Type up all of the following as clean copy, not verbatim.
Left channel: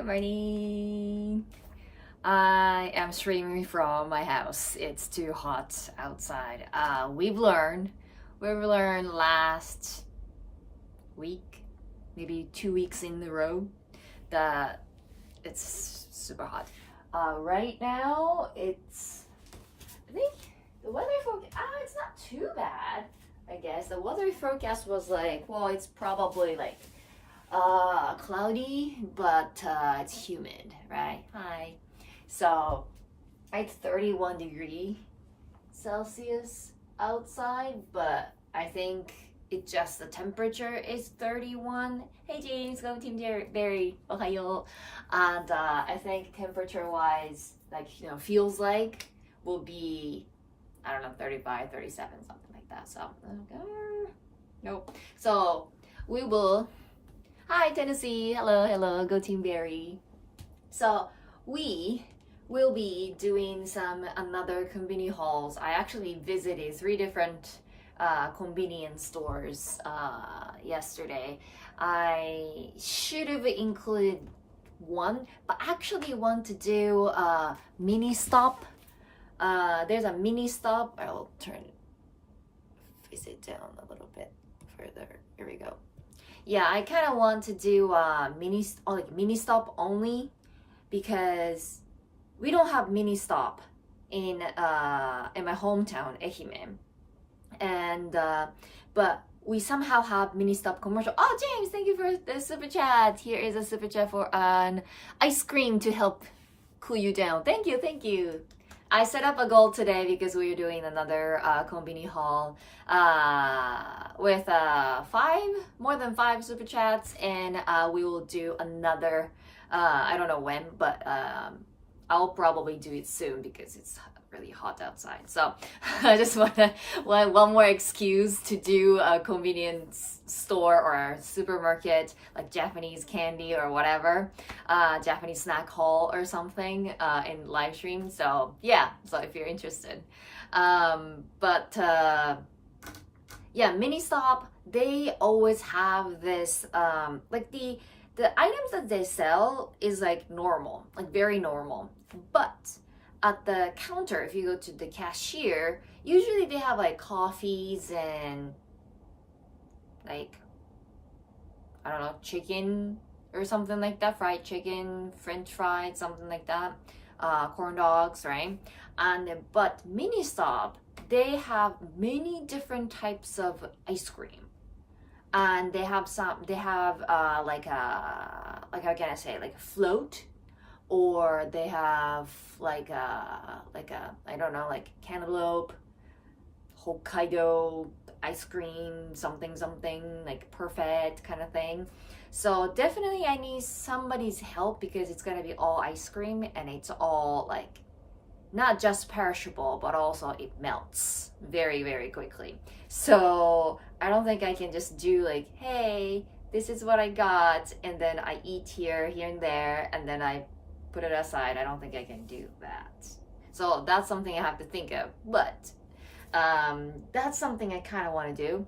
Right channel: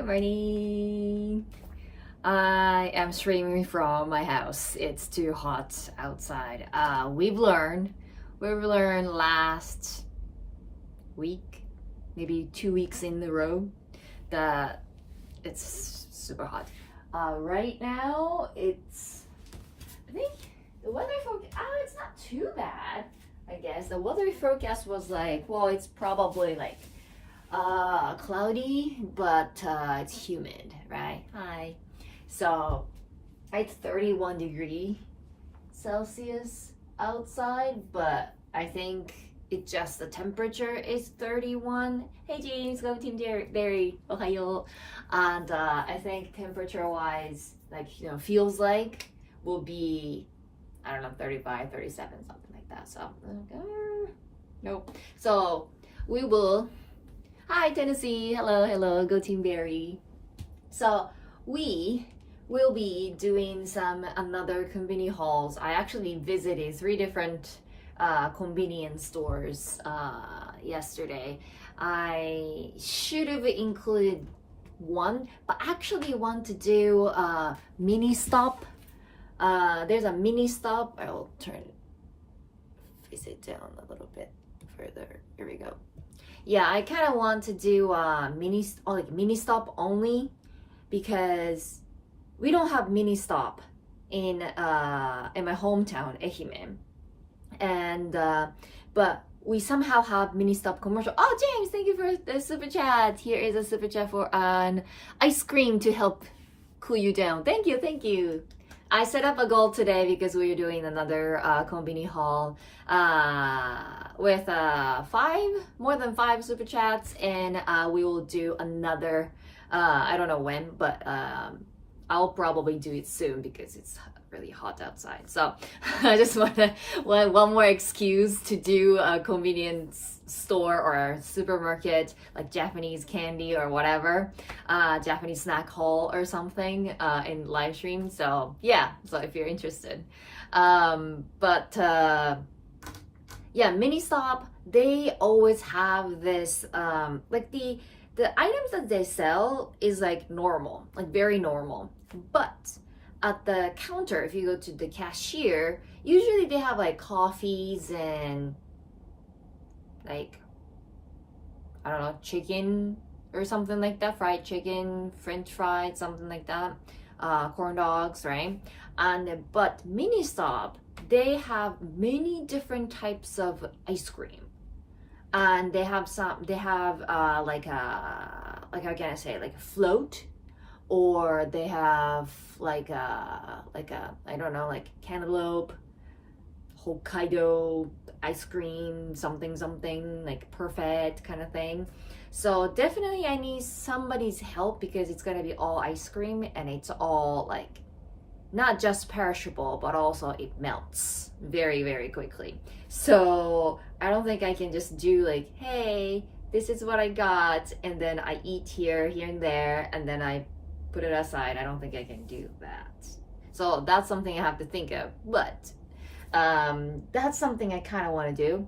Good morning. I am streaming from my house. It's too hot outside. We've learned last week, maybe 2 weeks in a row, that it's super hot. Right now, I think the weather forecast, it's not too bad, I guess. The weather forecast was like, well, it's probably like cloudy, but it's humid, right? Hi. So it's 31 degrees Celsius outside, but I think it's just the temperature is 31. Hey James, go Team Barry, ohayo. And I think temperature wise, like, feels like will be, I don't know, 35, 37, something like that. So, nope. So we will, hi Tennessee, hello, go Team Barry. So we will be doing another Konbini hauls. I actually visited 3 different convenience stores yesterday. I should have included one, but actually want to do a mini stop. There's a mini stop. I will face it down a little bit further. Here we go. Yeah, I kind of want to do mini stop only, because we don't have mini stop in my hometown, Ehime, and but we somehow have mini stop commercial. Oh, James, thank you for the super chat. Here is a super chat for an ice cream to help cool you down. Thank you. I set up a goal today because we are doing another Konbini haul with more than 5 super chats, and we will do another. I don't know when, but I'll probably do it soon because it's really hot outside. So I just want one more excuse to do a convenience store or a supermarket, like Japanese candy or whatever, Japanese snack haul or something in live stream. So yeah, so if you're interested. Yeah, mini stop, they always have this like the items that they sell is like normal, like very normal. But at the counter, if you go to the cashier, usually they have like coffees and like, I don't know, chicken or something like that, fried chicken, french fries, something like that, corn dogs, right? But mini stop, they have many different types of ice cream. And they have like how can I say, like a float, or they have like a I don't know, like cantaloupe, Hokkaido ice cream, something like perfect kind of thing. So definitely I need somebody's help because it's gonna be all ice cream, and it's all like not just perishable, but also it melts very, very quickly. So I don't think I can just do like, hey, this is what I got, and then I eat here and there, and then I put it aside. I don't think I can do that. So that's something I have to think of. But that's something I kind of want to do.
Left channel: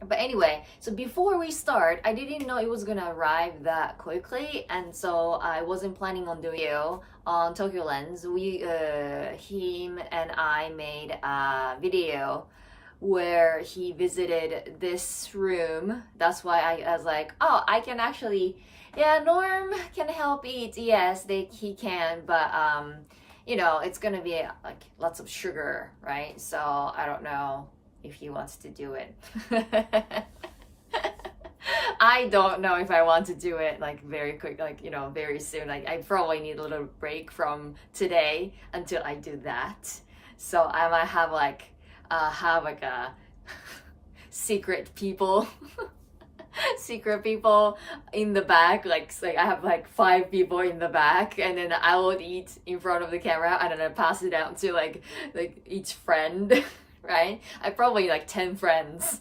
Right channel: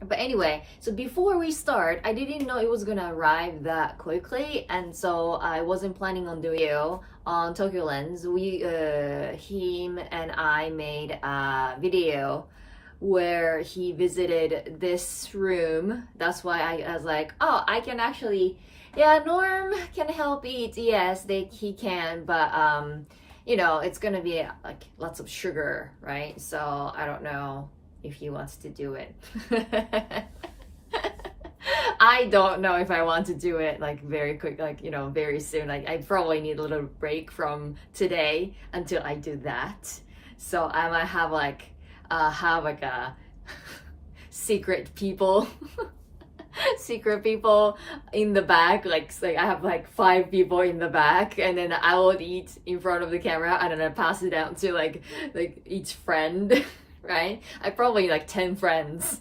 But anyway, so before we start, I didn't know it was gonna arrive that quickly, and so I wasn't planning on doing it on Tokyo Lens. Him and I made a video where he visited this room. That's why I was like, oh, I can actually, yeah, Norm can help eat. Yes, he can, but it's gonna be like lots of sugar, right? So I don't know if he wants to do it. I don't know if I want to do it like very quick, like, very soon. Like I probably need a little break from today until I do that. So I might have like a secret people in the back, like I have like 5 people in the back, and then I will eat in front of the camera, and then I pass it down to like each friend. Right? I probably like 10 friends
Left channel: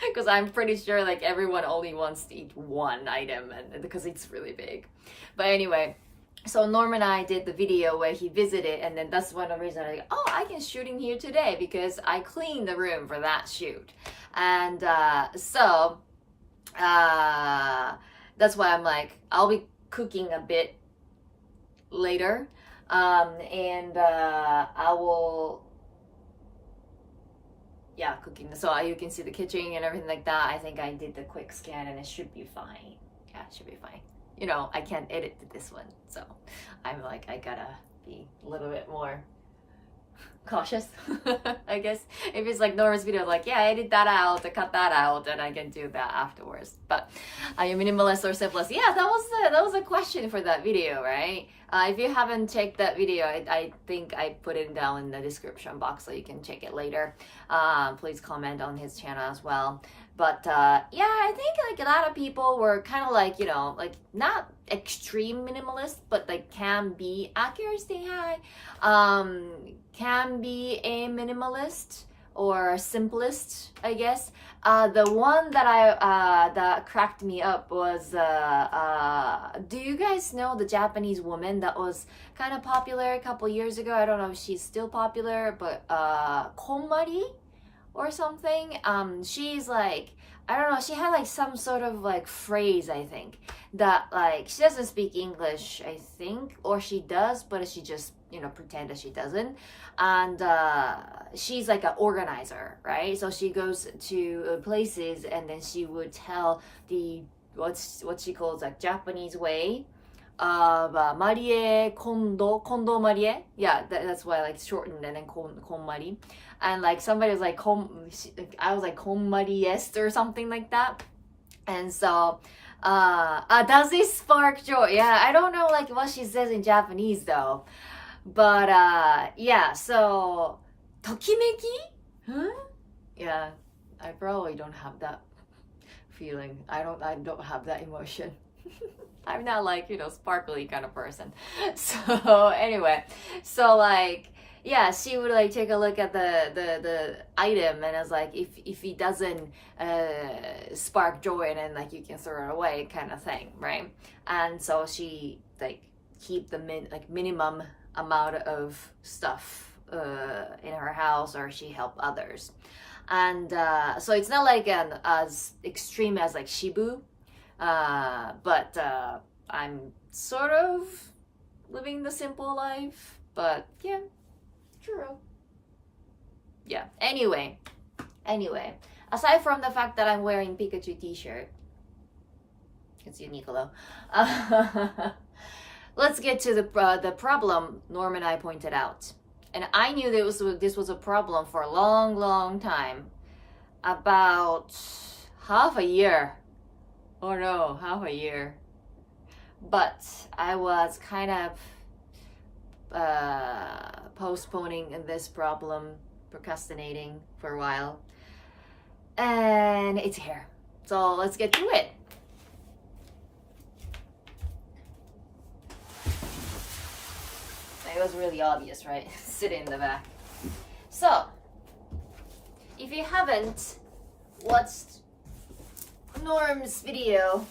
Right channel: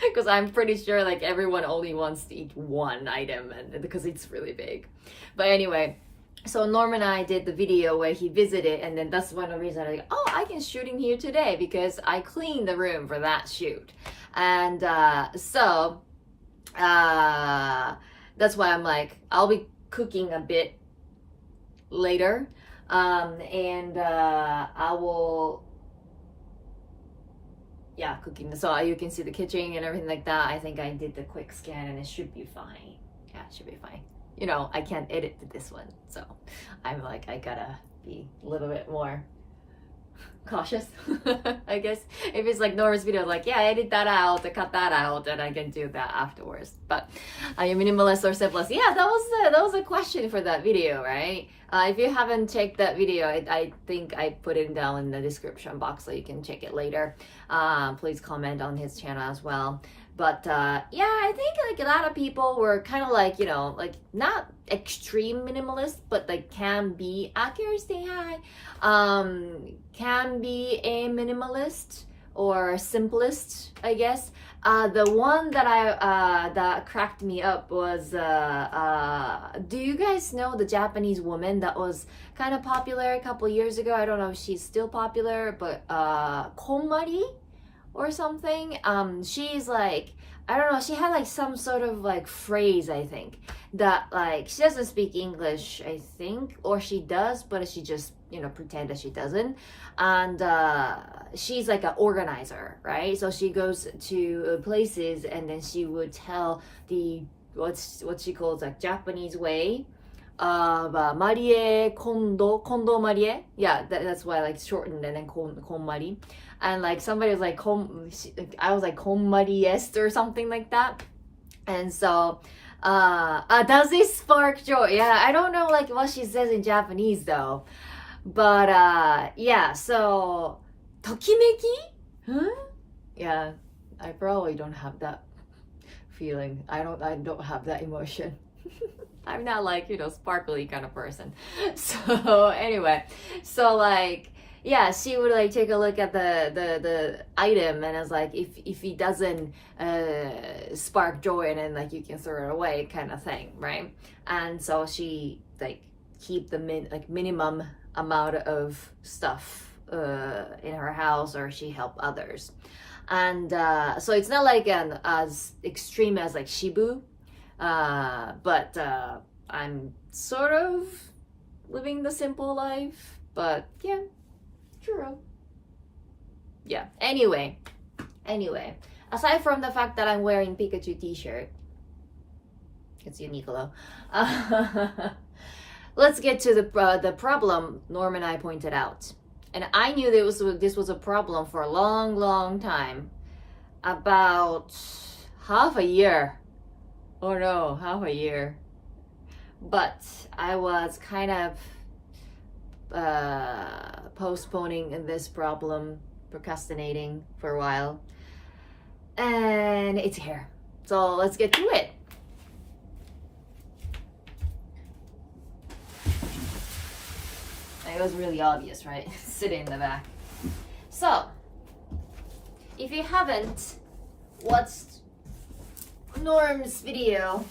because I'm pretty sure like everyone only wants to eat one item, and because it's really big. But anyway, so Norm and I did the video where he visited, and then that's one of the reasons I'm like, oh, I can shoot in here today because I cleaned the room for that shoot. And so that's why I'm like, I'll be cooking a bit later, and I will, yeah, cooking. So you can see the kitchen and everything like that. I think I did the quick scan and it should be fine. Yeah, it should be fine. You know, I can't edit this one, so I'm like, I gotta be a little bit more cautious. I guess if it's like Nora's video, like, yeah, edit that out, cut that out, and I can do that afterwards. But are you minimalist or simplist? Yeah, that was a question for that video, right? If you haven't checked that video, I think I put it down in the description box so you can check it later. Please comment on his channel as well. But yeah, I think like a lot of people were kind of like, you know, like not extreme minimalist, but like can be accuracy high, can be a minimalist or simplest, I guess. The one that that cracked me up was, do you guys know the Japanese woman that was kind of popular a couple years ago? I don't know if she's still popular, but Konbini or something. She's like, I don't know, she had like some sort of like phrase, I think, that like she doesn't speak English, I think, or she does, but she just, you know, pretend that she doesn't. And she's like an organizer, right? So she goes to places and then she would tell the what she calls like Japanese way of Marie Kondo Marie. Yeah, that's why I like shortened and then Konmari. And like somebody was like I was like Konmariest or something like that. And so does this spark joy? Yeah, I don't know like what she says in Japanese though. But yeah, so tokimeki? Huh? Yeah, I probably don't have that feeling. I don't have that emotion. I'm not like, you know, sparkly kind of person. So anyway, so like, yeah, she would like take a look at the item and it's like, if it doesn't spark joy, and then like you can throw it away kind of thing, right? And so she like keep the minimum amount of stuff in her house, or she help others. And so it's not like as extreme as like Shibu, but I'm sort of living the simple life. But yeah, true. Yeah, anyway, aside from the fact that I'm wearing Pikachu t-shirt, it's Uniqlo, let's get to the problem Norm and I pointed out. And I knew this was a problem for a long time. About half a year. Oh no, half a year. But I was kind of postponing this problem, procrastinating for a while. And it's here. So let's get to it. It was really obvious, right? Sitting in the back. So, if you haven't watched Norm's video,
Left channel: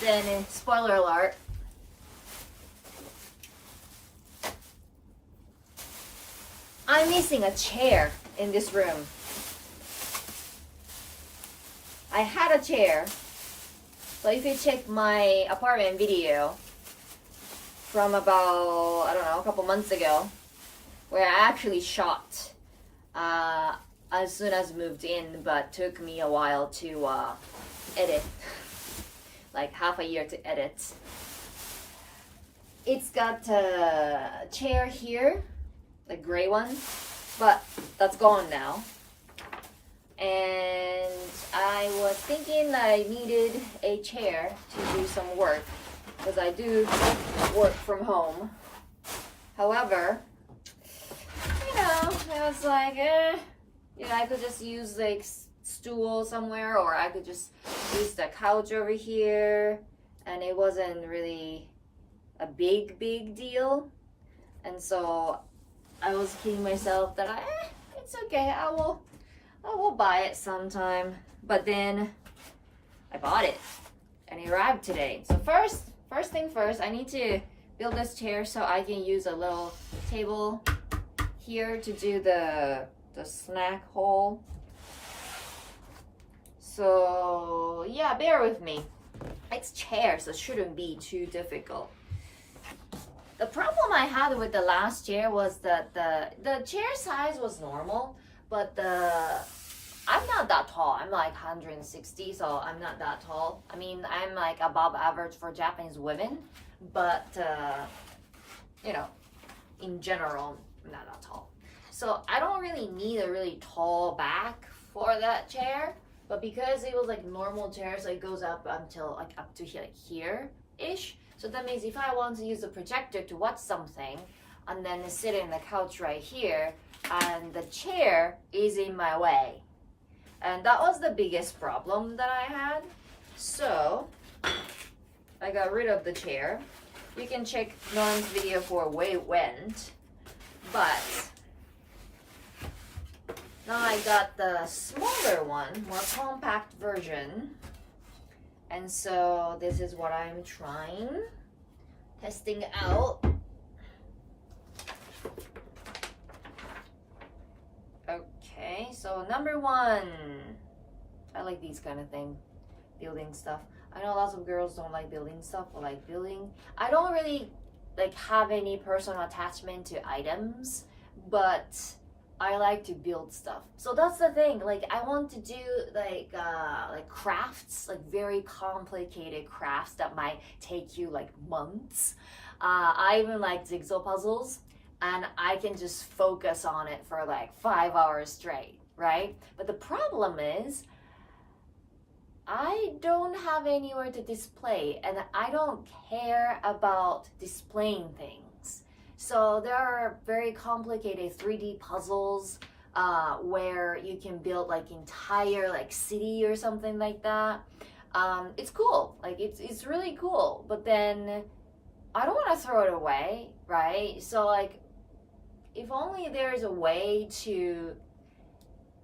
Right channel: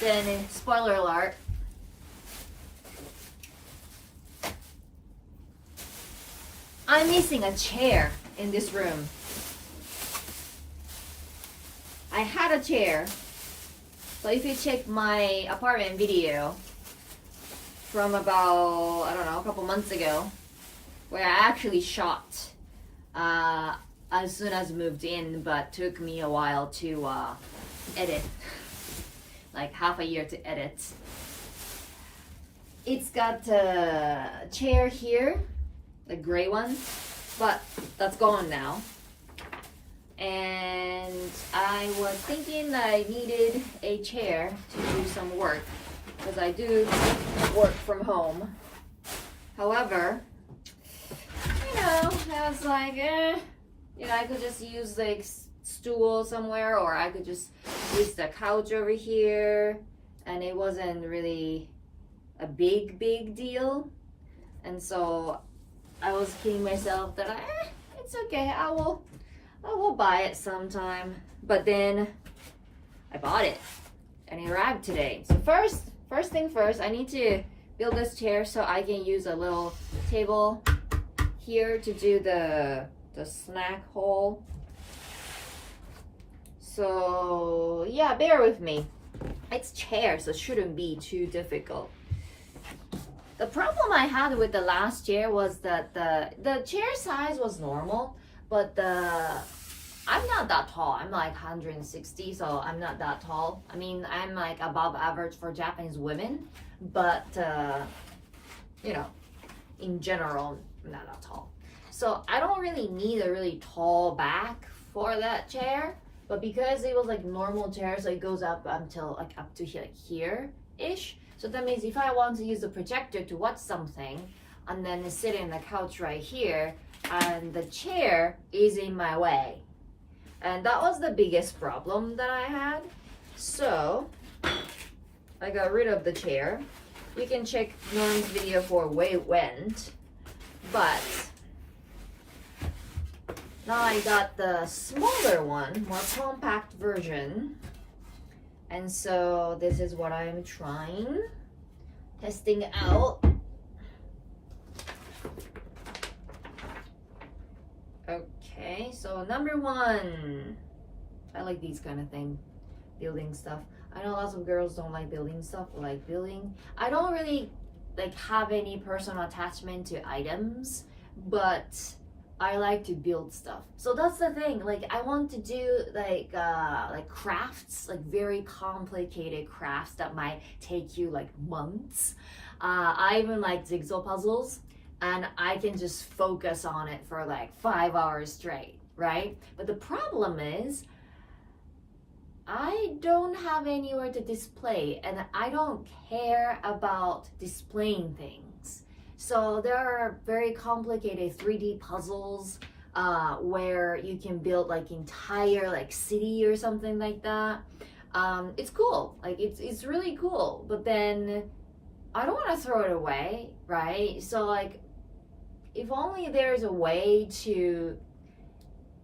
then spoiler alert. I'm missing a chair in this room. I had a chair. So if you check my apartment video from about, I don't know, a couple months ago, where I actually shot as soon as moved in, but took me a while to edit, like half a year to edit. It's got a chair here, the gray one, but that's gone now. And I was thinking that I needed a chair to do some work, because I do work from home. However, you know, I was like, you know, I could just use like stool somewhere, or I could just use the couch over here, and it wasn't really a big deal. And so I was kidding myself that it's okay, I will buy it sometime. But then I bought it and it arrived today. So first thing first, I need to build this chair so I can use a little table here to do the snack haul. So yeah, bear with me. I it's chair, so it shouldn't be too difficult. The problem I had with the last chair was that the chair size was normal, but I'm not that tall. I'm like 160, so I'm not that tall. I mean, I'm like above average for Japanese women, but you know, in general, I'm not that tall. So I don't really need a really tall back for that chair, but because it was like normal chair, so it goes up until like up to here, like here-ish. So that means if I want to use the projector to watch something and then sit in the couch right here, and the chair is in my way. And that was the biggest problem that I had. So I got rid of the chair. You can check Norm's video for where it went. But now I got the smaller one, more compact version. And so this is what I'm testing out. Okay, so number one, I like these kind of thing, building stuff. I know lots of girls don't like building stuff or like building. I don't really like have any personal attachment to items, but I like to build stuff. So that's the thing. Like I want to do like crafts, like very complicated crafts that might take you like months. I even like jigsaw puzzles, and I can just focus on it for like 5 hours straight, right? But the problem is I don't have anywhere to display, and I don't care about displaying things. So there are very complicated 3D puzzles where you can build like entire like city or something like that. It's cool, like it's really cool, but then I don't want to throw it away, right? So like if only there's a way to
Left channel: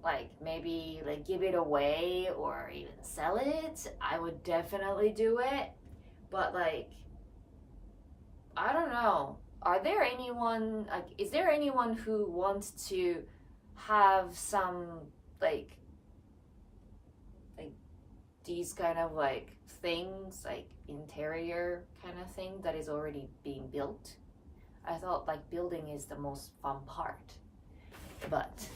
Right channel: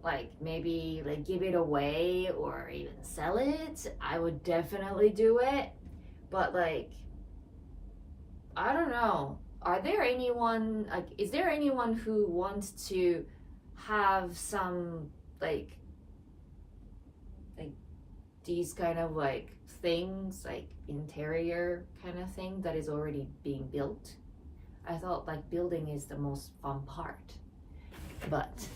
like maybe like give it away or even sell it, I would definitely do it. But like I don't know, are there anyone like, is there anyone who wants to have some like these kind of like things, like interior kind of thing that is already being built? I thought like building is the most fun part, but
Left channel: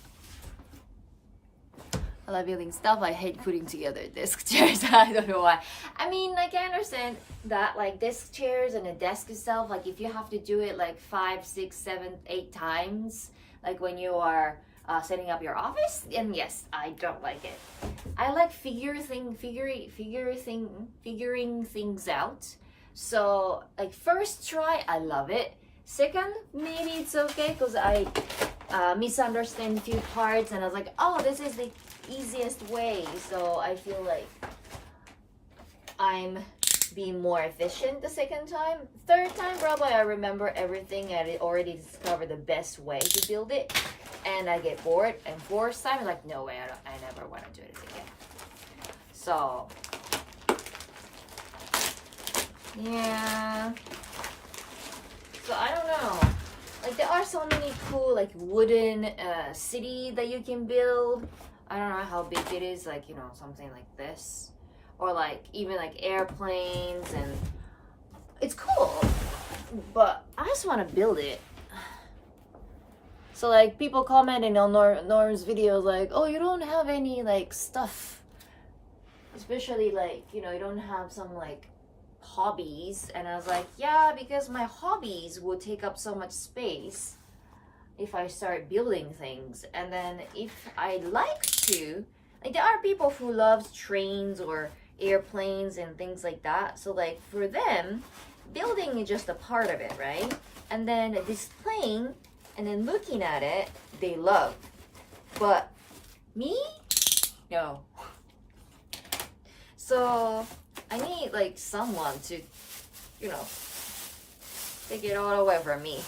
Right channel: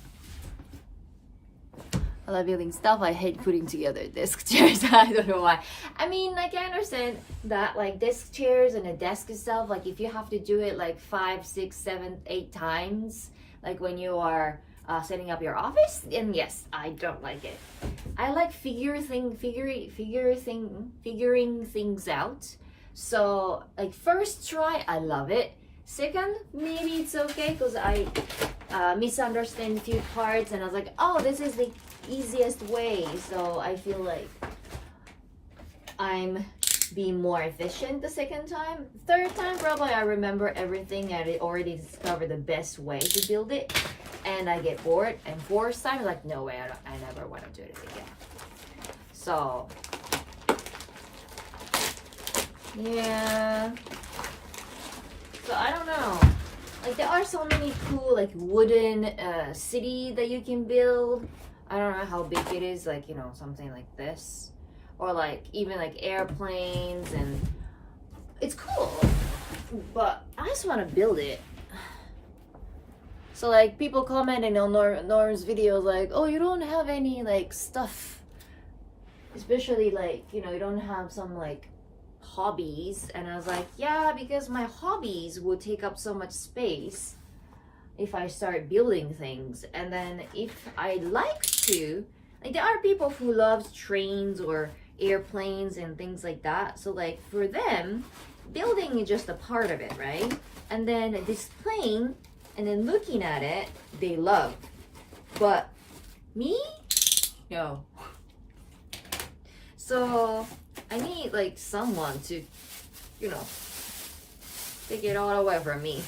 I love building stuff. I hate putting together desk chairs. I don't know why. I mean, like I understand that like desk chairs and a desk itself, like if you have to do it like 5, 6, 7, 8 times, like when you are setting up your office, then yes, I don't like it. I like figuring things out. So like first try, I love it. Second, maybe it's okay because I misunderstand a few parts, and I was like, oh, this is the easiest way. So I feel like I'm being more efficient the second time. Third time, probably I remember everything. I already discovered the best way to build it, and I get bored. And fourth time, I'm like, no way, I never want to do this again. So yeah. So I don't know. Like there are so many cool like wooden city that you can build. I don't know how big it is, like, you know, something like this, or like even like airplanes, and it's cool, but I just want to build it. So like people commenting on Norm's videos like, oh, you don't have any like stuff, especially like, you know, you don't have some like hobbies. And I was like, yeah, because my hobbies will take up so much space if I start building things. And then if I like to, like there are people who love trains or airplanes and things like that, so like for them building is just a part of it, right? And then displaying and then looking at it, they love. But me, no. So I need like someone to, you know, take it all away from me.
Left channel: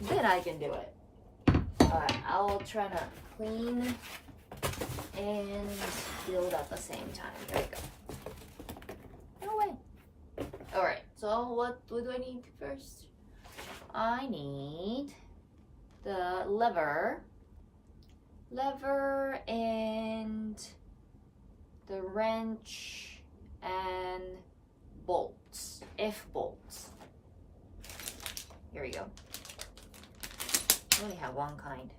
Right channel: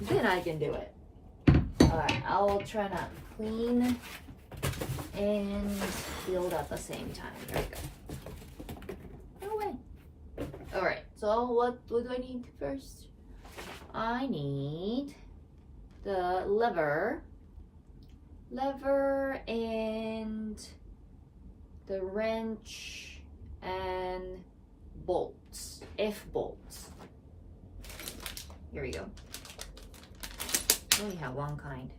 Then I can do it. Alright, I'll try to clean and build at the same time. Here we go. No way. Alright, so what do I need first? I need the lever and the wrench F bolts. Here we go. I only have one kind.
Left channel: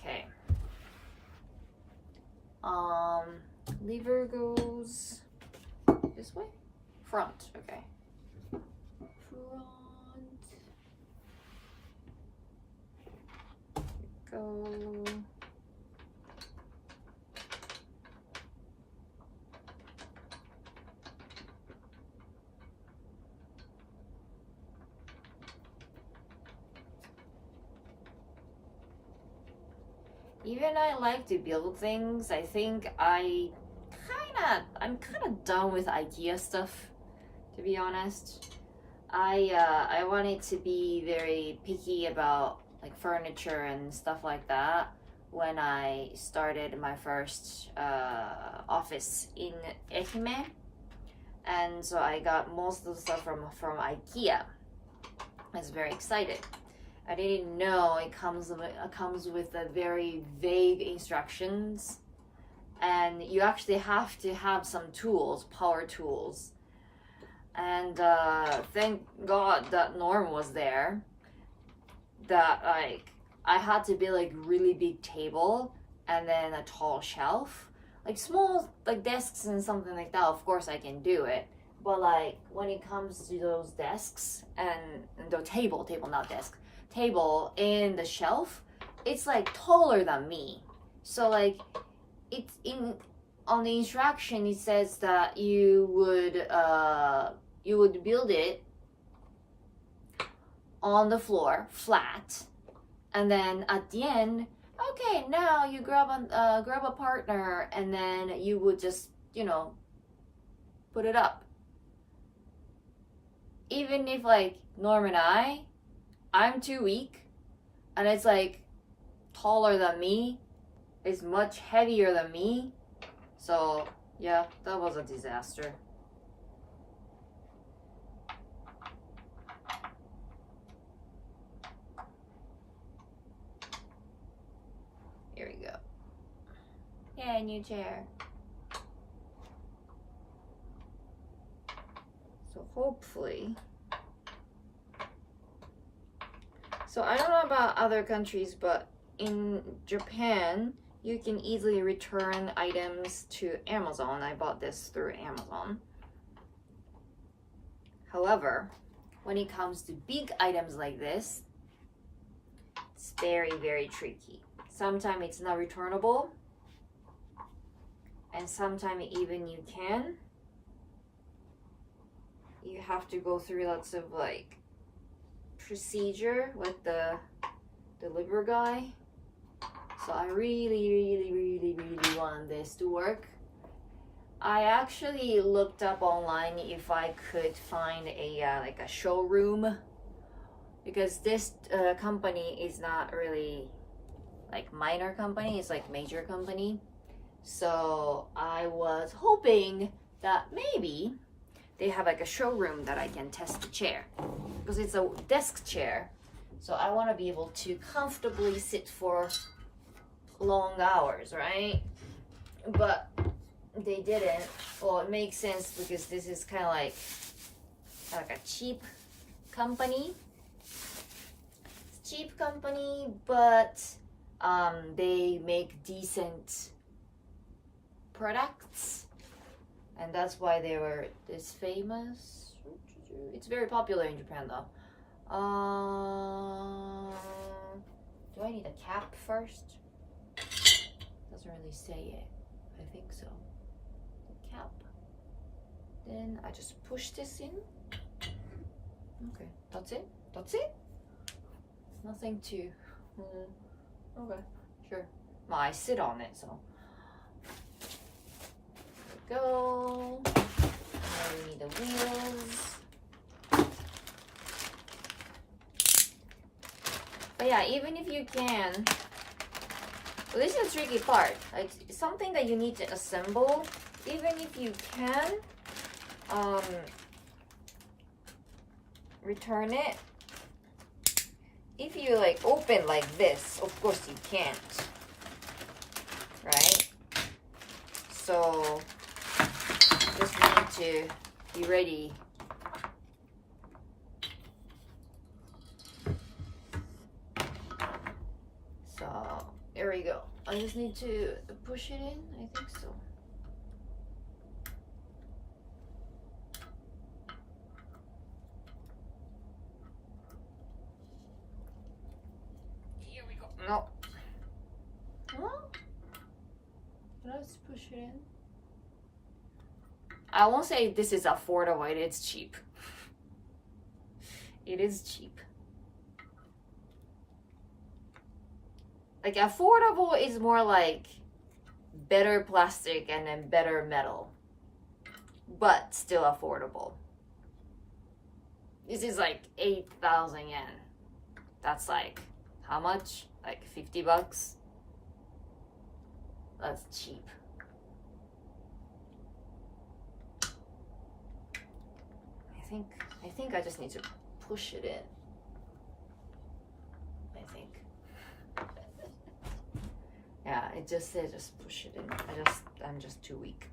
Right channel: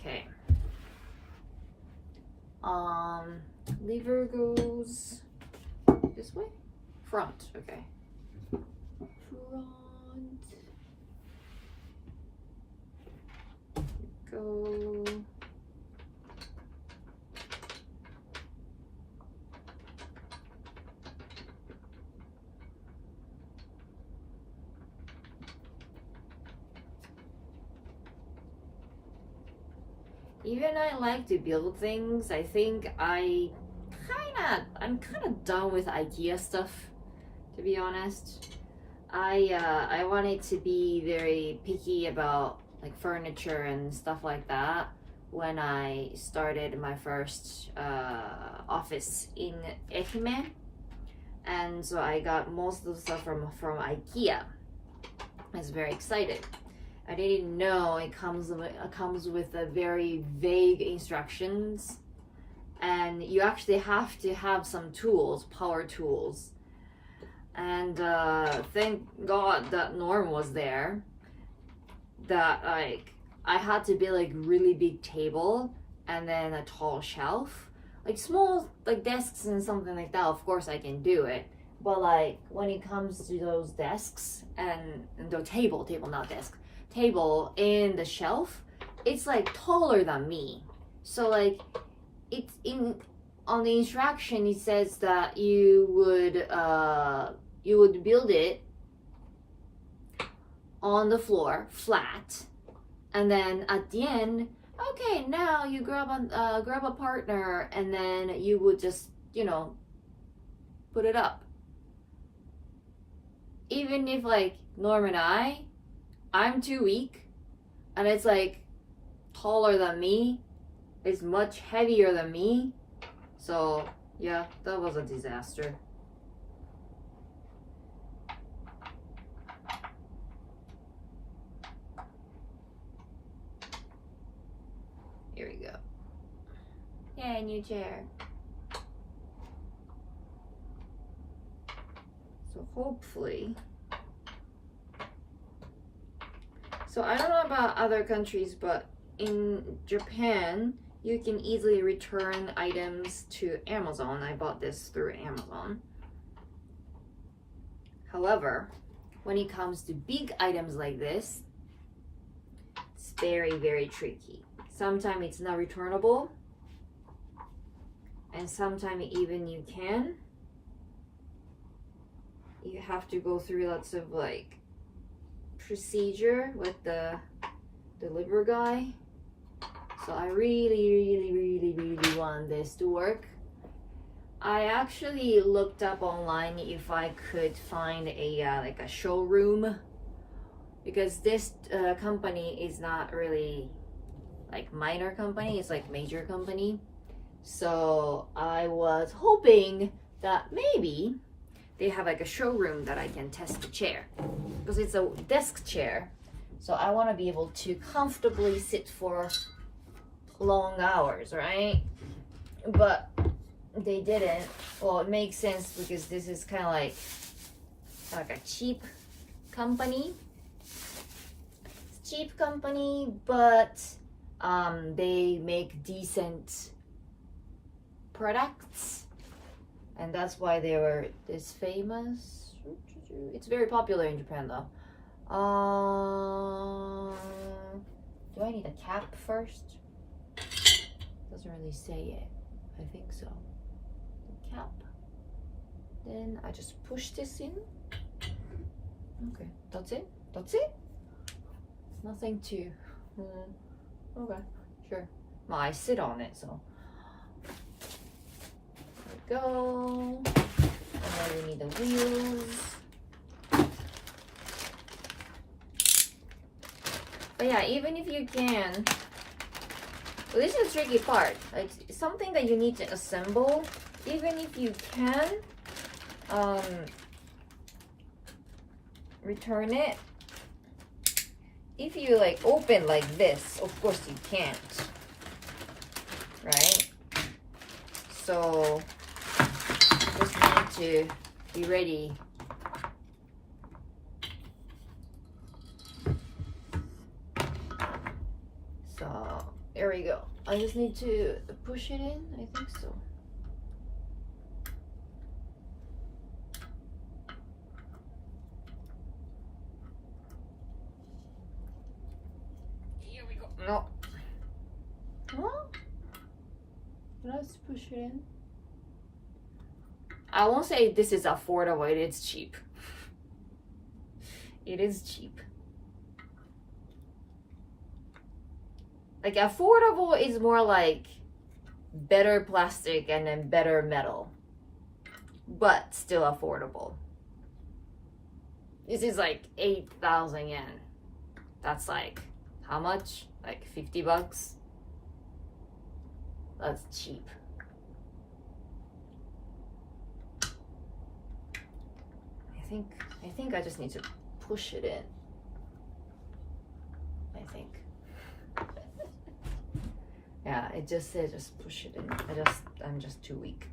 Okay. Lever goes this way? Front, okay. Front. Go. Even I like to build things. I think I'm kind of done with IKEA stuff, to be honest. I wanted to be very picky about like furniture and stuff like that when I started my first office in Ehime, and so I got most of the stuff from IKEA. I was very excited. I didn't know it comes with a very vague instructions, and you actually have to have some tools, power tools. And thank God that Norm was there. That like I had to build like really big table and then a tall shelf. Like small like desks and something like that, of course I can do it. But like when it comes to those desks and the table not desk, table and the shelf, it's like taller than me. So like it's on the instruction it says that you would build it on the floor flat, and then at the end, okay, now you grab a partner, and then you would just put it up. Even if like Norm and I'm too weak, and it's like taller than me, it's much heavier than me, so yeah, that was a disaster. Here we go. Yeah, new chair. So hopefully. So I don't know about other countries, but in Japan, you can easily return items to Amazon. I bought this through Amazon. However, when it comes to big items like this, it's very, very tricky. Sometimes it's not returnable, and sometimes even you can. You have to go through lots of like procedure with the deliver guy. So I really want this to work. I actually looked up online if I could find a like a showroom, because this company is not really like minor company, it's like major company. So I was hoping that maybe they have like a showroom that I can test the chair, because it's a desk chair. So I want to be able to comfortably sit for long hours, right? But they didn't. Well, it makes sense because this is kind of like a cheap company. It's cheap company, but they make decent products, and that's why they were this famous. It's very popular in Japan though. Do I need a cap first? Doesn't really say it. I think so. The cap. Then I just push this in. Okay, that's it. That's it. Nothing to. Okay, sure. Well, I sit on it, so. There we go. And then we need the wheels. But yeah, even if you can. So this is the tricky part. Like something that you need to assemble. Even if you can return it. If you like open like this, of course you can't, right? so just need to be ready. So there we go. I just need to push it in, I think so. Here we go. No. Huh? Let's push it in. I won't say this is affordable, it is cheap. It is cheap. Like affordable is more like better plastic and then better metal, but still affordable. This is like 8,000 yen. That's like, how much? Like 50 bucks? That's cheap. I think I just need to push it in. I think. Yeah, it just said just push it in. I'm just too weak.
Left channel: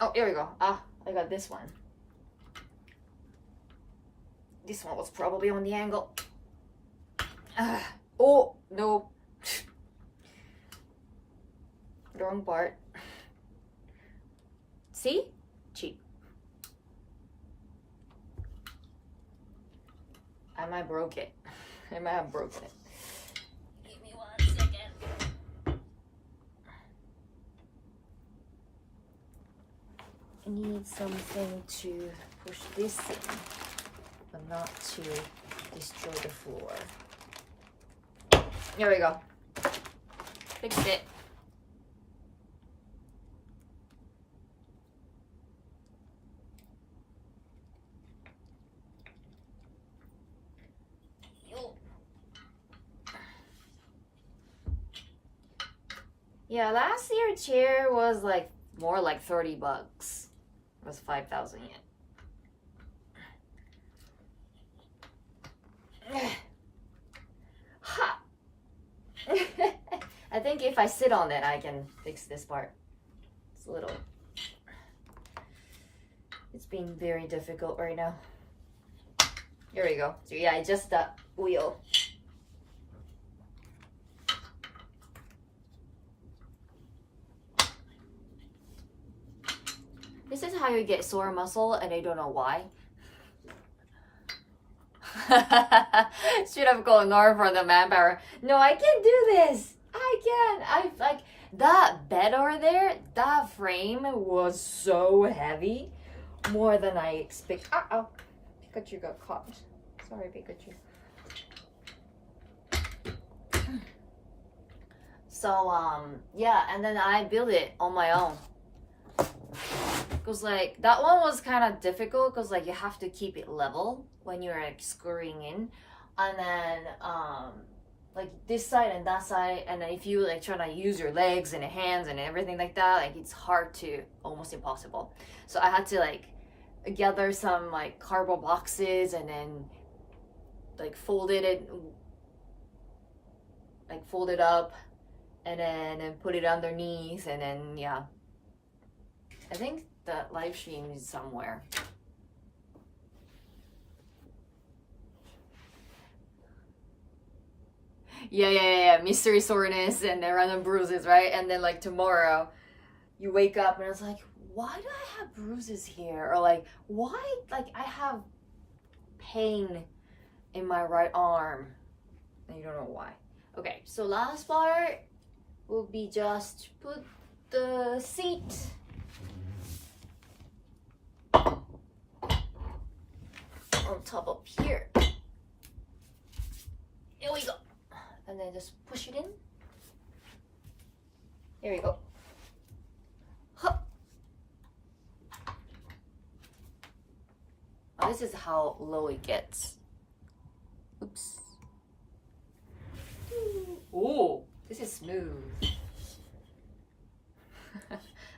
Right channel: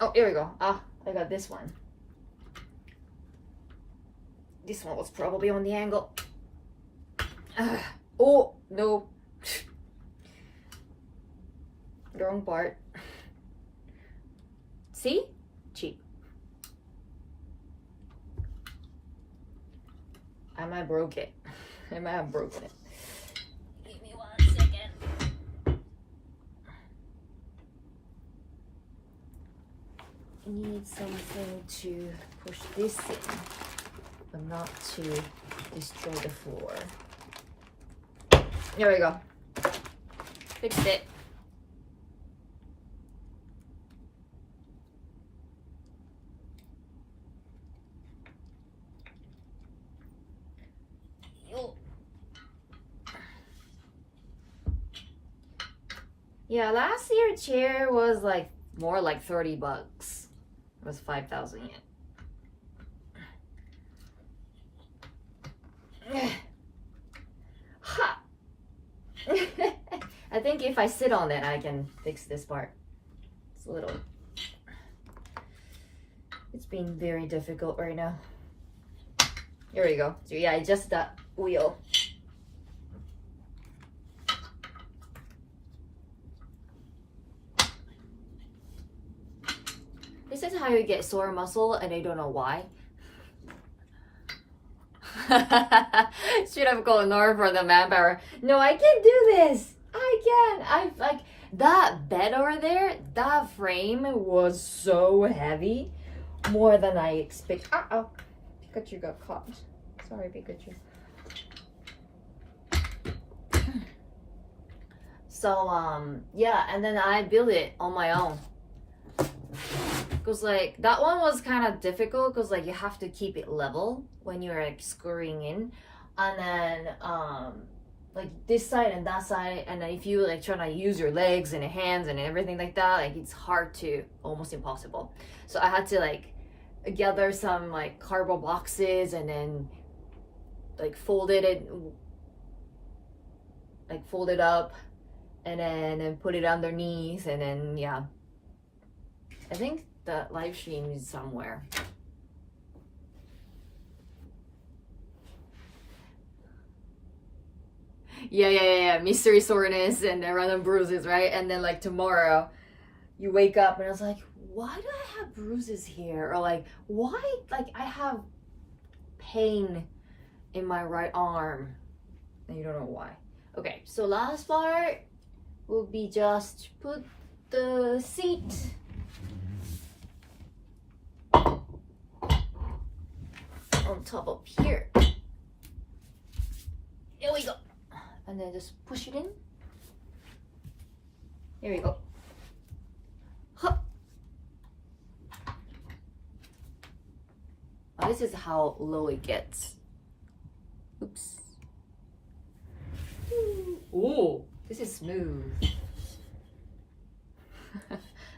Oh, here we go. Ah, I got this one. This one was probably on the angle. Oh, no. Wrong part. See? Cheap. I might broke it. I might have broken it. Give me 1 second. I need something to push this in, but not to destroy the floor. There we go. Fixed it. Yeah, last year chair was like more like 30 bucks. It was 5,000 yen. Ha! I think if I sit on it, I can fix this part. It's a little... It's been very difficult right now. Here we go. So yeah, just that wheel. This is how you get sore muscle and I don't know why. Should have called Nora for the manpower. No, I can do this. I can. I like that bed over there, that frame was so heavy. More than I expect. Uh-oh. Pikachu got caught. Sorry, Pikachu. So, yeah, and then I built it on my own. Because, like, that one was kind of difficult because, like, you have to keep it level when you're, like, screwing in. And then, like, this side and that side. And then if you, like, try to use your legs and your hands and everything like that, like, it's hard to, almost impossible. So I had to, like, gather some, like, cardboard boxes and then, like, fold it up and then put it underneath and then, yeah. I think the live stream is somewhere. Yeah. Mystery soreness and random bruises, right? And then like tomorrow, you wake up and I was like, why do I have bruises here? Or like, why? Like I have pain in my right arm, and you don't know why. Okay, so last part will be just put the seat on top of here. Here we go. And then just push it in. Here we go. Huh. Oh, this is how low it gets. Oops. Ooh, this is smooth.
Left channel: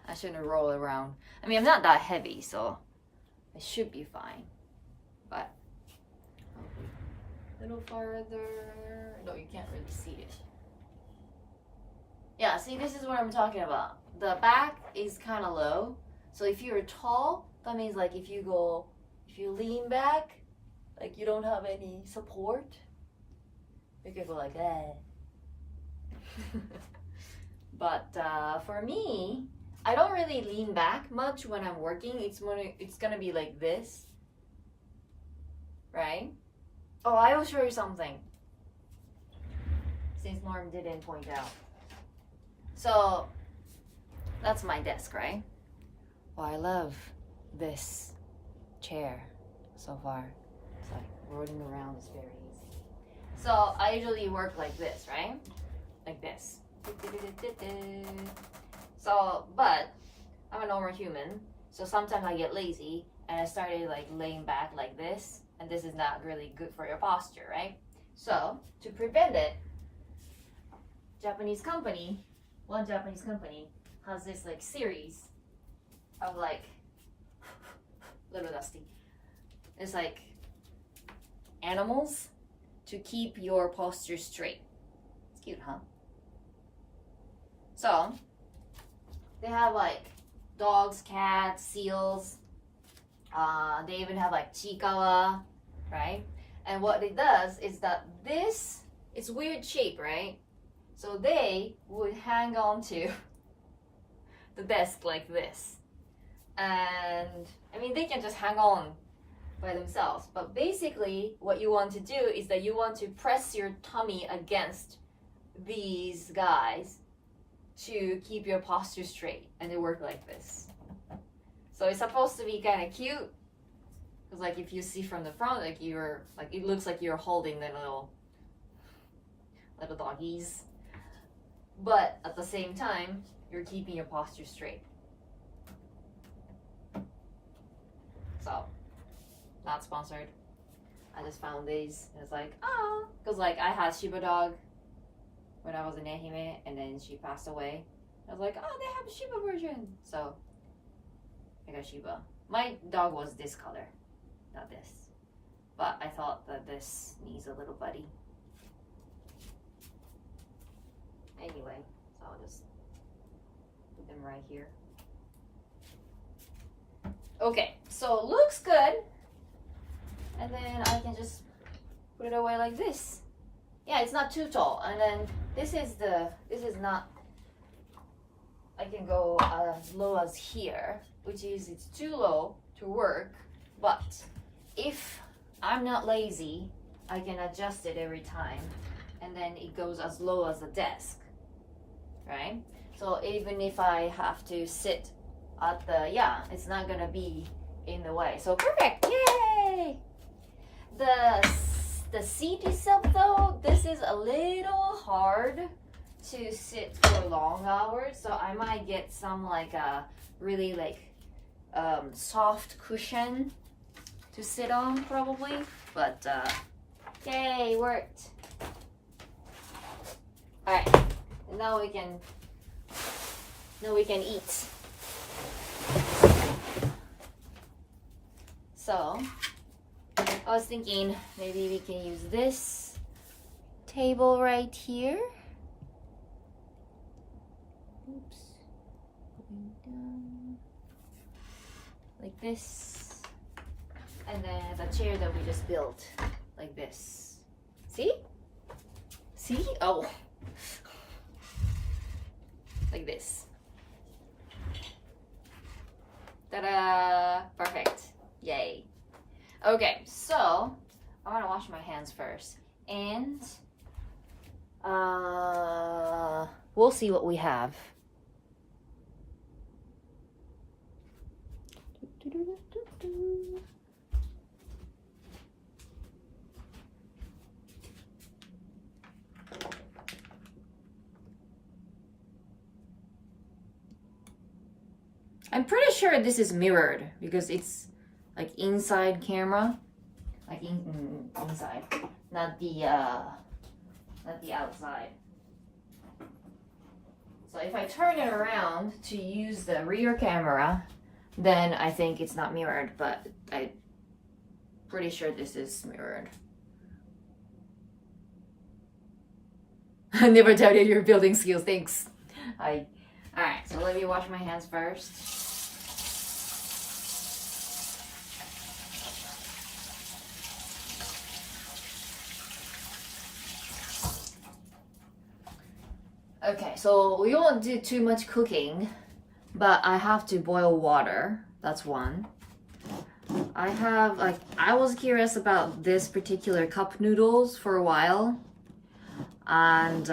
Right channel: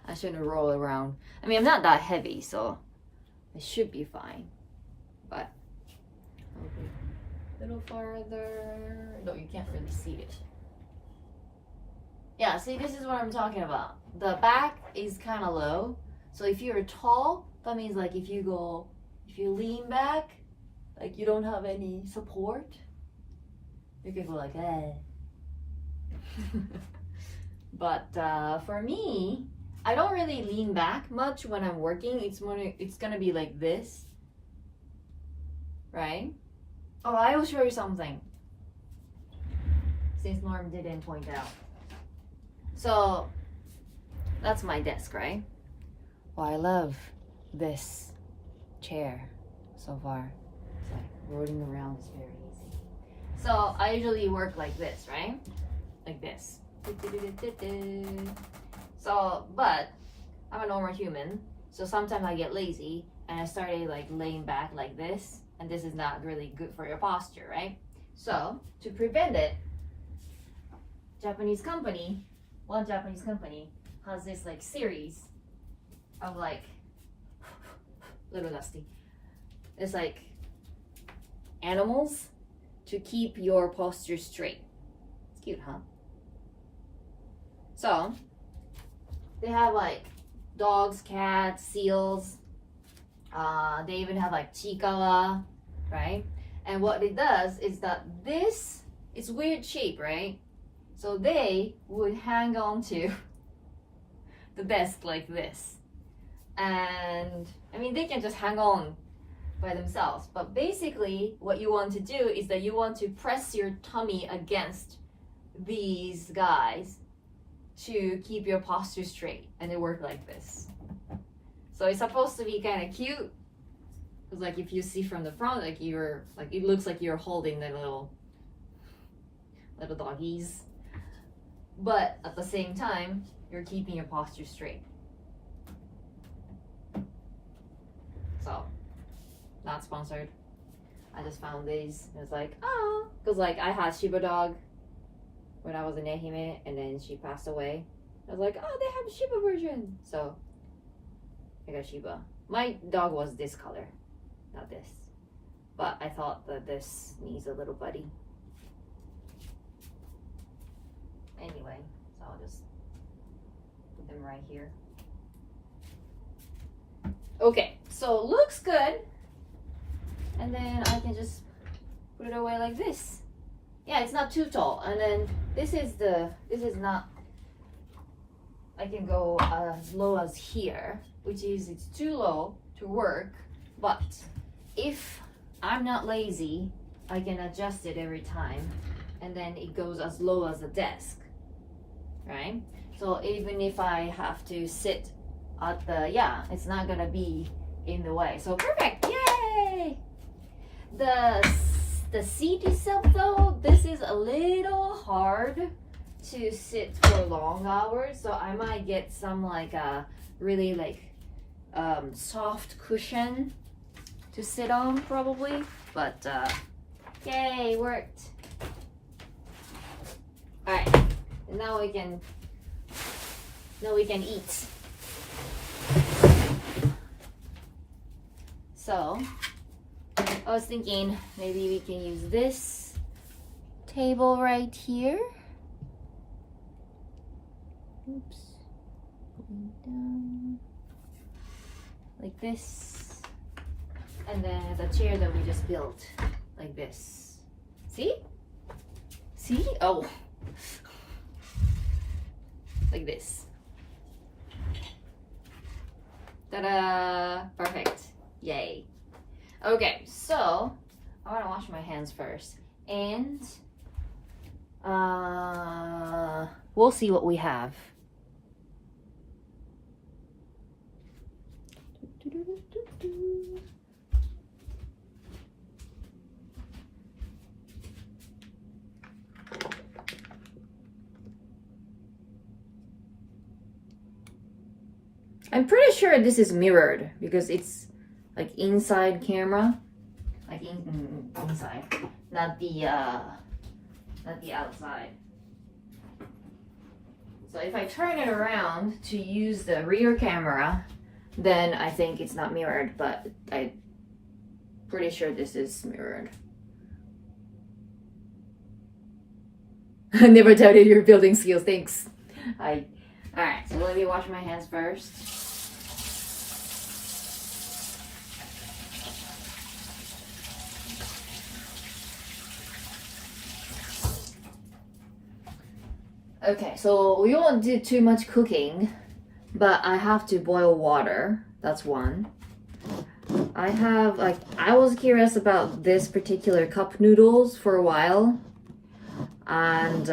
I shouldn't roll around. I mean, I'm not that heavy, so it should be fine. But a little farther. No, you can't really see it. Yeah, see, this is what I'm talking about. The back is kind of low. So if you're tall, that means like if you lean back, like you don't have any support, you can go like that. But for me, I don't really lean back much when I'm working. It's gonna be like this, right? Oh, I will show you something, since Norm didn't point out. So that's my desk, right? Well, I love this chair so far. It's like rolling around is very easy. So I usually work like this, right? Like this. So, but I'm a normal human, so sometimes I get lazy and I started like laying back like this, and this is not really good for your posture, right? So to prevent it, one Japanese company has this like series of like little dusty. It's like animals to keep your posture straight. It's cute, huh? So they have like dogs, cats, seals. They even have like chikawa, right? And what it does is that this, it's weird shape, right? So they would hang on to the desk like this. And I mean, they can just hang on by themselves. But basically what you want to do is that you want to press your tummy against these guys to keep your posture straight, and they work like this. So it's supposed to be kind of cute, because like if you see from the front, like you're like, it looks like you're holding the little doggies, but at the same time you're keeping your posture straight. So not sponsored, I just found these. It's like, oh, because like I had Shiba dog when I was in Ehime, and then she passed away. I was like, oh, they have a Shiba version, so I got Shiba. My dog was this color, not this, but I thought that this needs a little buddy. Anyway, so I'll just put them right here. Okay, so it looks good, and then I can just put it away like this. Yeah, it's not too tall. And then this is not, I can go as low as here, which is, it's too low to work. But if I'm not lazy, I can adjust it every time, and then it goes as low as the desk, right? So even if I have to sit at the, yeah, it's not gonna be in the way. So perfect, yay! The seat itself though, this is a little hard to sit for long hours, so I might get some like a really like soft cushion to sit on probably, but yay, worked. All right, now we can eat. So I was thinking maybe we can use this table right here. Oops. Going down. Like this. And then the chair that we just built. Like this. See? See? Oh. Like this. Ta-da! Perfect. Yay. Okay, so I want to wash my hands first, and we'll see what we have. I'm pretty sure this is mirrored because it's like inside camera, like inside, not the outside. So if I turn it around to use the rear camera, then I think it's not mirrored, but I'm pretty sure this is mirrored. I never doubted your building skills, thanks. Alright, so let me wash my hands first. Okay, so we won't do too much cooking, but I have to boil water. That's one. I was curious about this particular cup noodles for a while, and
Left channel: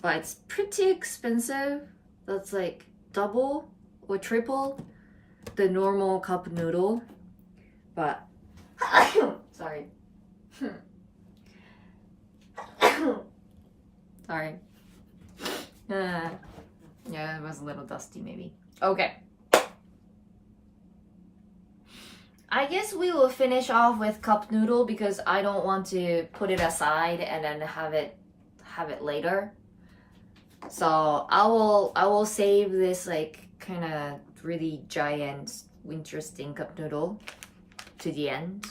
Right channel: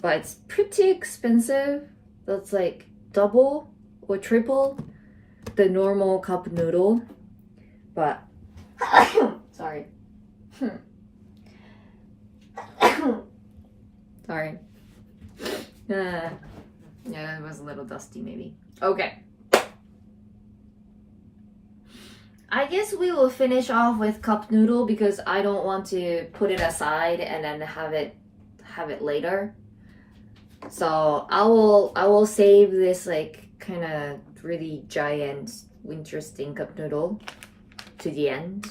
but it's pretty expensive. That's like double or triple the normal cup noodle. But sorry. Sorry. Yeah, it was a little dusty maybe. Okay. I guess we will finish off with cup noodle because I don't want to put it aside and then have it later. So I will save this like kind of really giant interesting cup noodle to the end.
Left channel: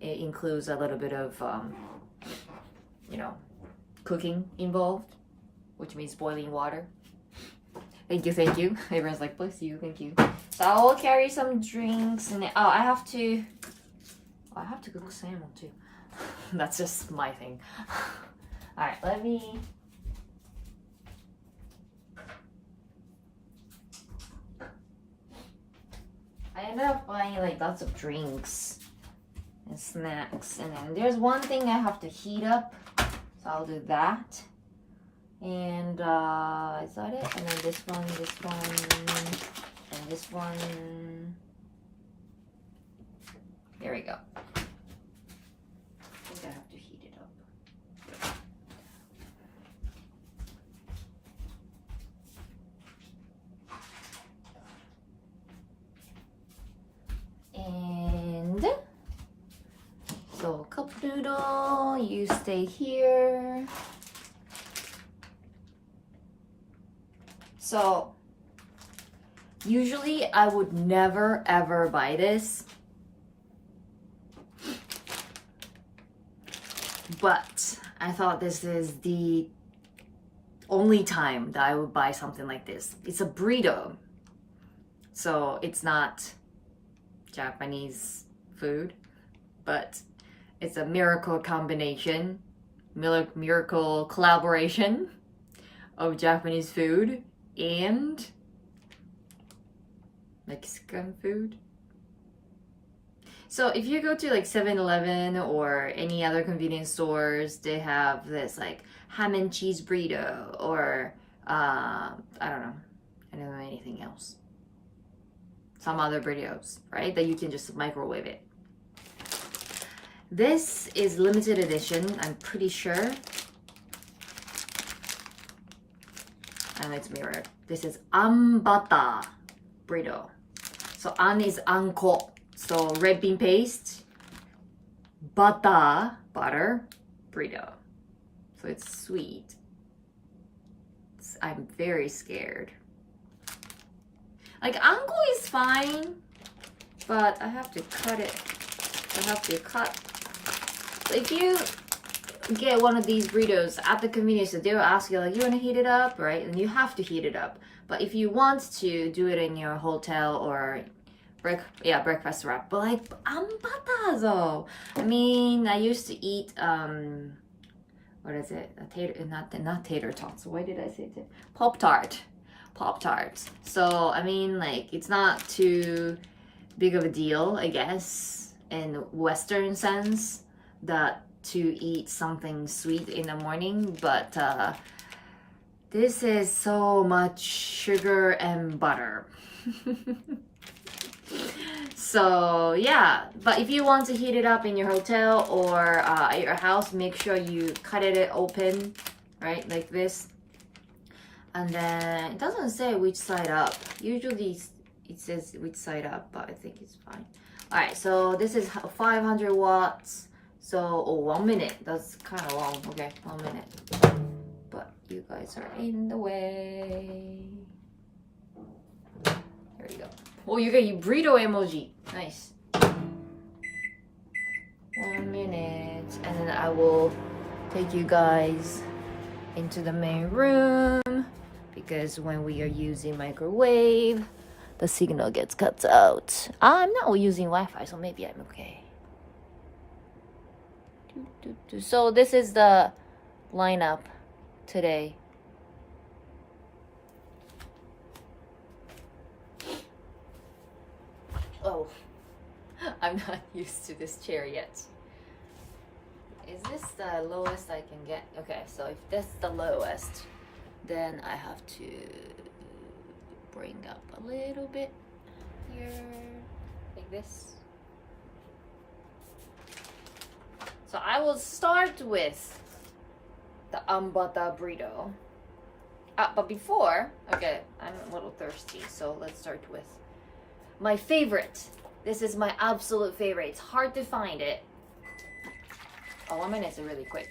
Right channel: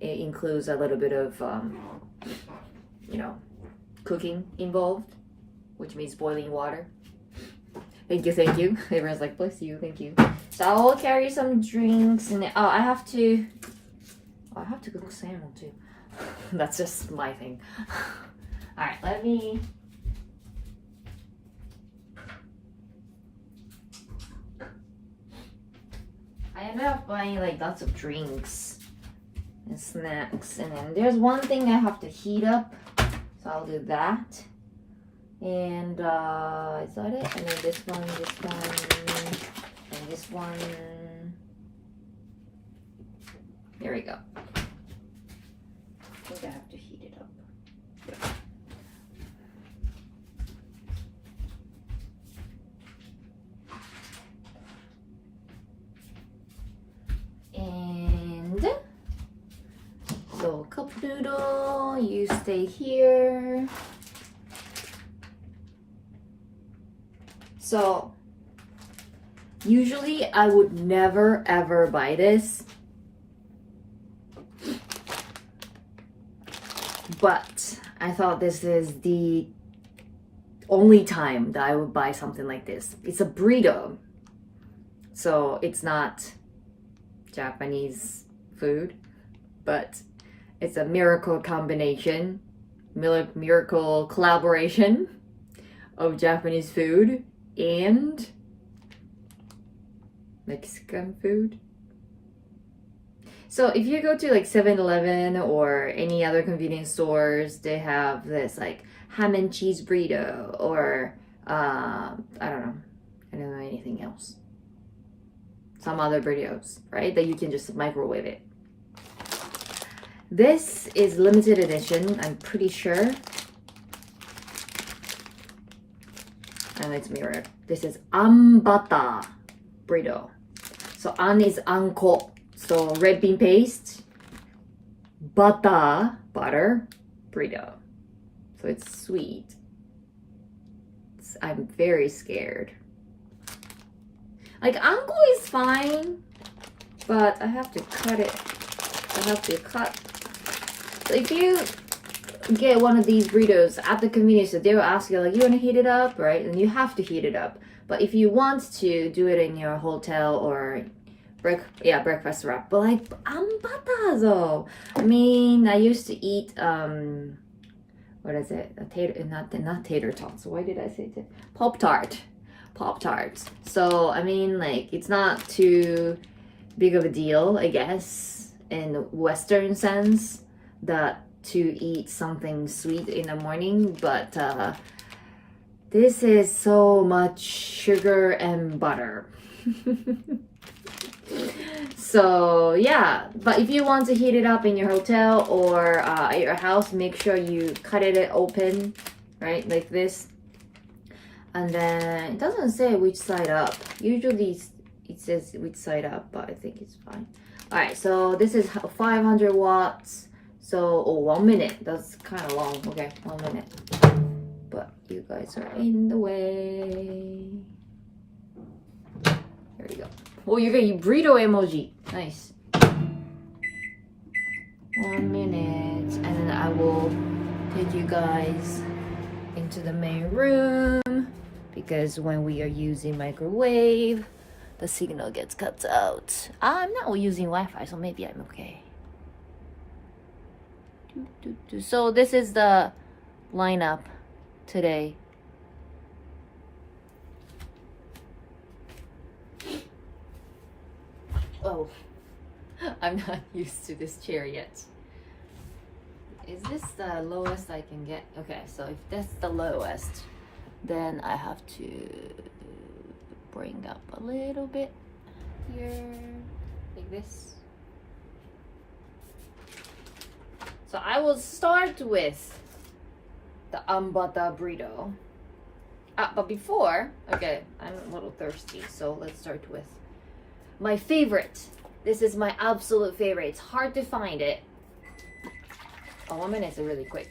It includes a little bit of you know, cooking involved, which means boiling water. Thank you, thank you. Everyone's like, bless you, thank you. So I will carry some drinks and I have to cook salmon too. That's just my thing. Alright, let me. I ended up buying like lots of drinks and snacks, and then there's one thing I have to heat up, so I'll do that. And is that it? And then this one, and this one. Here we go. I think I have to heat it up. And so cup noodle, you stay here. So usually I would never ever buy this, but I thought this is the only time that I would buy something like this. It's a burrito, so it's not Japanese food, but it's a miracle combination, miracle collaboration of Japanese food and Mexican food. So if you go to like 7-Eleven or any other convenience stores, they have this like ham and cheese burrito, or I don't know anything else. Some other burritos, right? That you can just microwave it. This is limited edition, I'm pretty sure. And it's mirrored. This is Anbata burrito. So an is anko, so red bean paste, butter burrito. So it's sweet. I'm very scared. Like anko is fine, but I have to cut it. So if you get one of these burritos at the convenience store, they'll ask you like, you want to heat it up, right? And you have to heat it up. But if you want to do it in your hotel or breakfast wrap, but like anbata though. I mean, I used to eat what is it? Not tater tots. Why did I say that? Pop-Tarts. So I mean, like, it's not too big of a deal, I guess, in the Western sense, that to eat something sweet in the morning, but this is so much sugar and butter. So yeah, but if you want to heat it up in your hotel or at your house, make sure you cut it open, right, like this. And then it doesn't say which side up. Usually it says which side up, but I think it's fine. All right, so this is 500 watts. So, 1 minute. That's kind of long. Okay, 1 minute. But you guys are in the way. There you go. Oh, you get your burrito emoji. Nice. 1 minute. And then I will take you guys into the main room. because when we are using microwave, the signal gets cut out. I'm not using Wi-Fi, so maybe I'm okay. So this is the lineup today. Oh, I'm not used to this chair yet. Is this the lowest I can get? Okay, so if that's the lowest, then I have to bring up a little bit here, like this. So I will start with the ambata burrito. But before, okay, I'm a little thirsty, so let's start with my favorite. This is my absolute favorite. It's hard to find it. Oh, 1 minute is really quick.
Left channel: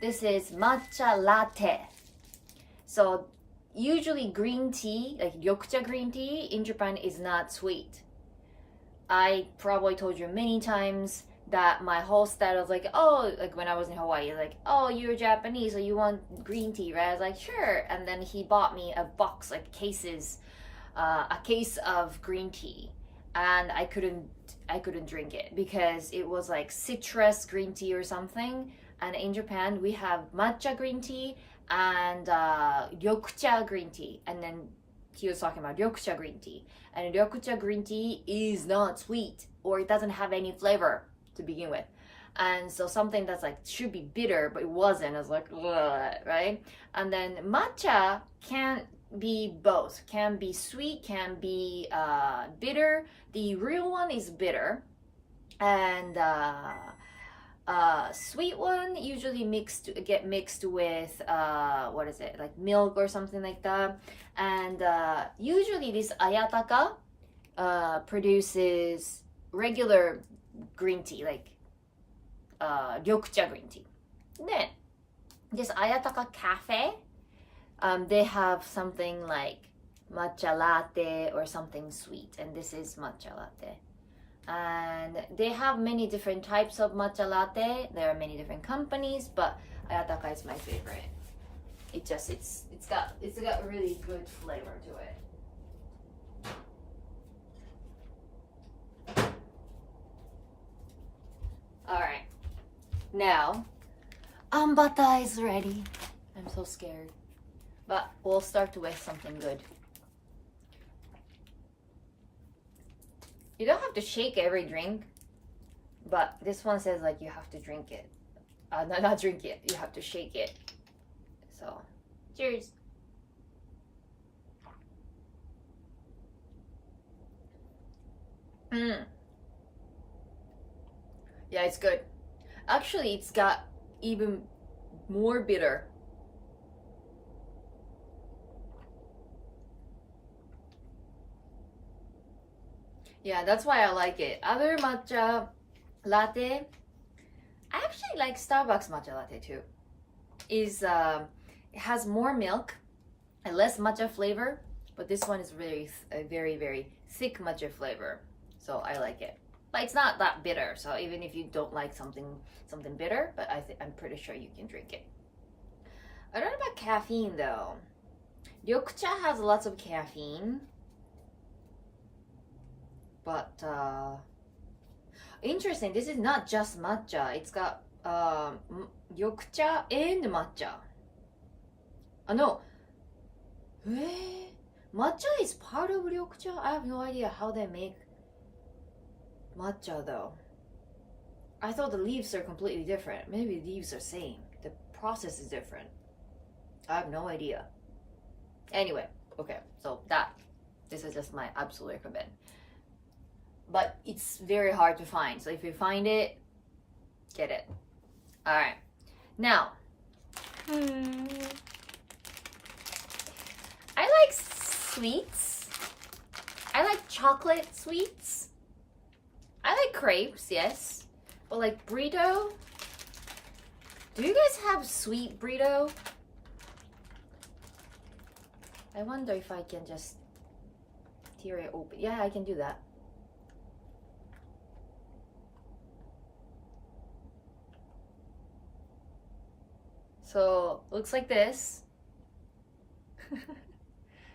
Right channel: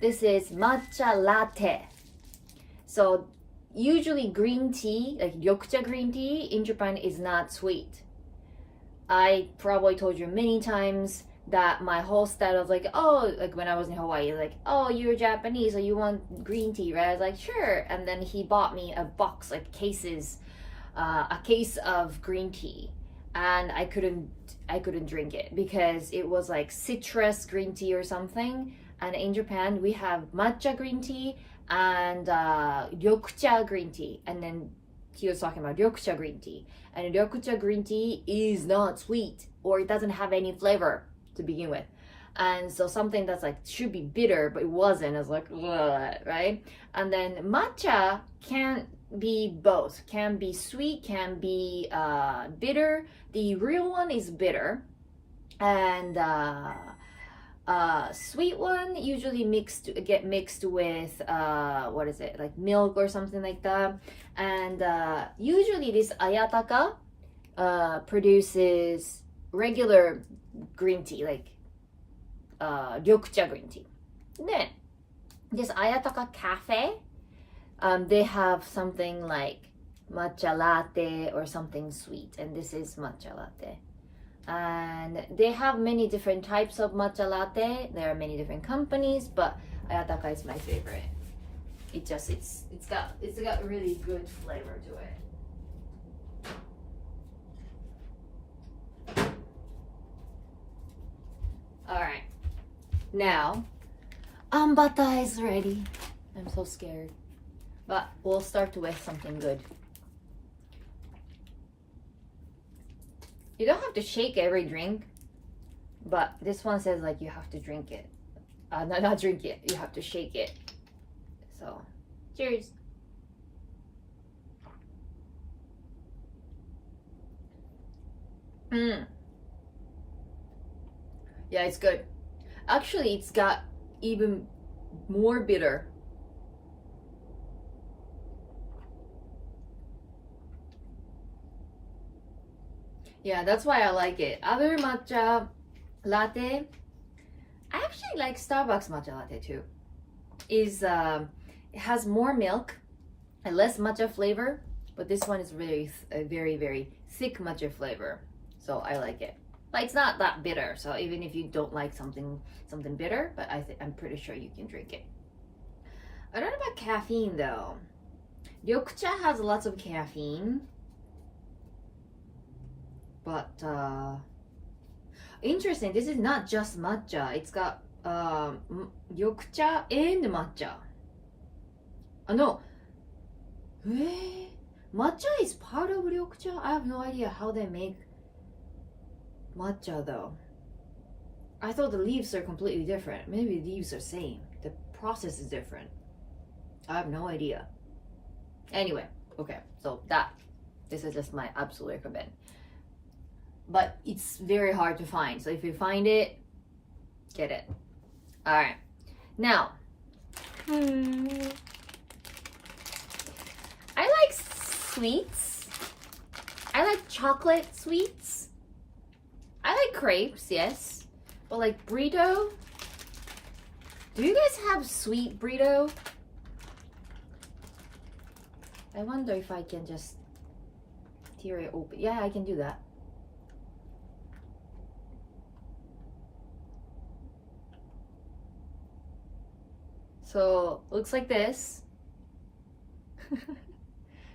This is matcha latte. So usually green tea, like ryokucha green tea in Japan is not sweet. I probably told you many times that my whole style was like, oh, like when I was in Hawaii, like, oh, you're Japanese, so you want green tea, right? I was like, sure. And then he bought me a box, like cases, a case of green tea, and I couldn't drink it because it was like citrus green tea or something. And in Japan we have matcha green tea and ryokucha green tea, and then he was talking about ryokucha green tea, and ryokucha green tea is not sweet, or it doesn't have any flavor to begin with. And so something that's like should be bitter, but it wasn't. I was like, ugh, right? And then matcha can be both, can be sweet, can be bitter. The real one is bitter, and sweet one usually get mixed with what is it, like milk or something like that. And usually this ayataka produces regular green tea, like ryokucha green tea. Then this ayataka cafe, they have something like matcha latte or something sweet, and this is matcha latte. And they have many different types of matcha latte. There are many different companies, but ayataka is my favorite. It's got really good flavor to it. All right, now ambata is ready. I'm so scared, but we'll start with something good. You don't have to shake every drink, but this one says like you have to drink it. Not drink it, you have to shake it. So, cheers. Yeah, it's good. Actually, it's got even more bitter. Yeah, that's why I like it. Other matcha latte, I actually like Starbucks matcha latte too. It has more milk and less matcha flavor, but this one is very, very thick matcha flavor. So I like it. But it's not that bitter. So even if you don't like something bitter, but I'm pretty sure you can drink it. I don't know about caffeine though. Ryokucha has lots of caffeine. But interesting, this is not just matcha. It's got ryokucha and matcha. No. Matcha is part of ryokucha? I have no idea how they make matcha though. I thought the leaves are completely different. Maybe the leaves are same. The process is different. I have no idea. Anyway, okay, so this is just my absolute recommend. But it's very hard to find. So if you find it, get it. All right. Now, I like sweets. I like chocolate sweets. I like crepes, yes. But like burrito, do you guys have sweet burrito? I wonder if I can just tear it open. Yeah, I can do that. So looks like this.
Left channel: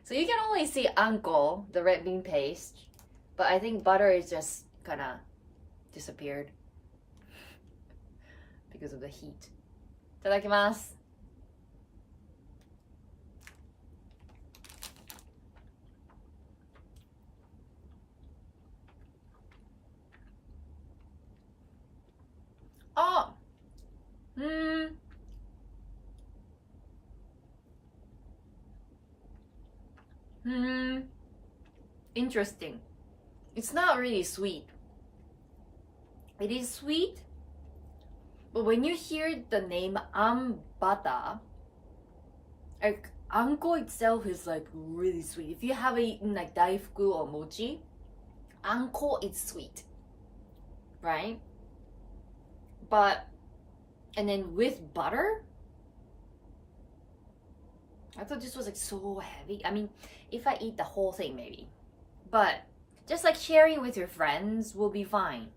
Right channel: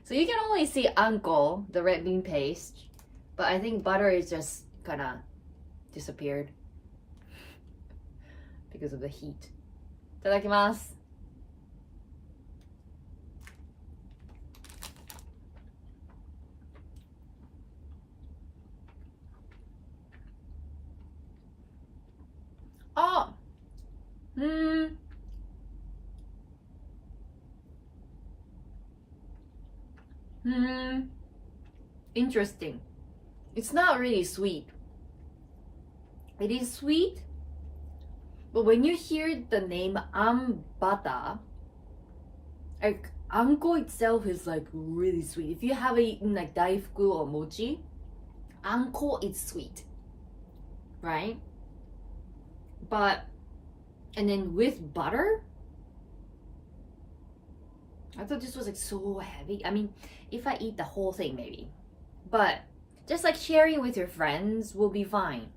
So you can only see anko, the red bean paste, but I think butter is just kind of disappeared because of the heat. いただきます。あ、interesting. It's not really sweet. It is sweet, but when you hear the name ambata, like anko itself is like really sweet. If you have eaten like daifuku or mochi, anko is sweet, right? But and then with butter, I thought this was like so heavy. I mean, if I eat the whole thing maybe, but just like sharing with your friends will be fine.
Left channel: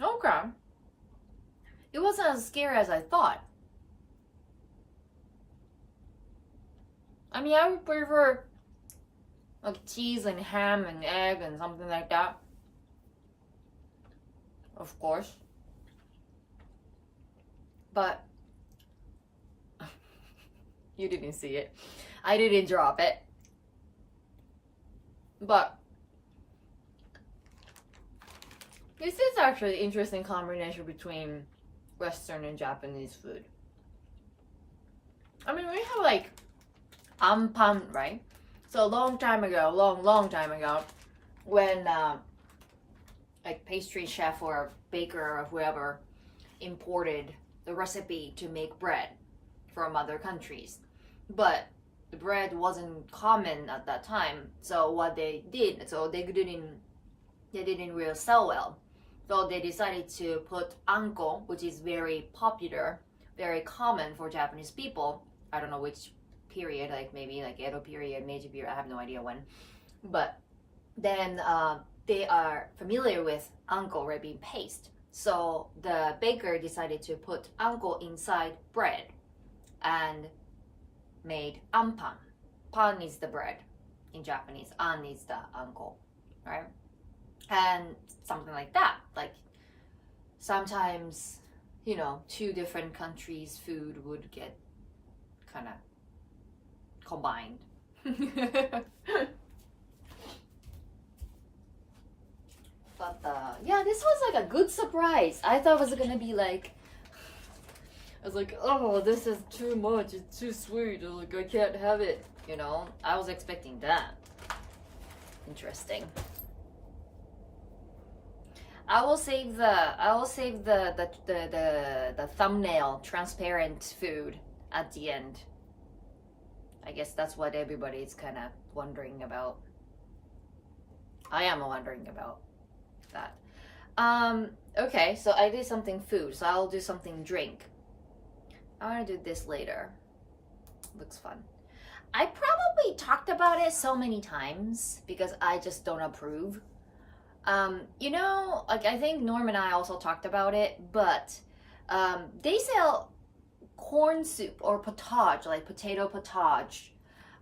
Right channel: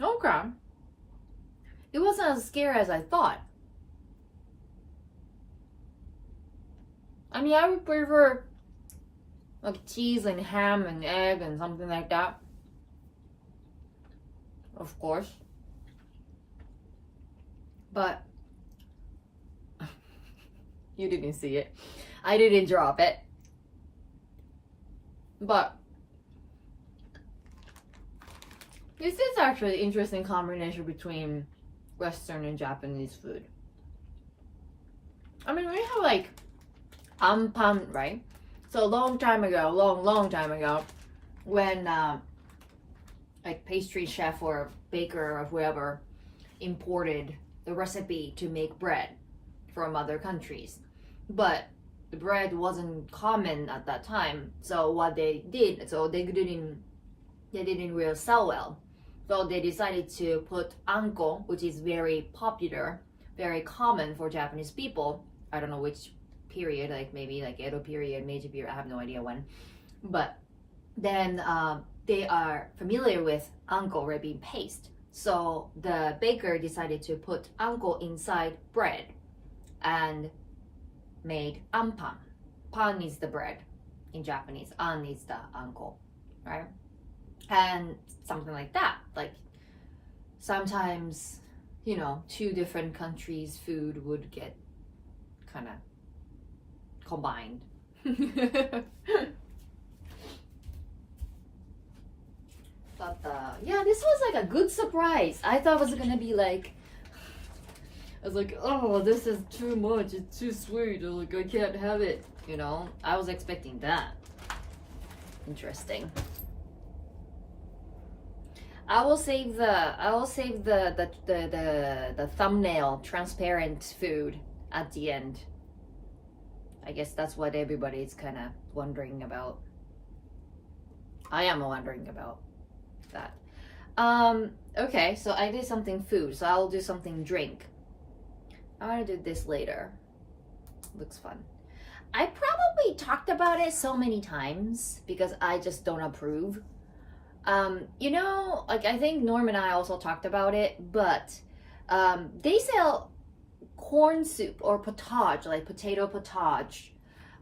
Okay. It wasn't as scary as I thought. I mean, I would prefer like cheese and ham and egg and something like that. Of course. But you didn't see it. I didn't drop it. But this is actually an interesting combination between Western and Japanese food. I mean, we have like ampan, right? So a long time ago, when like pastry chef or baker or whoever imported the recipe to make bread from other countries, but the bread wasn't common at that time. So what they did, so they didn't really sell well. So they decided to put anko, which is very popular, very common for Japanese people. I don't know which period, like maybe like Edo period, Meiji period, I have no idea when. But then they are familiar with anko, red bean paste. So the baker decided to put anko inside bread and made ampan. Pan is the bread in Japanese, an is the anko, right? And something like that. Like sometimes, you know, two different countries' food would get kind of combined. But yeah, this was like a good surprise. I thought it was gonna be like, I was like, oh, this is too much, it's too sweet, like I can't have it, you know. I was expecting that. Interesting. I will save the thumbnail transparent food at the end. I guess that's what everybody's kind of wondering about. I am wondering about that. Okay, so I did something food, so I'll do something drink. I want to do this later. Looks fun. I probably talked about it so many times because I just don't approve. You know, like I think Norm and I also talked about it, but they sell corn soup or potage, like potato potage,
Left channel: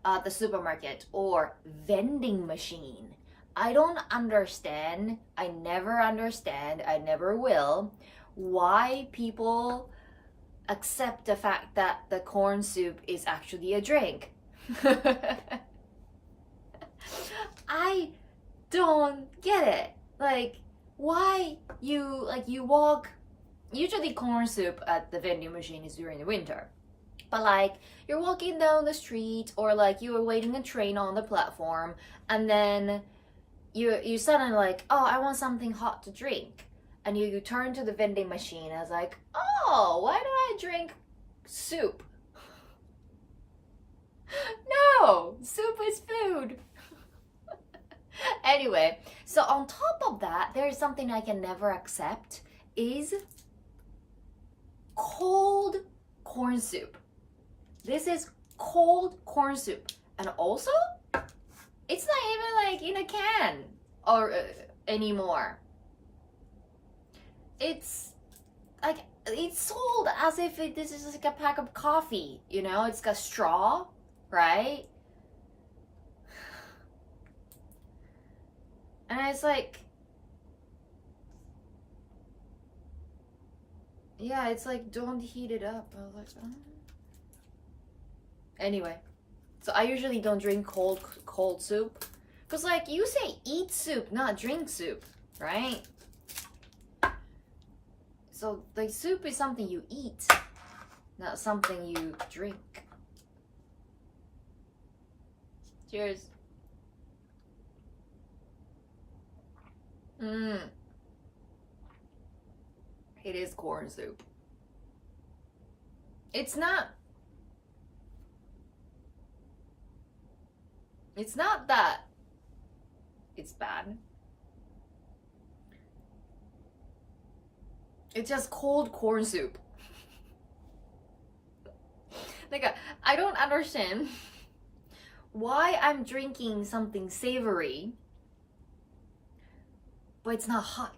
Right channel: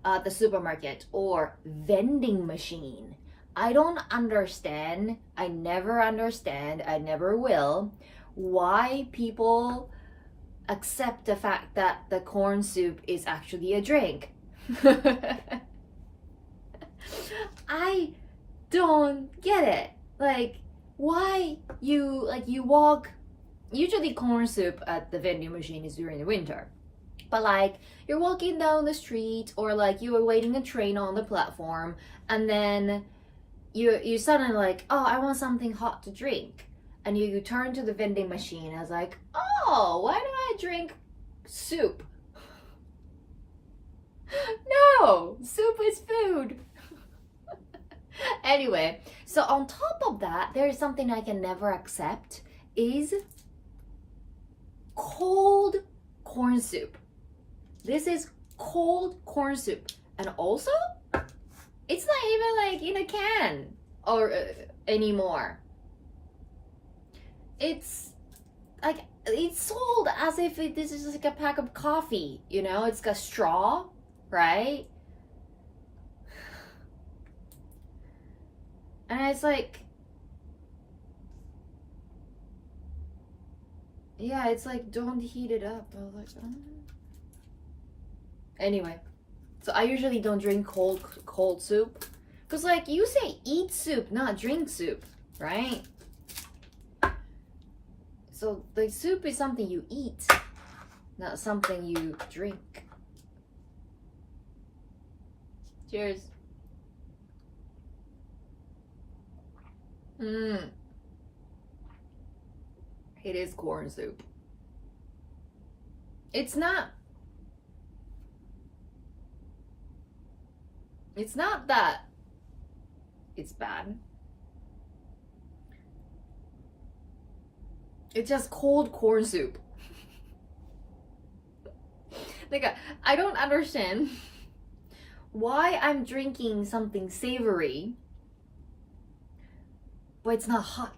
at the supermarket or vending machine. I don't understand, I never will, why people accept the fact that the corn soup is actually a drink. I don't get it. Like, why you walk, usually corn soup at the vending machine is during the winter, but like you're walking down the street or like you were waiting a train on the platform and then you suddenly like, oh, I want something hot to drink, and you turn to the vending machine and it's like, oh, why do I drink soup? No, soup is food. Anyway, so on top of that, there is something I can never accept is cold corn soup. This is cold corn soup, and also it's not even like in a can or anymore. it's like it's sold as if this is like a pack of coffee, you know? It's got straw, right? And it's like, yeah, it's like, don't heat it up. I was like, oh. Anyway, so I usually don't drink cold soup. Because like, you say eat soup, not drink soup, right? So like, soup is something you eat, not something you drink. Cheers. It is corn soup. It's not that it's bad. It's just cold corn soup. Like, I don't understand why I'm drinking something savory, but it's not hot.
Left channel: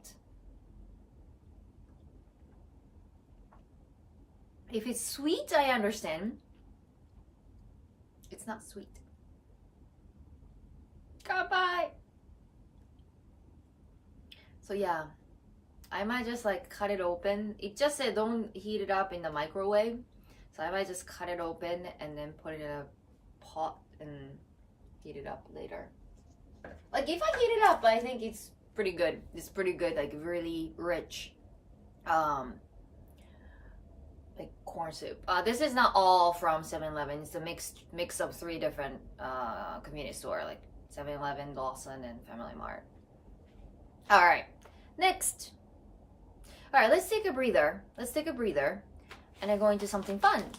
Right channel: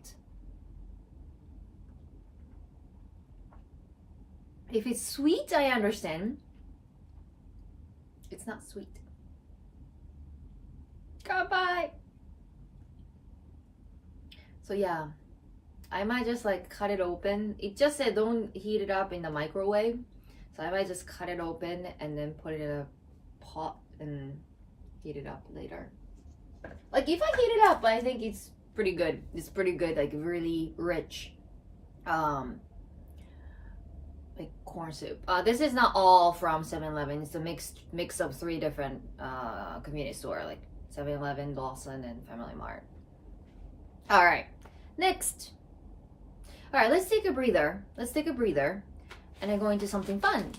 If it's sweet, I understand. It's not sweet. Goodbye. So yeah, I might just like cut it open. It just said don't heat it up in the microwave. So I might just cut it open and then put it in a pot and heat it up later. Like if I heat it up, I think it's pretty good. It's pretty good, like really rich. Like corn soup. This is not all from 7-Eleven. It's a mix of 3 different convenience store, like 7-Eleven, Lawson, and Family Mart. All right, next. All right, let's take a breather. And then go into something fun.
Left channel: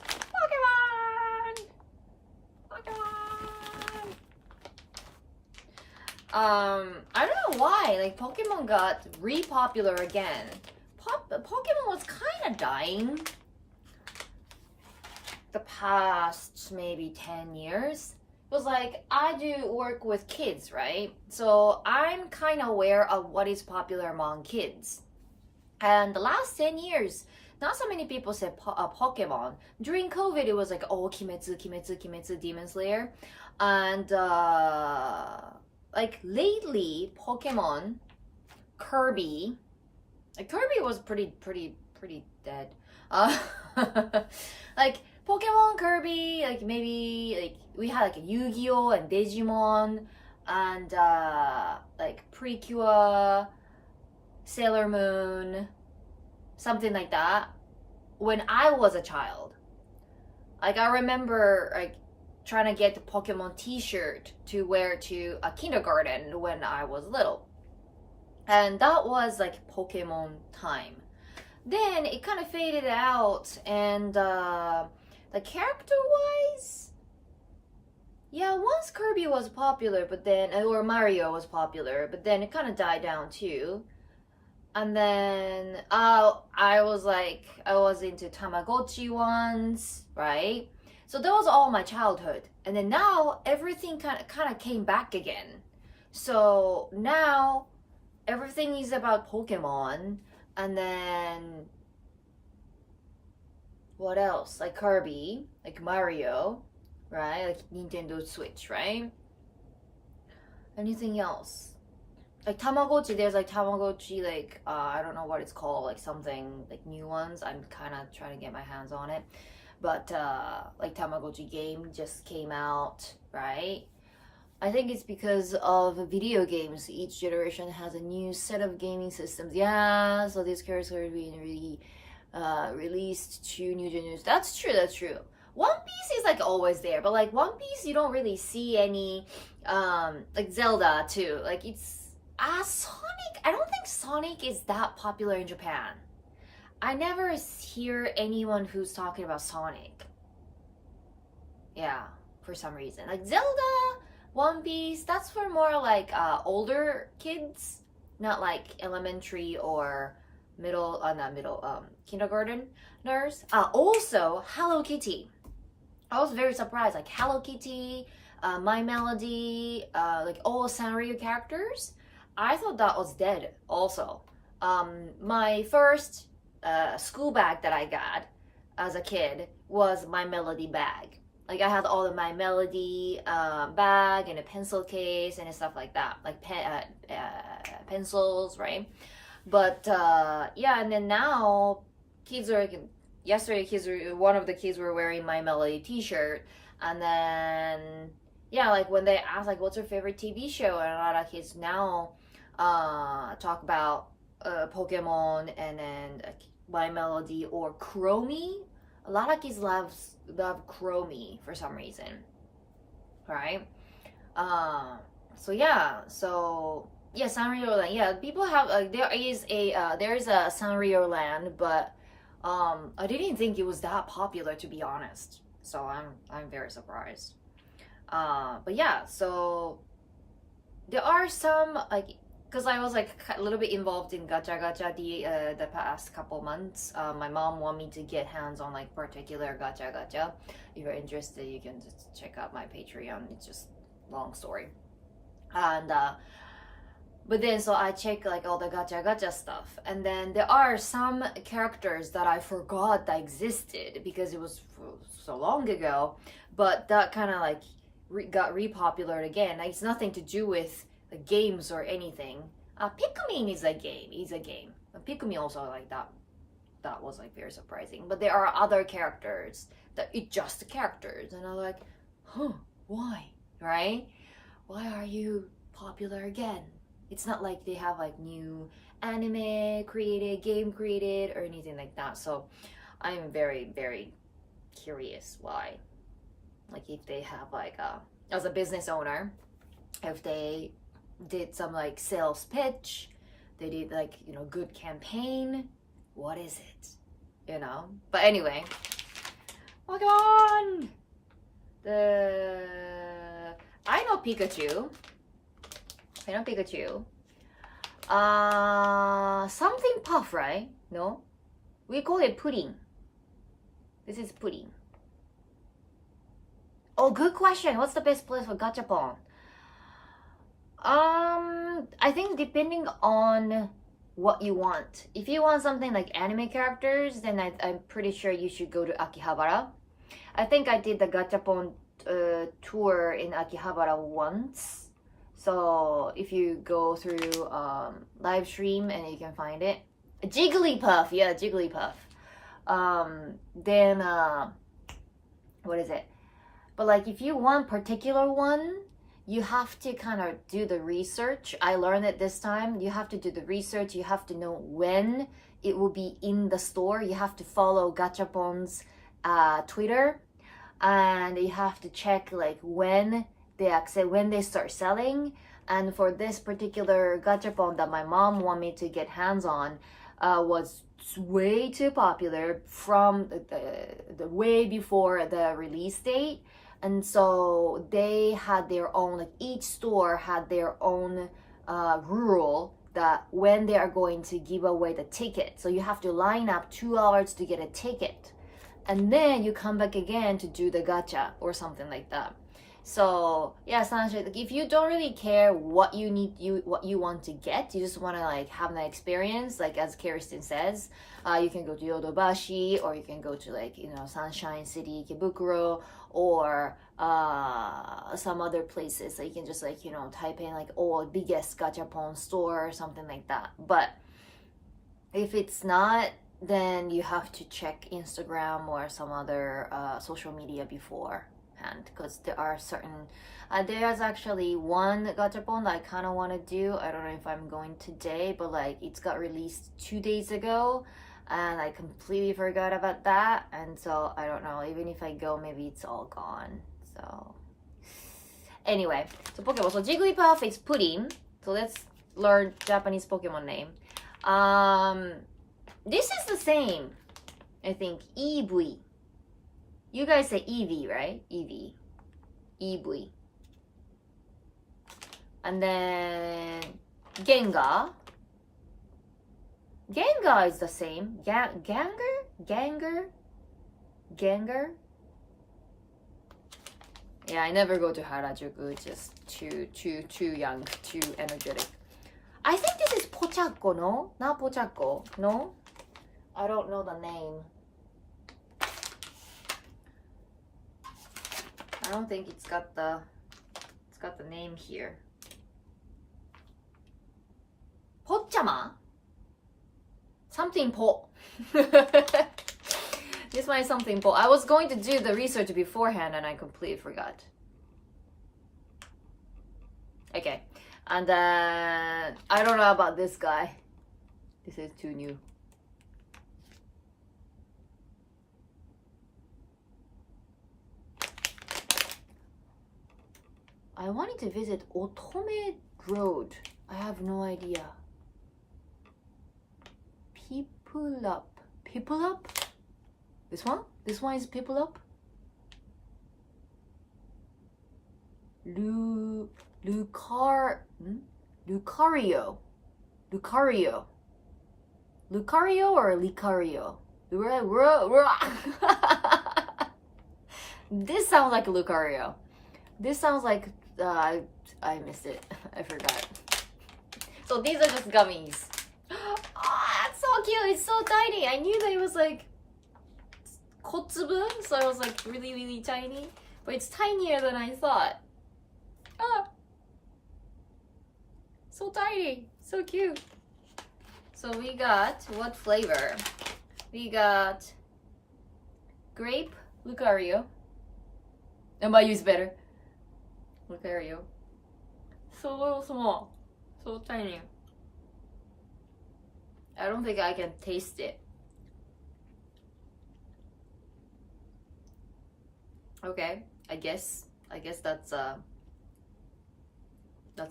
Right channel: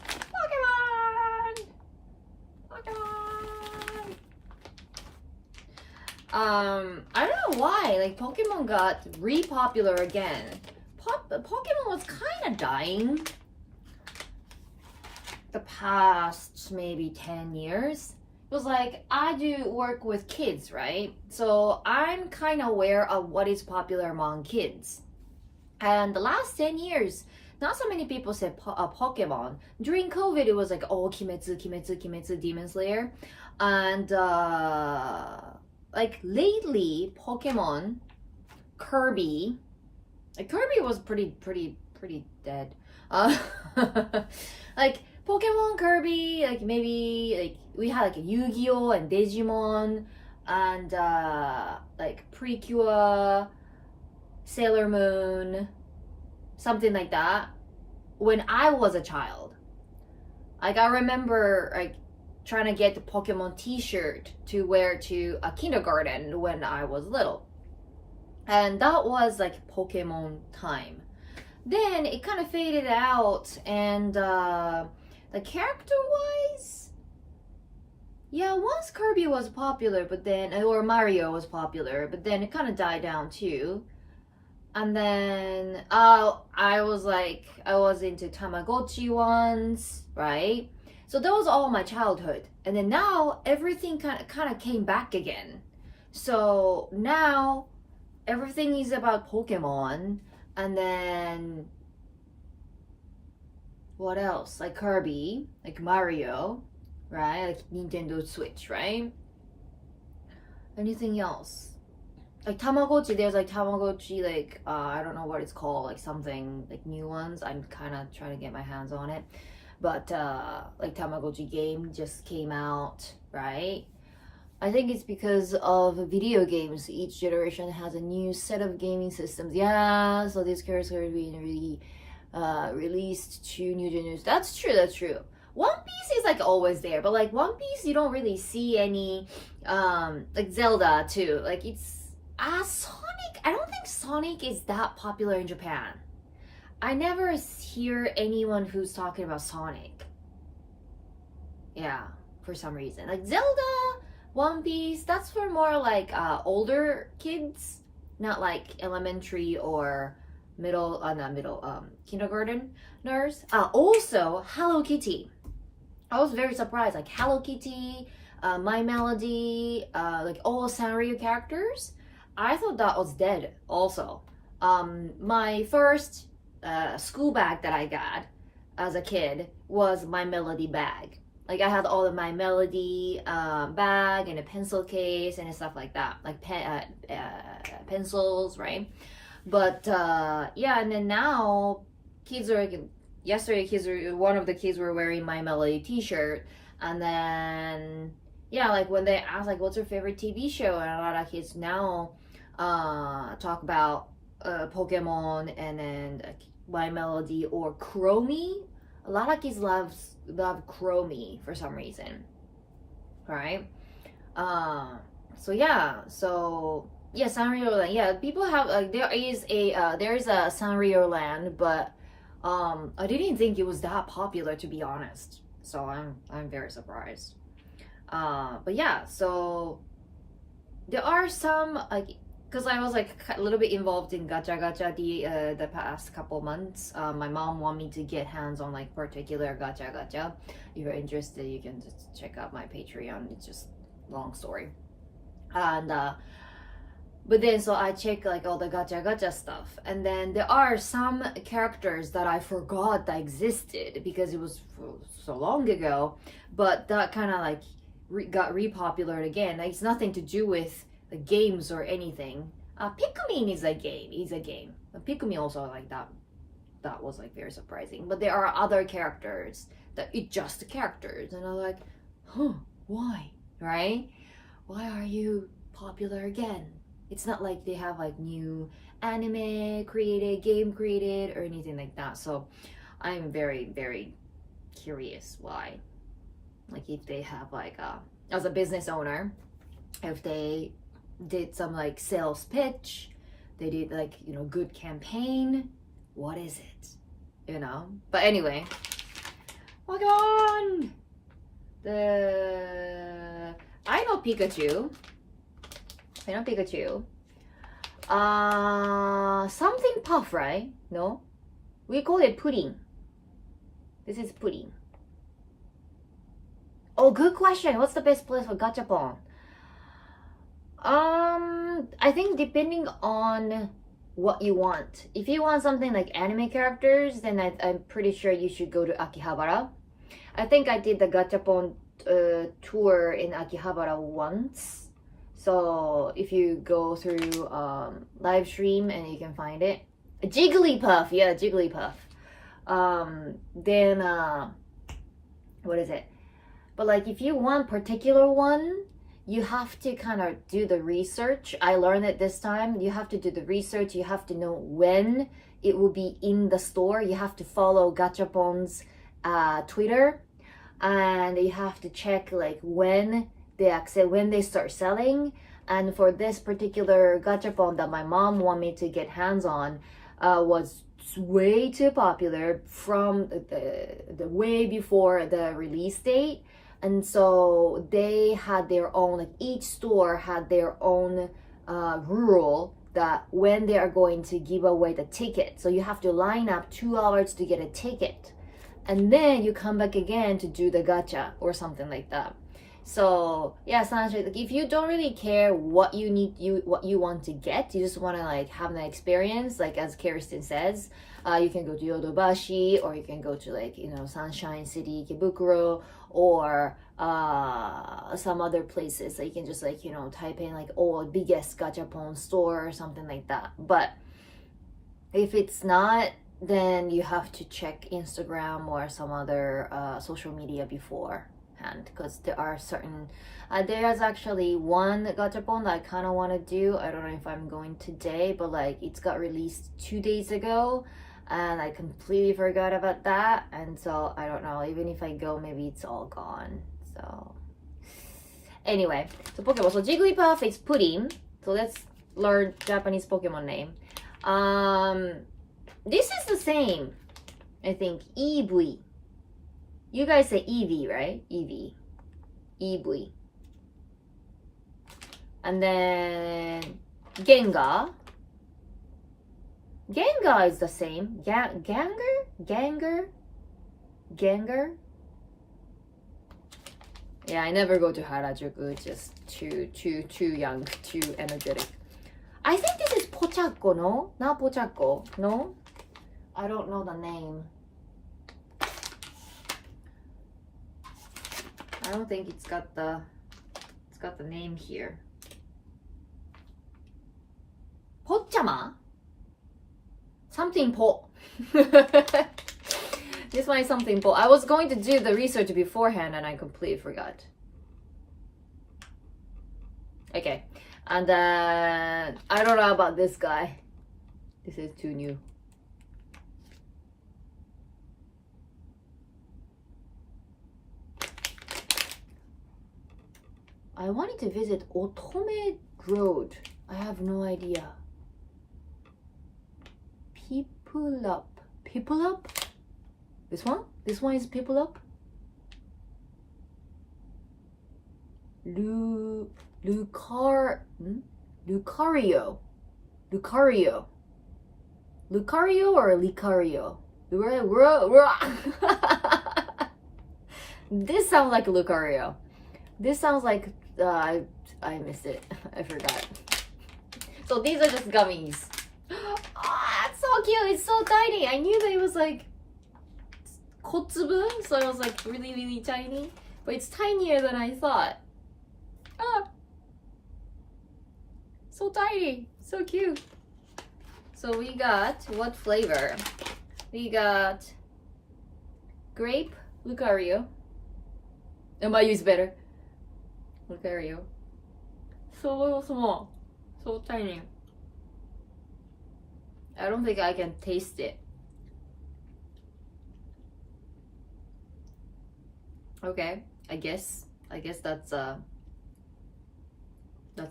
Pokemon. I don't know why. Like Pokemon got re-popular again. Pokemon was kind of dying the past maybe 10 years. It was like, I do work with kids, right? So I'm kind of aware of what is popular among kids. And the last 10 years, not so many people said Pokemon. During COVID, it was like, oh, Kimetsu, Demon Slayer. And like lately, Pokemon, Kirby, like Kirby was pretty dead. Like Pokemon, Kirby, like maybe like we had like Yu-Gi-Oh and Digimon and like Precure, Sailor Moon, something like that. When I was a child, like I remember like trying to get the Pokemon t-shirt to wear to a kindergarten when I was little. And that was like Pokemon time. Then it kind of faded out, and the character-wise, yeah, once Kirby was popular, but then, or Mario was popular, but then it kind of died down too. And then I was into Tamagotchi ones, right? So that was all my childhood. And then now everything kind of came back again. So now everything is about Pokemon. And then what else? Like Kirby, like Mario, right? Like Nintendo Switch, right? Anything else? Like Tamagotchi, there's like Tamagotchi, like I don't know what it's called, like something like new ones. I'm kind of trying to get my hands on it, but like Tamagotchi game just came out, right? I think it's because of video games. Each generation has a new set of gaming systems. Yeah, so these characters are being released to new generations. That's true. One Piece is like always there, but like One Piece, you don't really see any like Zelda too. Like it's Sonic. I don't think Sonic is that popular in Japan. I never hear anyone who's talking about Sonic. Yeah, for some reason. Like Zelda, One Piece, that's for more like older kids, not like elementary or kindergarteners. Also, Hello Kitty. I was very surprised. Like Hello Kitty, My Melody, like all Sanrio characters. I thought that was dead also. my first school bag that I got as a kid was my Melody bag. Like I had all of my Melody bag and a pencil case and stuff like that, like pencils, right? But yeah, and then now kids are yesterday one of the kids were wearing my Melody t-shirt, and then yeah, like when they ask like what's your favorite TV show, and a lot of kids now talk about Pokemon and then my Melody or Chromie. A lot of kids love Chromie for some reason, right? So yeah, Sanrio Land. Yeah, people have like there is a Sanrio Land, but I didn't think it was that popular, to be honest. So I'm very surprised. But yeah, so there are some like, because I was like a little bit involved in gacha the past couple months. My mom wanted me to get hands on like particular gacha. If you're interested, you can just check out my Patreon. It's just long story. And but then so I check like all the gacha stuff, and then there are some characters that I forgot that existed because it was so long ago, but that kind of like got repopulated again. Like, it's nothing to do with the games or anything. Pikmin is a game. Pikmin also like that was like very surprising. But there are other characters that it's just characters, and I'm like, why, right? Why are you popular again? It's not like they have like new anime created, game created, or anything like that. So I'm very, very curious why. Like if they have like as a business owner, if they did some like sales pitch, they did like, you know, good campaign, what is it, you know? But anyway, Pokemon! I know Pikachu. Something puff, right? No? We call it pudding. This is pudding. Oh, good question. What's the best place for gachapon? I think depending on what you want. If you want something like anime characters, then I'm pretty sure you should go to Akihabara. I think I did the gachapon tour in Akihabara once. So if you go through Livestream and you can find it. Jigglypuff, yeah, Jigglypuff. Then what is it? But like if you want particular one, you have to kind of do the research. I learned it this time. You have to do the research. You have to know when it will be in the store. You have to follow Gachapon's Twitter, and you have to check like when they start selling. And for this particular Gachapon that my mom wanted me to get hands on, was way too popular from the way before the release date. And so they had their own, like each store had their own rule that when they are going to give away the ticket. So you have to line up 2 hours to get a ticket, and then you come back again to do the gacha or something like that. So yeah, essentially, like if you don't really care what you want to get, you just want to like have an experience, like as Kirsten says, you can go to Yodobashi, or you can go to like, you know, Sunshine City, Ikebukuro, or some other places. So you can just like, you know, type in like, oh, biggest gachapon store or something like that. But if it's not, then you have to check Instagram or some other social media beforehand, because there are certain there's actually one gachapon that I kind of want to do. I don't know if I'm going today, but like it's got released 2 days ago and I completely forgot about that, and so I don't know, even if I go, maybe it's all gone. So anyway, so Pokemon. So Jigglypuff is pudding. So let's learn Japanese Pokemon name. This is the same, I think. EV. You guys say EV, right? EV. EV. And then Gengar. Gengar is the same. Ganger. Yeah, I never go to Harajuku. It's just too young, too energetic. I think this is pochacco, no? Not pochacco, no? I don't know the name. I don't think it's got the name here. Pochama? Something po. This one is something po. I was going to do the research beforehand and I completely forgot. Okay. And then I don't know about this guy. This is too new. I wanted to visit Otome Road. I have no idea. People up. People up? This one? This one is people up? Lucario. Lucario or Licario? This sounds like Lucario. This sounds like I missed it. I forgot. So these are just gummies. Oh, that's so cute. It's so tiny. I knew that it was like kotsubu, so it was like really, really tiny. But it's tinier than I thought. Ah, so tiny. So cute. So we got, what flavor? We got grape Lucario. And my use better. Lucario. So small. So tiny. I don't think I can taste it. Okay, I guess that's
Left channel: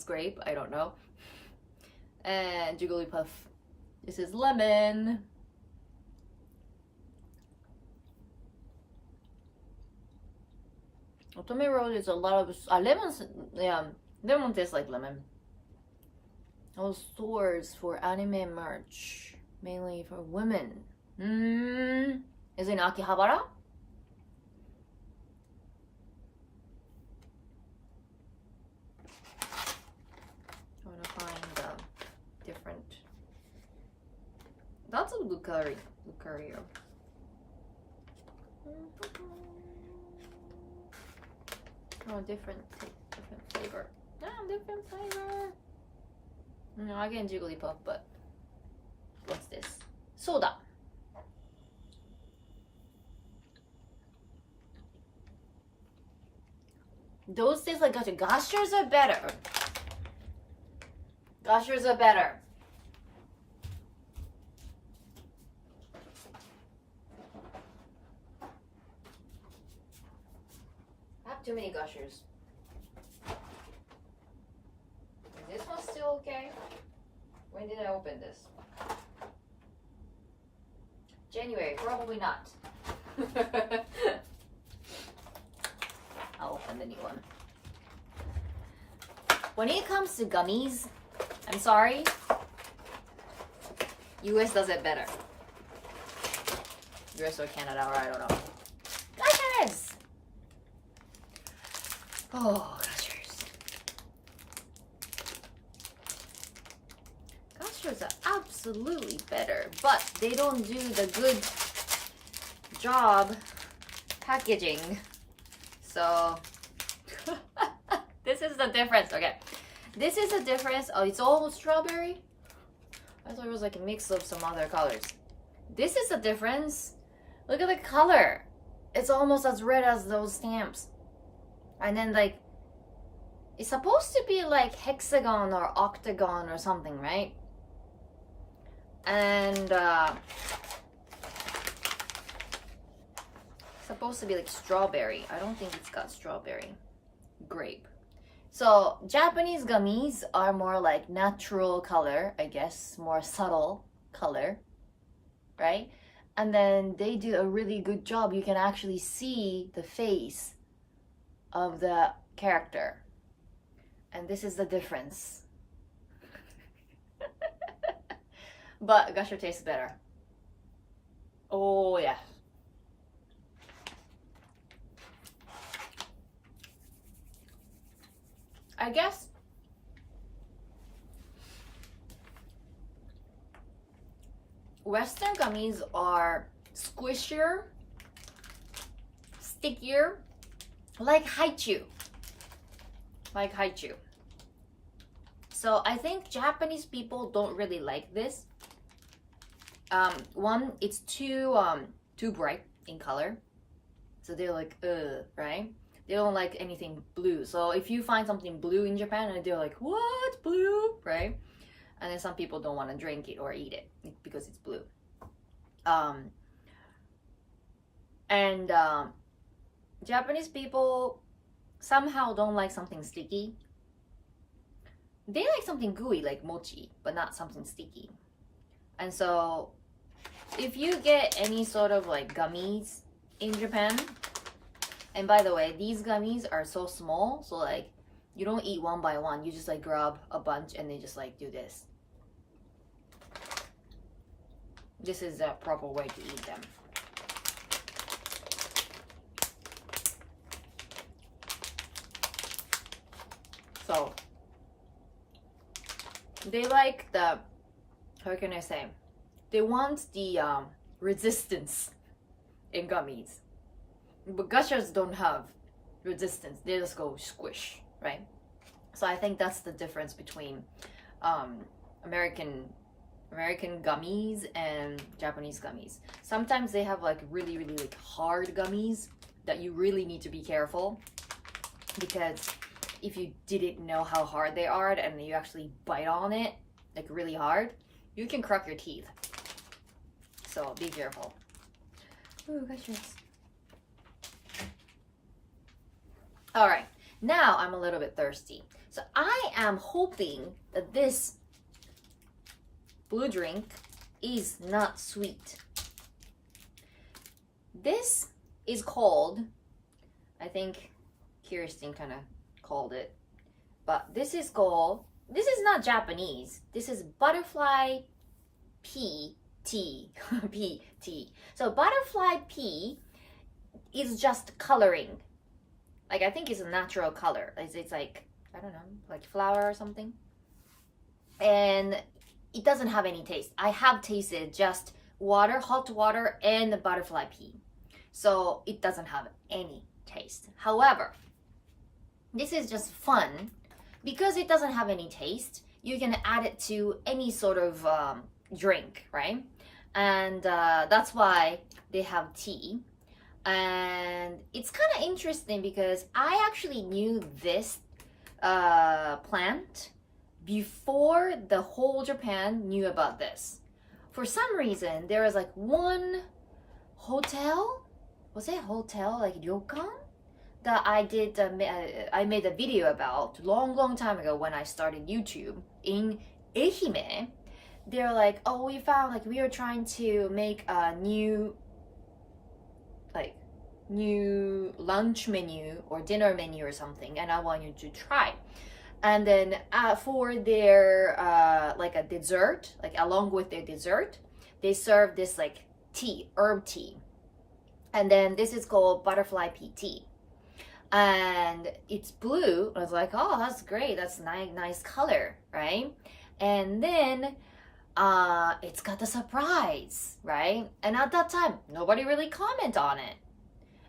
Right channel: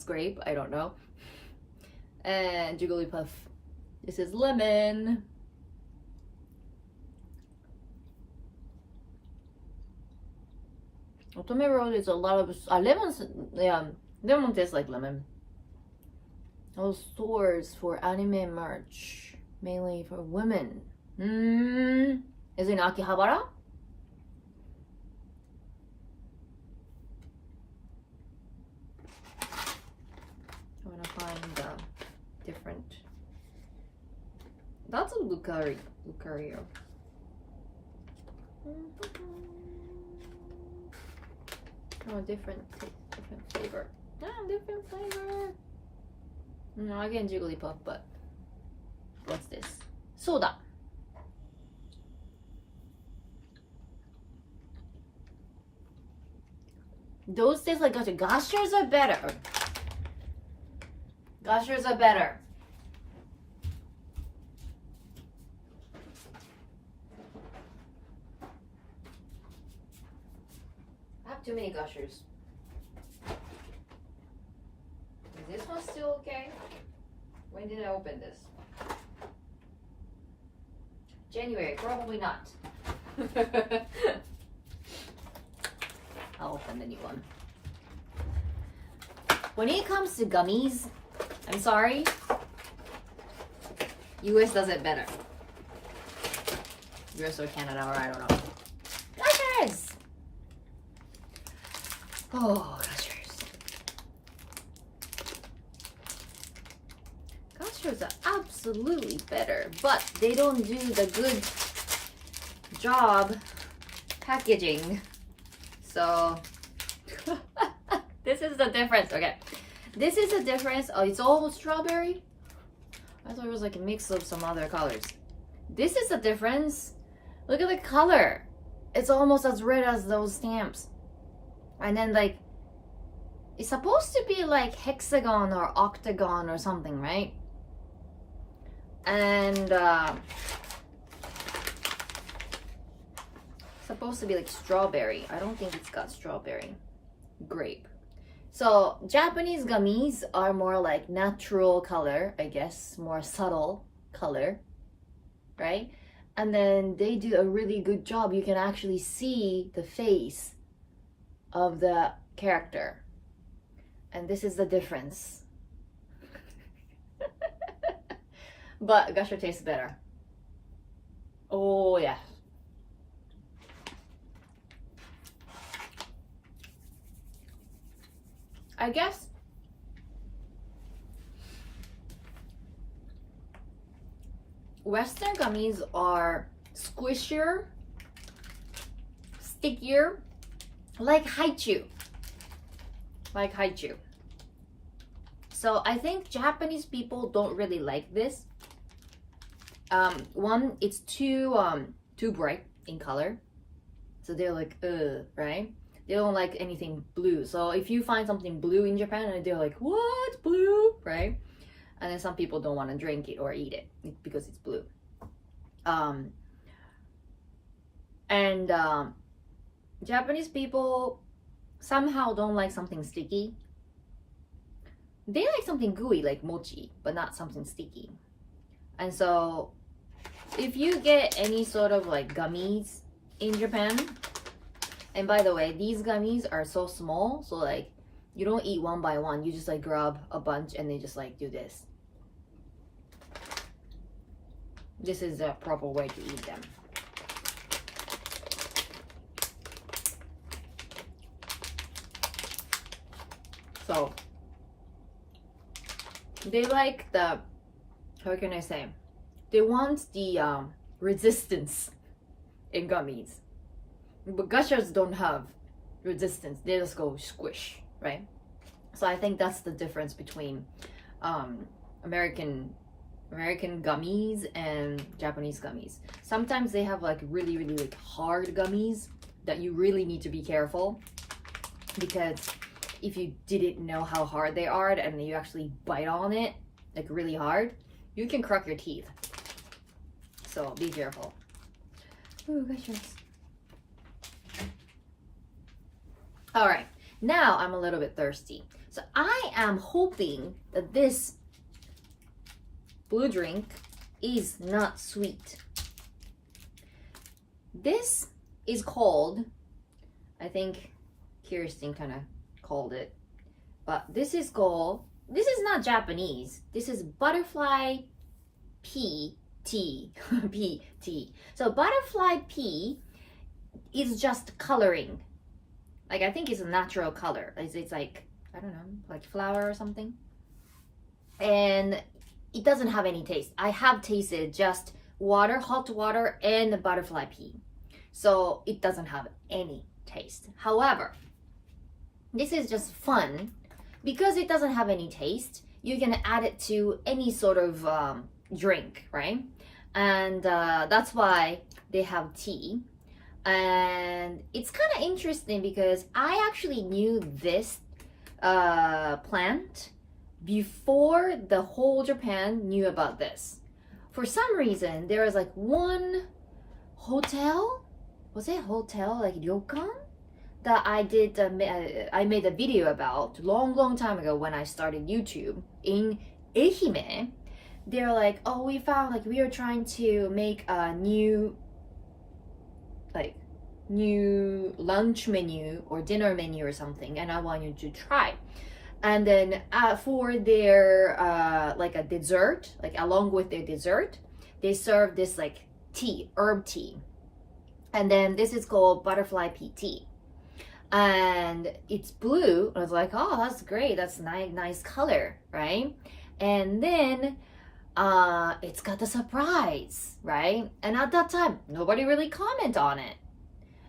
grape. I don't know. And Jigglypuff. This is lemon. Otome Road is a lot of lemons. Yeah, lemon tastes like lemon. Those stores for anime merch, mainly for women. Is it in Akihabara? I want to find different. That's a Lucario. Oh, different flavor. Different flavor. No, again Jigglypuff, but what's this? Soda. Those taste like gacha. Gashers are better. Gashers are better. I have too many gushers. Is this one still okay? When did I open this? January, probably not. I'll open the new one. When it comes to gummies, I'm sorry, US does it better. US or Canada, or I don't know. Gushers! Oh, gushers. Gushers are absolutely better, but they don't do the good job packaging. So, this is the difference. Okay, this is the difference. Oh, it's almost strawberry. I thought it was like a mix of some other colors. This is the difference. Look at the color. It's almost as red as those stamps. And then like, it's supposed to be like hexagon or octagon or something, right? And supposed to be like strawberry. I don't think it's got strawberry. Grape. So Japanese gummies are more like natural color, I guess, more subtle color, right? And then they do a really good job. You can actually see the face of the character. And this is the difference. But Gusher tastes better. Oh yeah. I guess Western gummies are squishier, stickier, like haichu. Like haichu. So I think Japanese people don't really like this. One, it's too bright in color. So they're like, right? They don't like anything blue. So if you find something blue in Japan, they're like, what? Blue? Right? And then some people don't want to drink it or eat it because it's blue. Japanese people somehow don't like something sticky. They like something gooey like mochi, but not something sticky. And so if you get any sort of like gummies in Japan, and by the way, these gummies are so small, so like you don't eat one by one, you just like grab a bunch and they just like do this. This is the proper way to eat them. So they like the, how can I say? They want the resistance in gummies. But gachas don't have resistance. They just go squish, right? So I think that's the difference between American gummies and Japanese gummies. Sometimes they have like really like hard gummies that you really need to be careful, because if you didn't know how hard they are and you actually bite on it like really hard, you can crack your teeth. So be careful. Ooh, gachas. All right, now I'm a little bit thirsty. So I am hoping that this blue drink is not sweet. This is called, I think Kirsten kind of called it, but this is not Japanese. This is butterfly pea tea. Pea tea. So butterfly pea is just coloring. Like, I think it's a natural color. It's like, I don't know, like flour or something. And it doesn't have any taste. I have tasted just water, hot water, and the butterfly pea. So it doesn't have any taste. However, this is just fun because it doesn't have any taste. You can add it to any sort of drink, right? And that's why they have tea. And it's kind of interesting because I actually knew this plant before the whole Japan knew about this. For some reason, there was like one hotel, was it hotel, like ryokan, that I did, I made a video about long time ago when I started YouTube in Ehime. They're like, oh, we found, like, we were trying to make a new lunch menu or dinner menu or something, and I want you to try. And then for their like a dessert, like along with their dessert, they serve this like tea, herb tea. And then this is called butterfly pea tea. And it's blue. I was like, oh, that's great. That's nice color, right? And then it's got the surprise, right? And at that time, nobody really commented on it.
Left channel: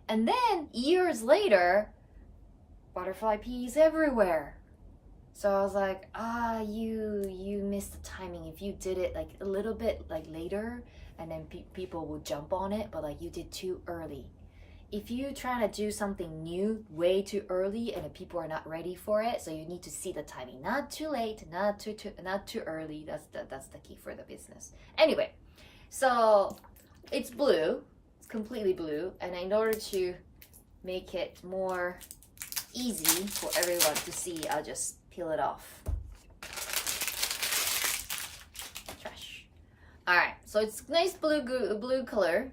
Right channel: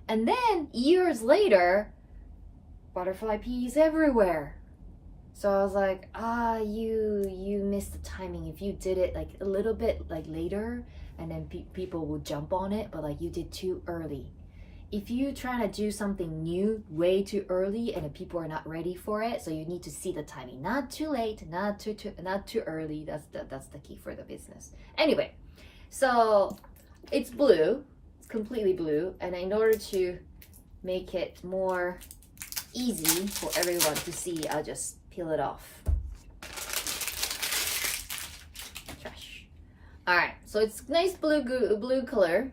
And then years later, butterfly peas everywhere. So I was like, you missed the timing. If you did it like a little bit like later, and then people would jump on it, but like you did too early. If you try to do something new way too early and the people are not ready for it, so you need to see the timing. Not too late, not too early. That's the key for the business. Anyway, so it's blue. It's completely blue, and in order to make it more easy for everyone to see, I'll just peel it off. Trash. All right, so it's nice blue color.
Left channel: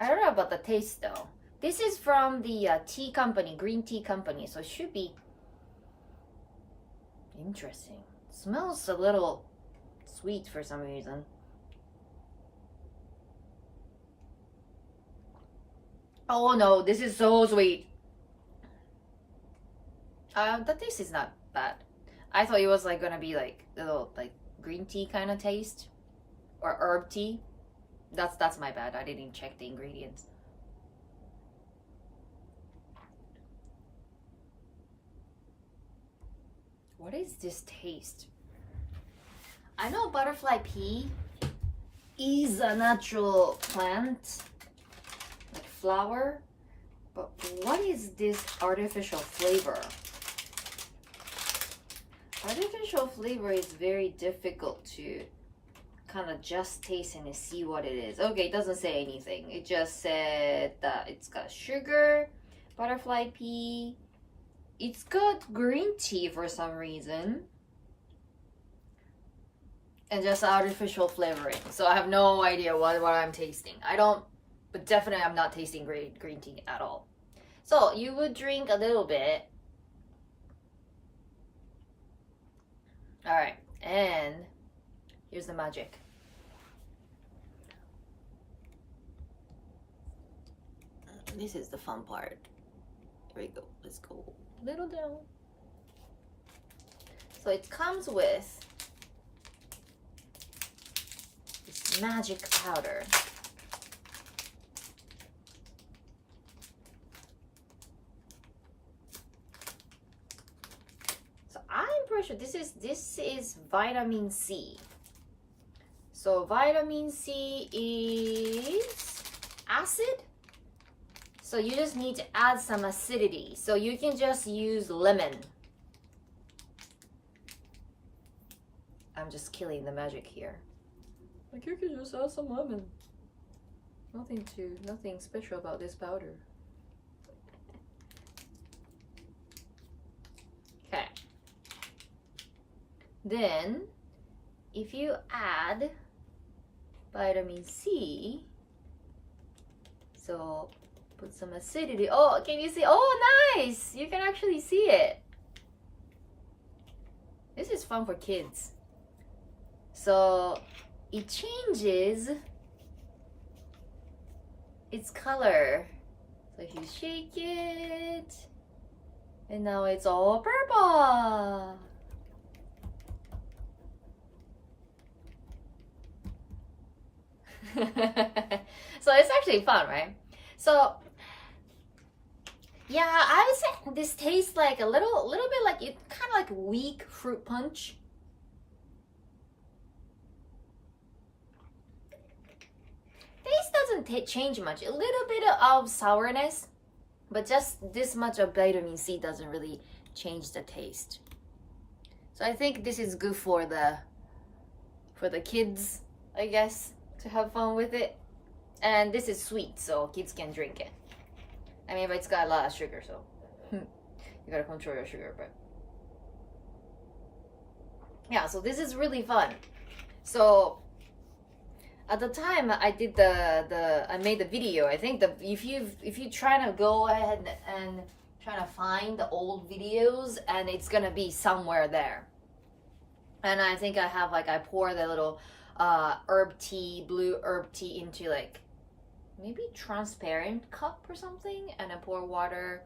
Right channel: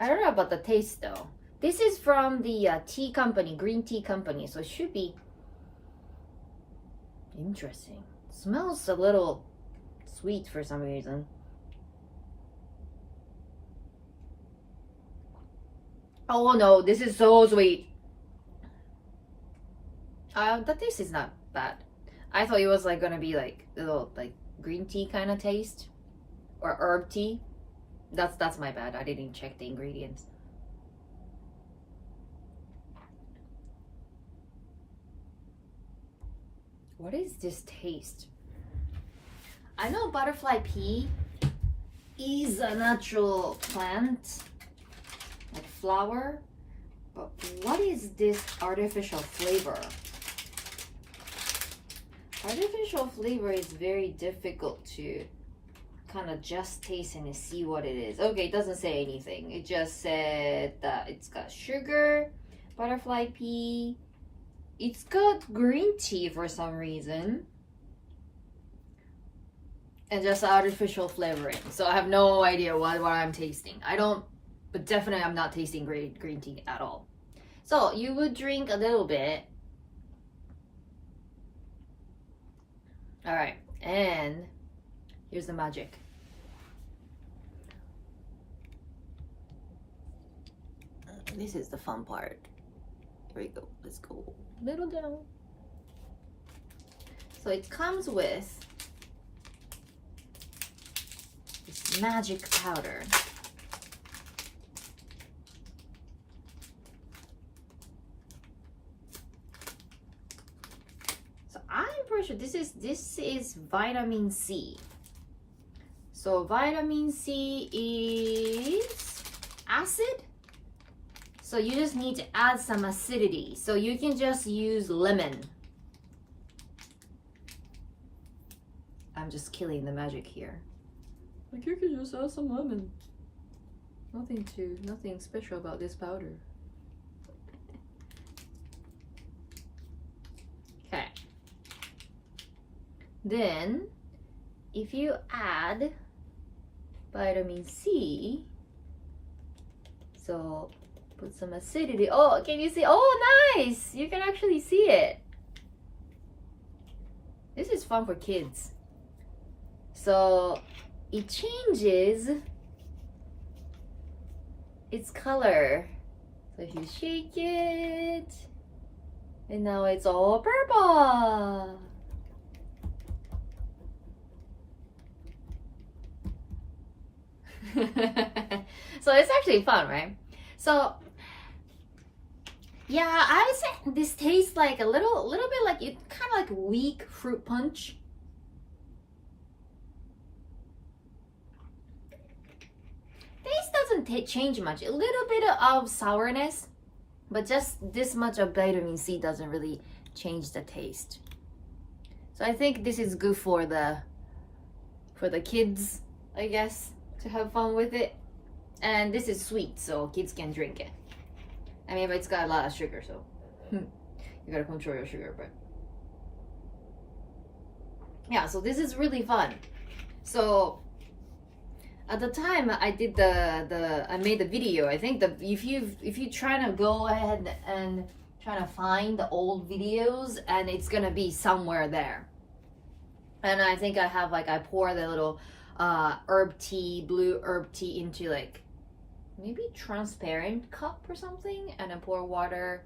I don't know about the taste though. This is from the tea company, green tea company, so it should be interesting. It smells a little sweet for some reason. Oh no, this is so sweet. The taste is not bad. I thought it was like gonna be like a little like green tea kind of taste. or herb tea. That's my bad. I didn't check the ingredients. What is this taste? I know butterfly pea is a natural plant, like flower, but what is this artificial flavor? Artificial flavor is very difficult to kind of just taste and see what it is. Okay, it doesn't say anything. It just said that it's got sugar, butterfly pea. It's got green tea for some reason. And just artificial flavoring. So I have no idea what I'm tasting. I don't, but definitely I'm not tasting green tea at all. So you would drink a little bit. All right, and here's the magic. This is the fun part. Here we go. Let's go a little down. So it comes with this magic powder. So I'm pretty sure this is vitamin C. So vitamin C is acid. So you just need to add some acidity. So you can just use lemon. I'm just killing the magic here. Like you can just add some lemon. Nothing special about this powder. Okay. Then, if you add vitamin C, so put some acidity. Oh, can you see? Oh, nice! You can actually see it. This is fun for kids. So it changes its color. So if you shake it, and now it's all purple. So it's actually fun, right? So yeah, I would say this tastes like a little bit like it, kind of like weak fruit punch. Taste doesn't change much. A little bit of sourness, but just this much of vitamin C doesn't really change the taste. So I think this is good for the kids, I guess, to have fun with it. And this is sweet, so kids can drink it. I mean, but it's got a lot of sugar, so you gotta control your sugar, but yeah, so this is really fun. So at the time I did I made the video, I think if you try to go ahead and try to find the old videos, and it's gonna be somewhere there. And I think I have like, I pour the little blue herb tea into like maybe transparent cup or something, and then pour water,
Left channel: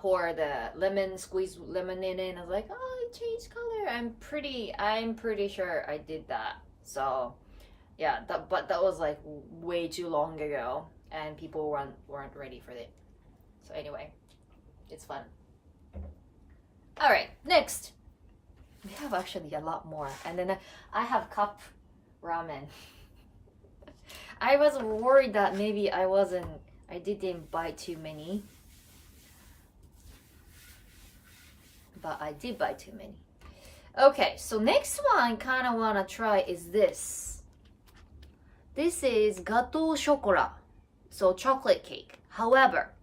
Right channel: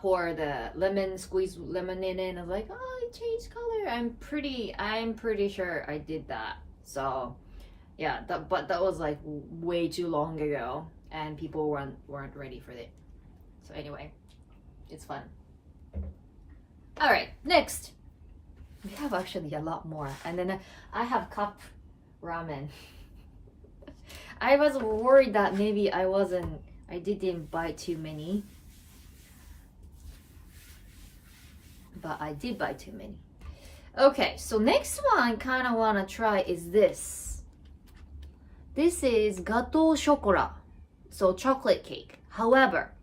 pour the lemon, squeeze lemon in it, and I was like, oh, it changed color. I'm pretty sure I did that. So yeah, but that was like way too long ago, and people weren't ready for it. So anyway, it's fun. All right, next we have actually a lot more, and then I have cup ramen. I was worried that maybe I didn't buy too many, but I did buy too many. Okay, so next one I kind of want to try is this. This is gâteau chocolat, so chocolate cake. However,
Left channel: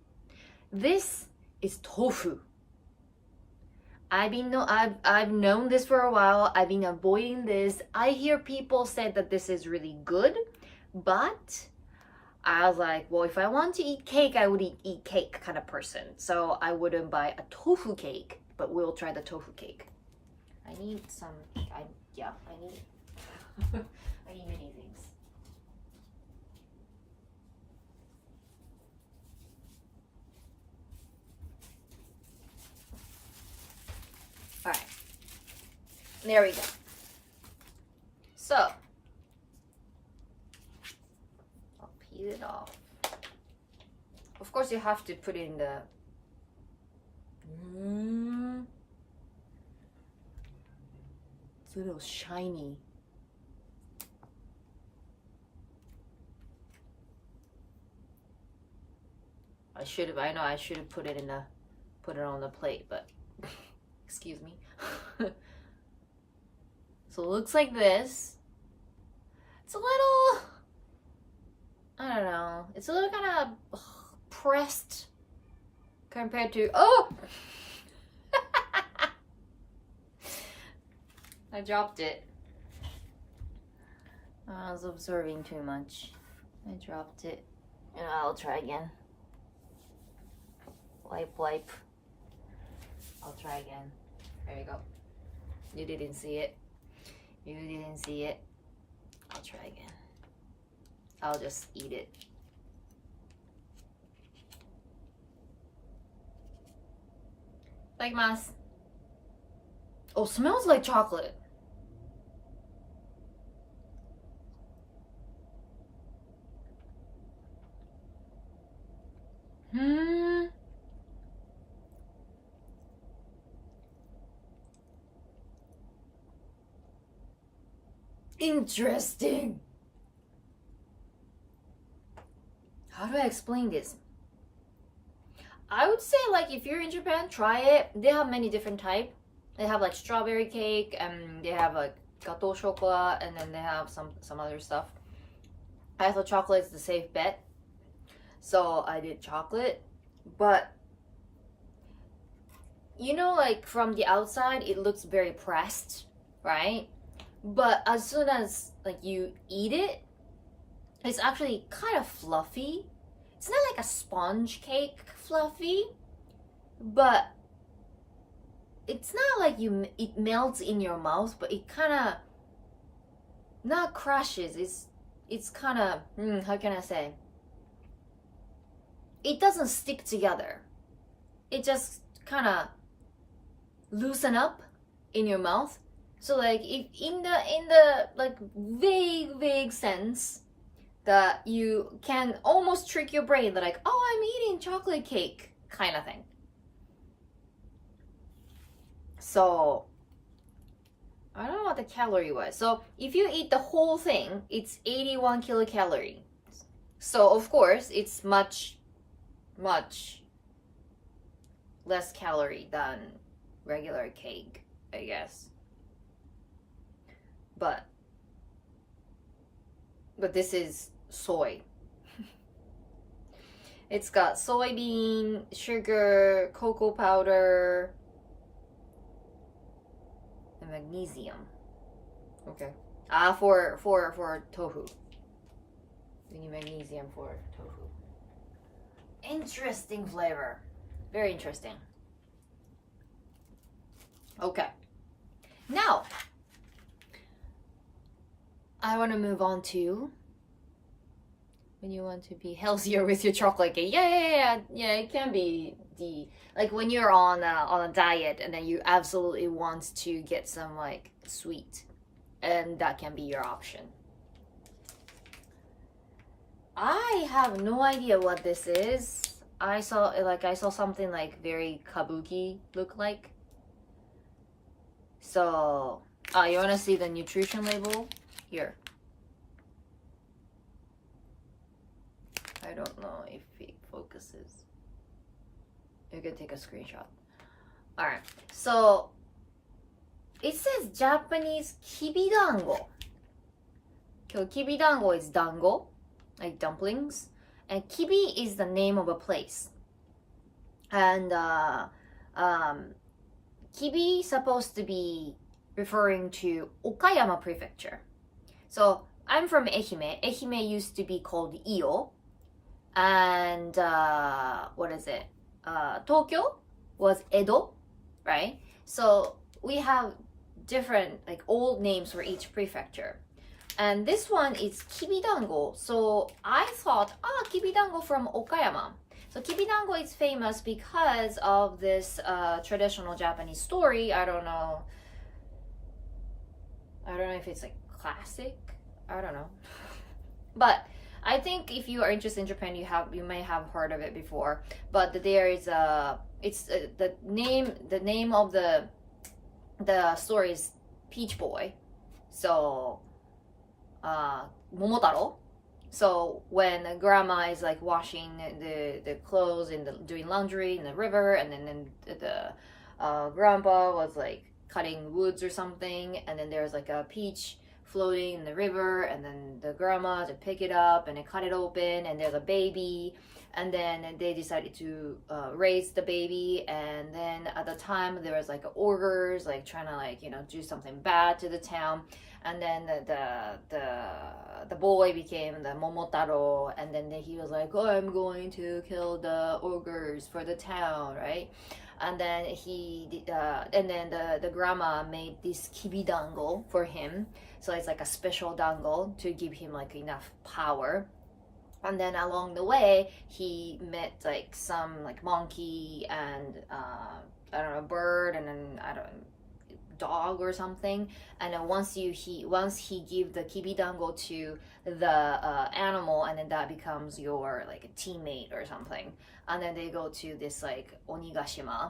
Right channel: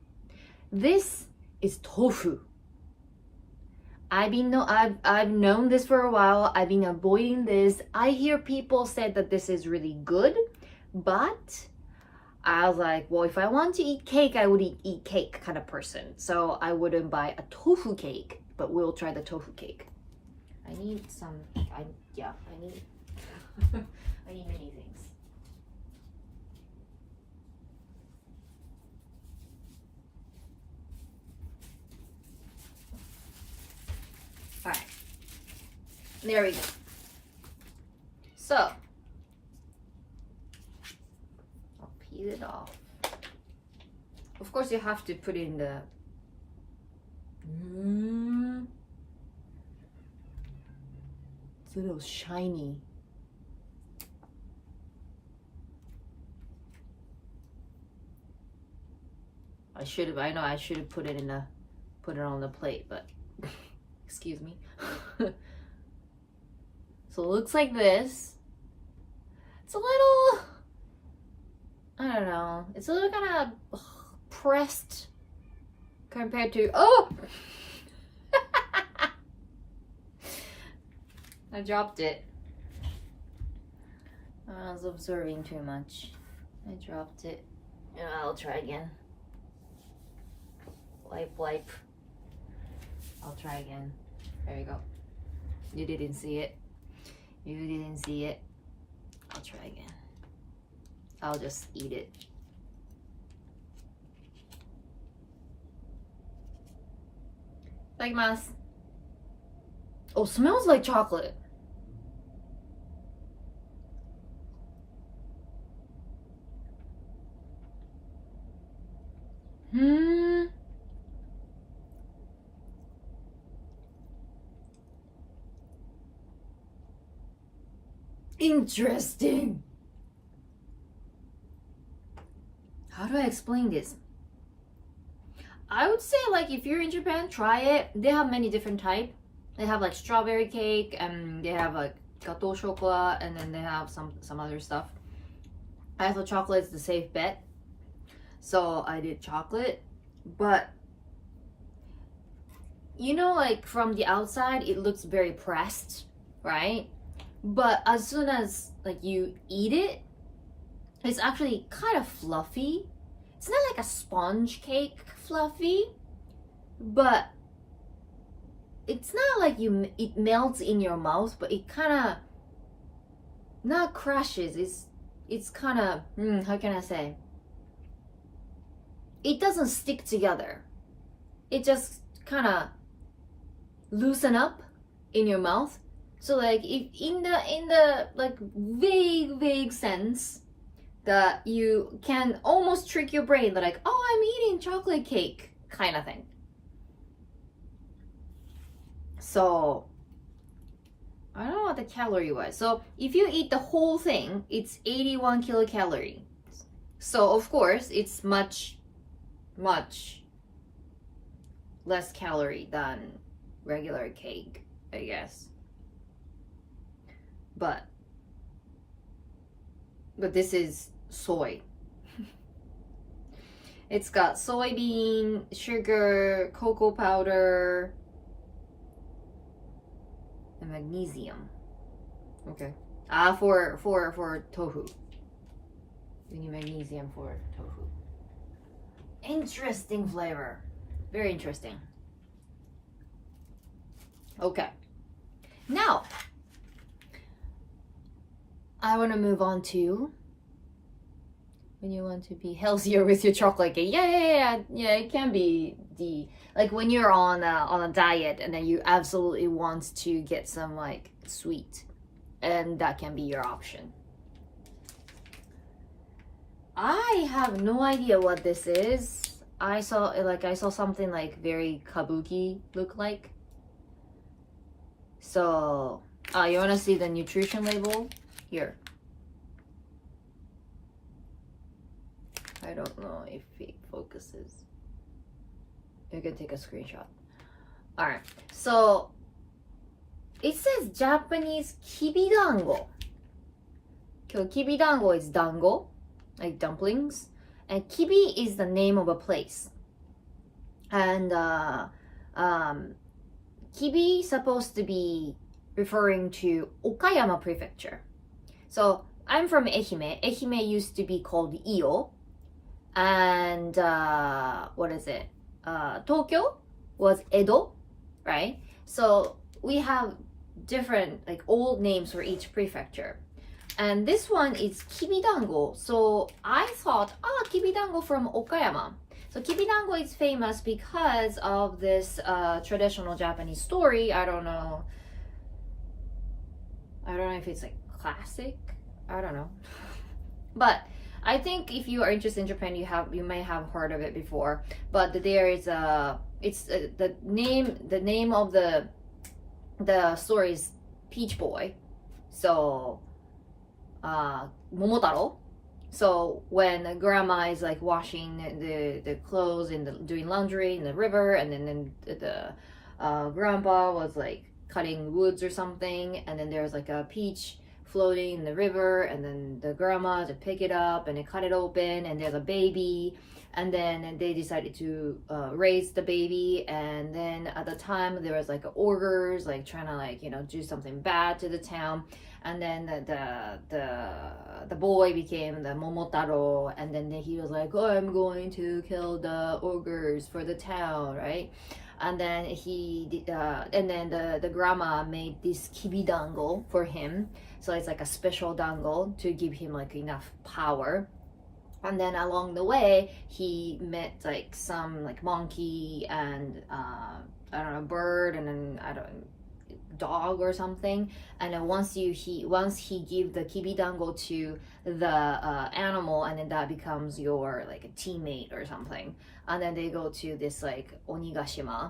this is tofu. I've known this for a while. I've been avoiding this. I hear people say that this is really good, but I was like, well, if I want to eat cake, I would eat cake kind of person. So I wouldn't buy a tofu cake, but we'll try the tofu cake. I need some, I need I need many things. All right, there we go. So peel it off. Of course, you have to put it in the. It's a little shiny. I know I should have put it on the plate, but excuse me. So it looks like this. It's a little, I don't know, it's a little kind of pressed compared to, oh! I dropped it. I was absorbing too much. I dropped it. And I'll try again. Wipe. I'll try again. There you go. You didn't see it. I'll try again. I'll just eat it. Itadakimasu. Oh, smells like chocolate. Interesting. How do I explain this? I would say, like, if you're in Japan, try it. They have many different types. They have like strawberry cake, and they have like gateau chocolat, and then they have some other stuff. I thought chocolate is the safe bet, so I did chocolate. But you know, like from the outside, it looks very pressed, right? But as soon as like you eat it, it's actually kind of fluffy. It's not like a sponge cake fluffy, but it's not like it melts in your mouth, but it kind of not crushes. It's kind of how can I say? It doesn't stick together. It just kind of loosen up in your mouth. So like if in the like vague sense that you can almost trick your brain that like, oh, I'm eating chocolate cake kind of thing. So I don't know what the calorie was. So if you eat the whole thing, it's 81 kilocalorie. So of course it's much less calorie than regular cake, I guess. But this is soy. It's got soybean, sugar, cocoa powder, and magnesium. Okay. For tofu. We need magnesium for tofu. Interesting flavor. Very interesting. Okay. Now, I want to move on to when you want to be healthier with your chocolate cake. Yeah. It can be like when you're on a diet and then you absolutely want to get some like sweet, and that can be your option. I have no idea what this is. I saw something like very kabuki look like. So, you want to see the nutrition label? Here. I don't know if it focuses. You can take a screenshot. Alright, so it says Japanese kibidango. Kibidango is dango, like dumplings. And kibi is the name of a place. And kibi supposed to be referring to Okayama prefecture. So I'm from Ehime. Ehime used to be called Iyo. And what is it? Tokyo was Edo, right? So we have different like old names for each prefecture. And this one is kibidango. So I thought, kibidango from Okayama. So kibidango is famous because of this traditional Japanese story. I don't know if it's like classic. I don't know. But I think if you are interested in Japan, you may have heard of it before. But there is the name of the story is Peach Boy. So Momotaro. So when grandma is like washing the clothes and doing laundry in the river, and then the grandpa was like cutting woods or something, and then there's like a peach floating in the river, and then the grandma to pick it up and they cut it open, and there's a baby, and then they decided to raise the baby. And then at the time there was like ogres like trying to like do something bad to the town, and then the boy became the Momotaro, and then he was like, oh, I'm going to kill the ogres for the town, right? And then the grandma made this kibidango for him, so it's like a special dango to give him like enough power. And then along the way he met like some like monkey and I don't know, bird, and then dog or something. And then once he give the kibidango to the animal, and then that becomes your like a teammate or something. And then they go to this like Onigashima,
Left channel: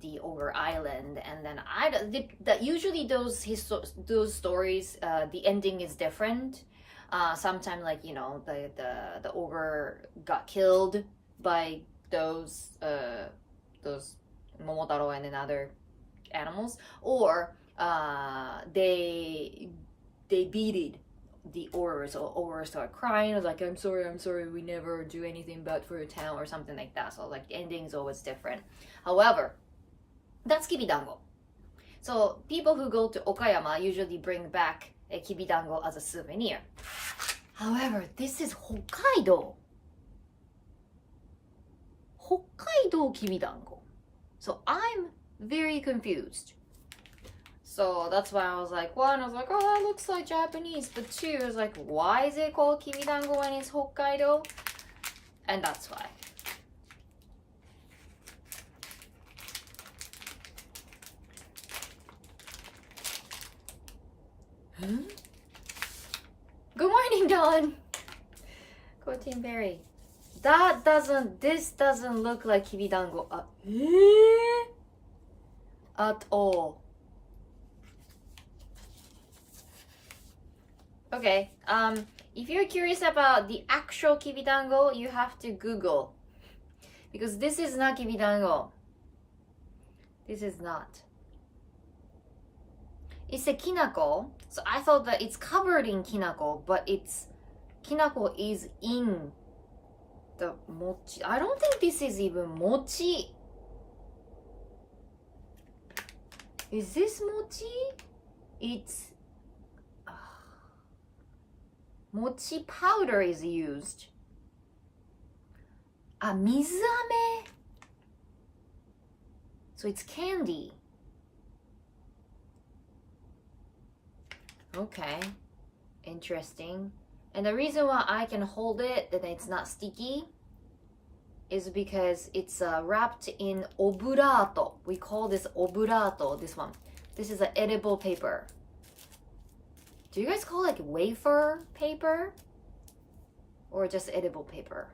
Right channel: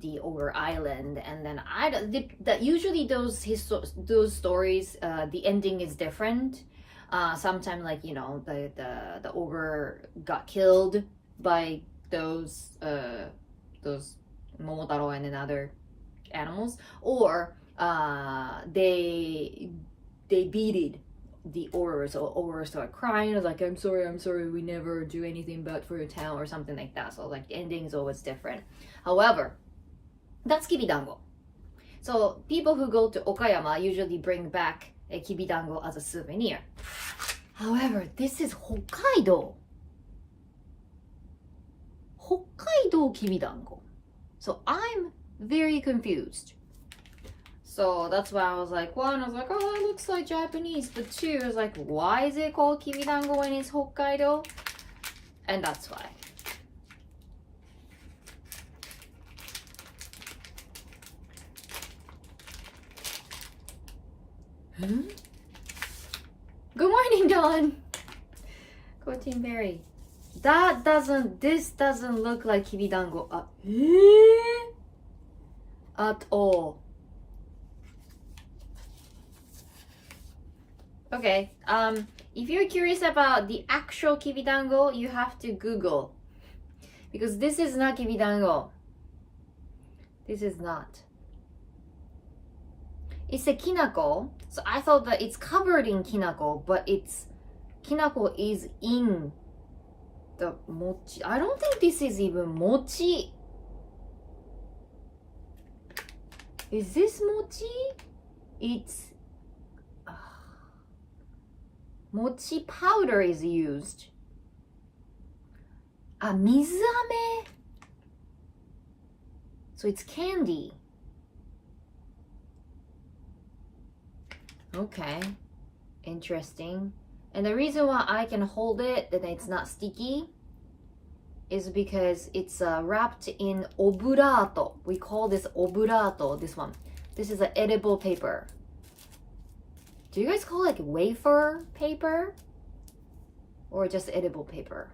the ogre island, and then usually those stories, the ending is different. Sometimes like the ogre got killed by those Momotaro and then other animals, or they beat the ogre, so ogre start crying. I was like, I'm sorry, we never do anything bad for your town or something like that. So like the ending is always different. However, that's kibidango. So people who go to Okayama usually bring back a kibidango as a souvenir. However, this is Hokkaido kibidango. So I'm very confused. So that's why I was like, one, I was like, oh, that looks like Japanese. But two, I was like, why is it called kibidango when it's Hokkaido? And that's why. Good morning, Dawn. Courtine Berry. This doesn't look like kibidango at all. Okay, if you're curious about the actual kibidango, you have to Google, because this is not kibidango. This is not. It's a kinako, so I thought that it's covered in kinako, but kinako is in the mochi. I don't think this is even mochi. Is this mochi? It's mochi powder is used. Mizame. So it's candy. Okay, interesting. And the reason why I can hold it and it's not sticky is because it's wrapped in oburato. We call this oburato, this one. This is an edible paper. Do you guys call it like wafer paper? Or just edible paper?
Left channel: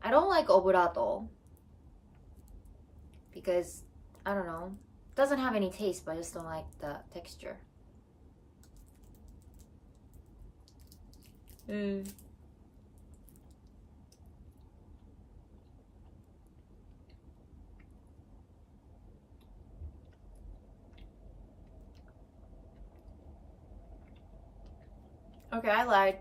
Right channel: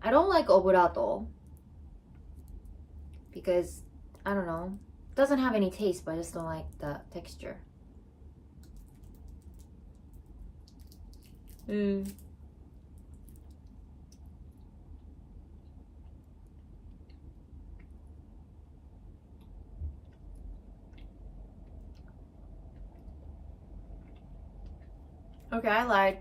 I don't like oburato because, I don't know, it doesn't have any taste, but I just don't like the texture. It Okay, I lied.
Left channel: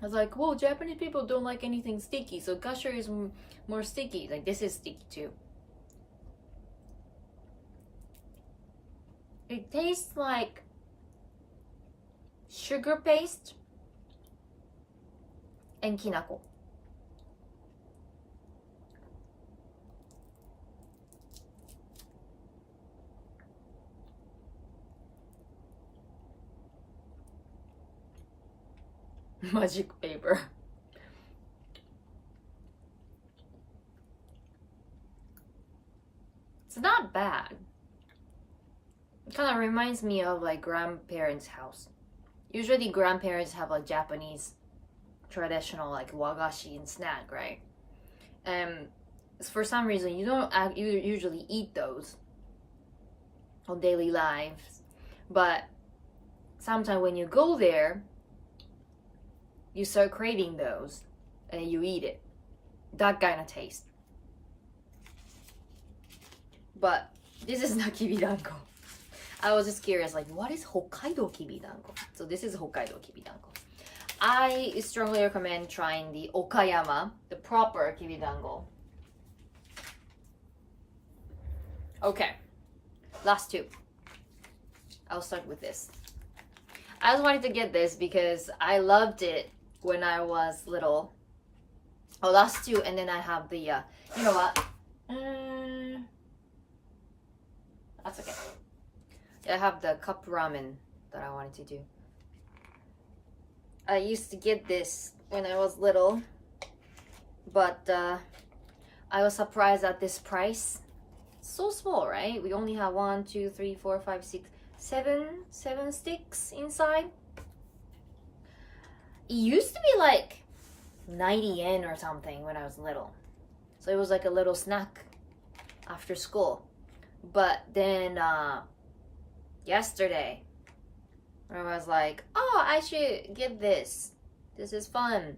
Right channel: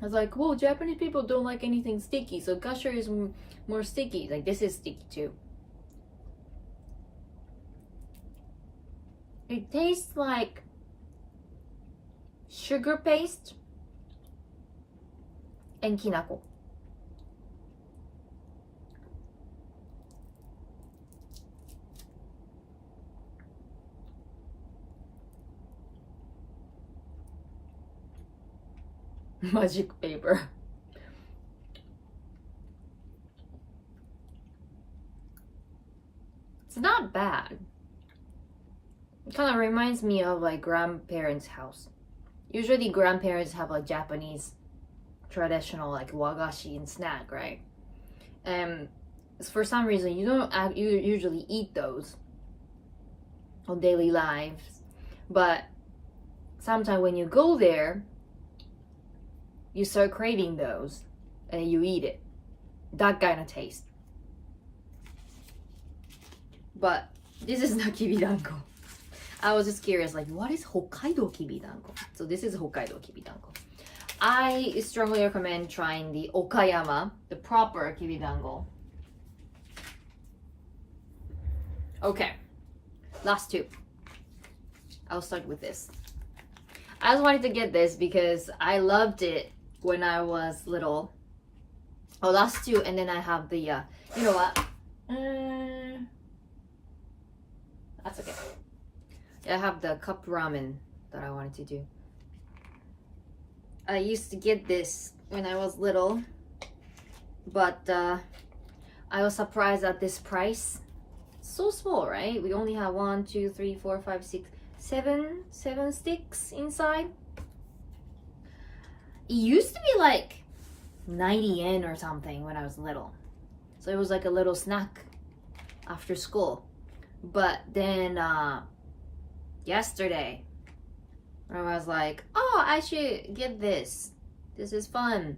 I was like, whoa, Japanese people don't like anything sticky, so gusher is more sticky. Like, this is sticky too. It tastes like sugar paste and kinako. Magic paper. It's not bad. It kind of reminds me of like grandparents' house. usually grandparents have like Japanese traditional like wagashi and snack, right? And for some reason you don't usually eat those on daily lives, but sometimes when you go there, you start craving those and you eat it. That kind of taste. But this is not kibidango. I was just curious, like, what is Hokkaido kibidango? So this is Hokkaido kibidango. I strongly recommend trying the Okayama, the proper kibidango. Okay, last two. I'll start with this. I just wanted to get this because I loved it when I was little. Oh, last two, and then I have the, you know what? That's okay. I have the cup ramen that I wanted to do. I used to get this when I was little, but I was surprised at this price. So small, right? We only have 1, 2, 3, 4, 5, 6, 7 sticks inside. It used to be like 90 yen or something when I was little. So it was like a little snack after school. But then yesterday, I was like, oh, I should get this. This is fun.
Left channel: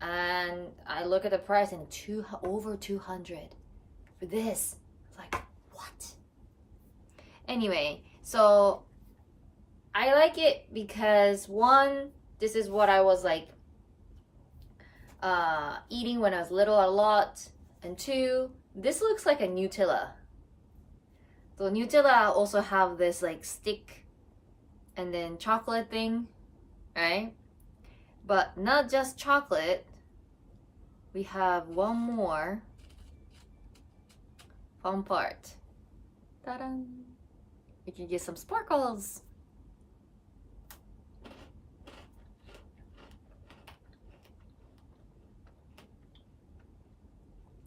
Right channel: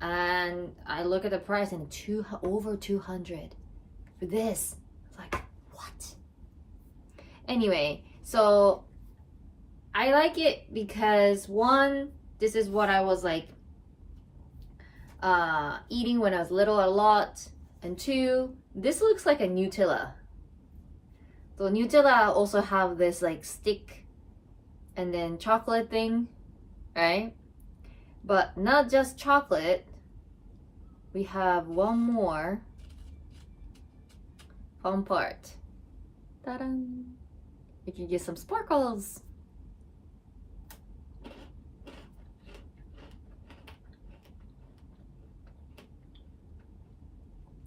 And I look at the price and over 200 for this. It's like, what? Anyway, so I like it because one, this is what I was like eating when I was little a lot. And two, this looks like a Nutella. So Nutella also have this like stick and then chocolate thing, right? But not just chocolate. We have one more fun part. Ta-da! You can get some sparkles.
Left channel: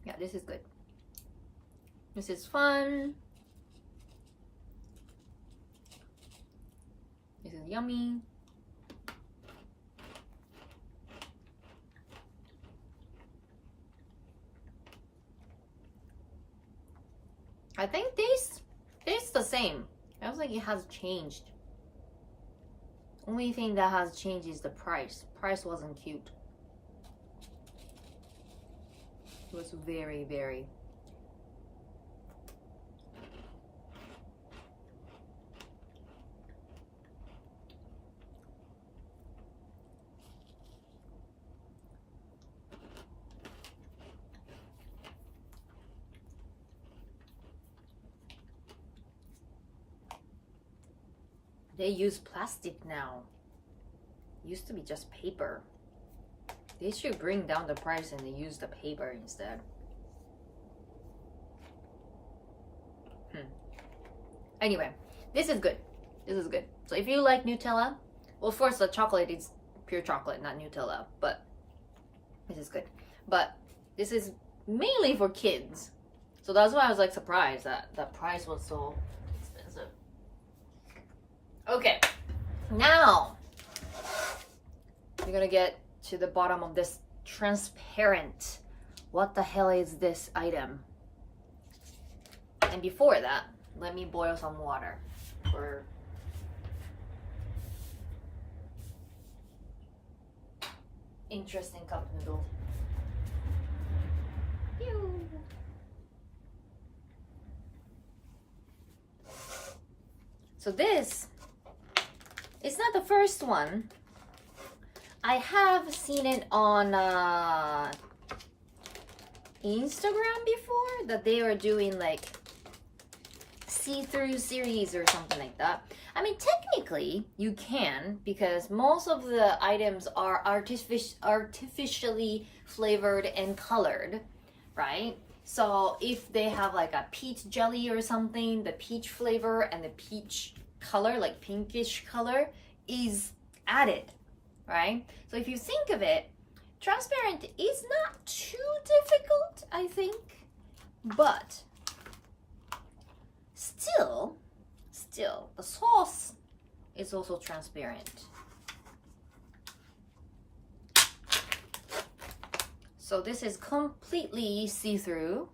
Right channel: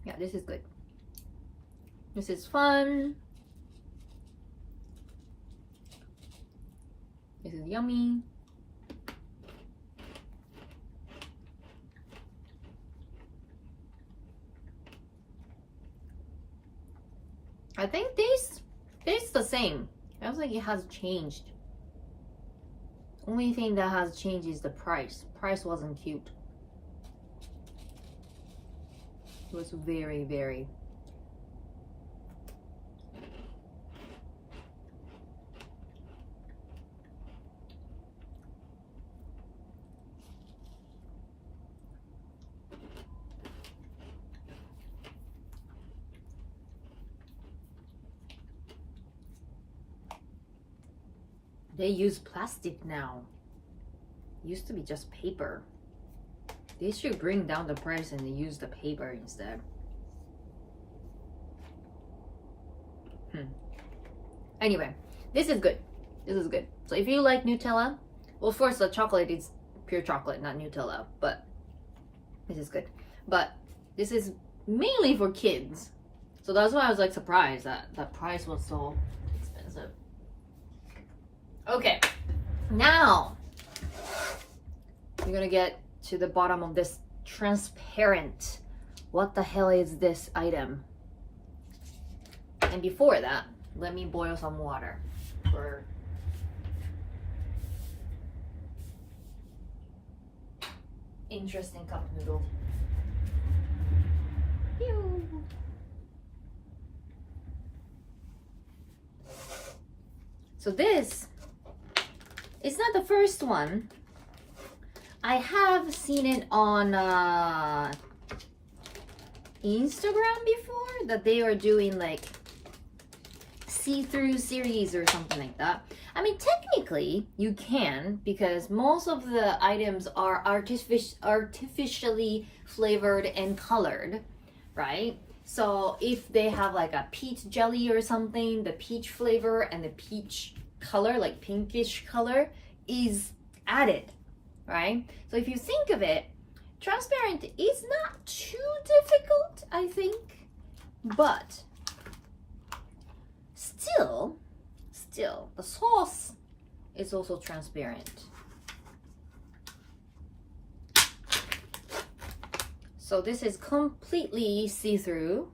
Yeah, this is good. This is fun. This is yummy. I think tastes the same. I don't think it has changed. Only thing that has changed is the price. Price wasn't cute. It was very, very. They use plastic now. Used to be just paper. They should bring down the price and they use the paper instead. Anyway, this is good. This is good. So if you like Nutella, well, first the chocolate is pure chocolate, not Nutella, but this is good. But this is mainly for kids. So that's why I was like surprised that the price was so expensive. Okay, now we're gonna get to the bottom of this transparent. What the hell is this item? And before that, let me boil some water for interesting cup noodle. Pew. So this is not the first one. I have seen it on Instagram before, that they were doing like see-through series or something like that. I mean, technically you can, because most of the items are artificially flavored and colored, right? So if they have like a peach jelly or something, the peach flavor and the peach color, like pinkish color, is added, right? So if you think of it, transparent is not too difficult, I think, but still the sauce is also transparent. So this is completely see-through.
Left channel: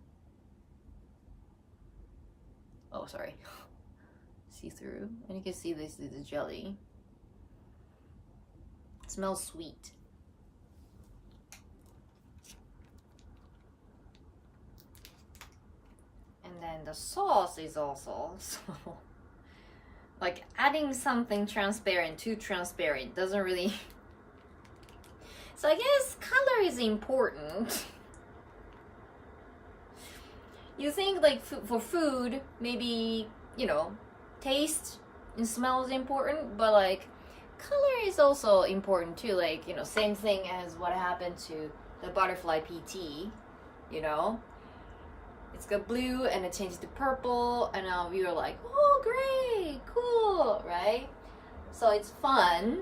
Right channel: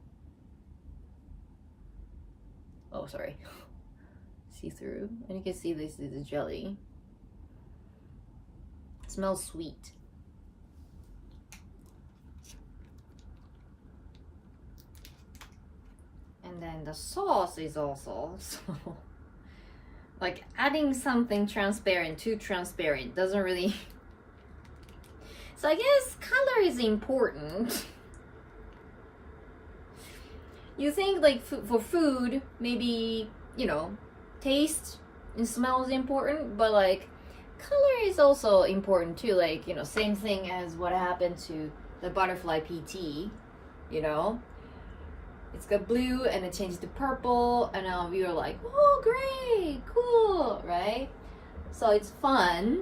Oh, sorry. See-through. And you can see this is a jelly. It smells sweet. And then the sauce is also so like adding something transparent to transparent doesn't really. So I guess color is important. You think like for food, maybe, you know, taste and smell is important, but like color is also important too. Like, you know, same thing as what happened to the butterfly PT, you know. It's got blue and it changed to purple, and now we were like, oh great, cool, right? So it's fun,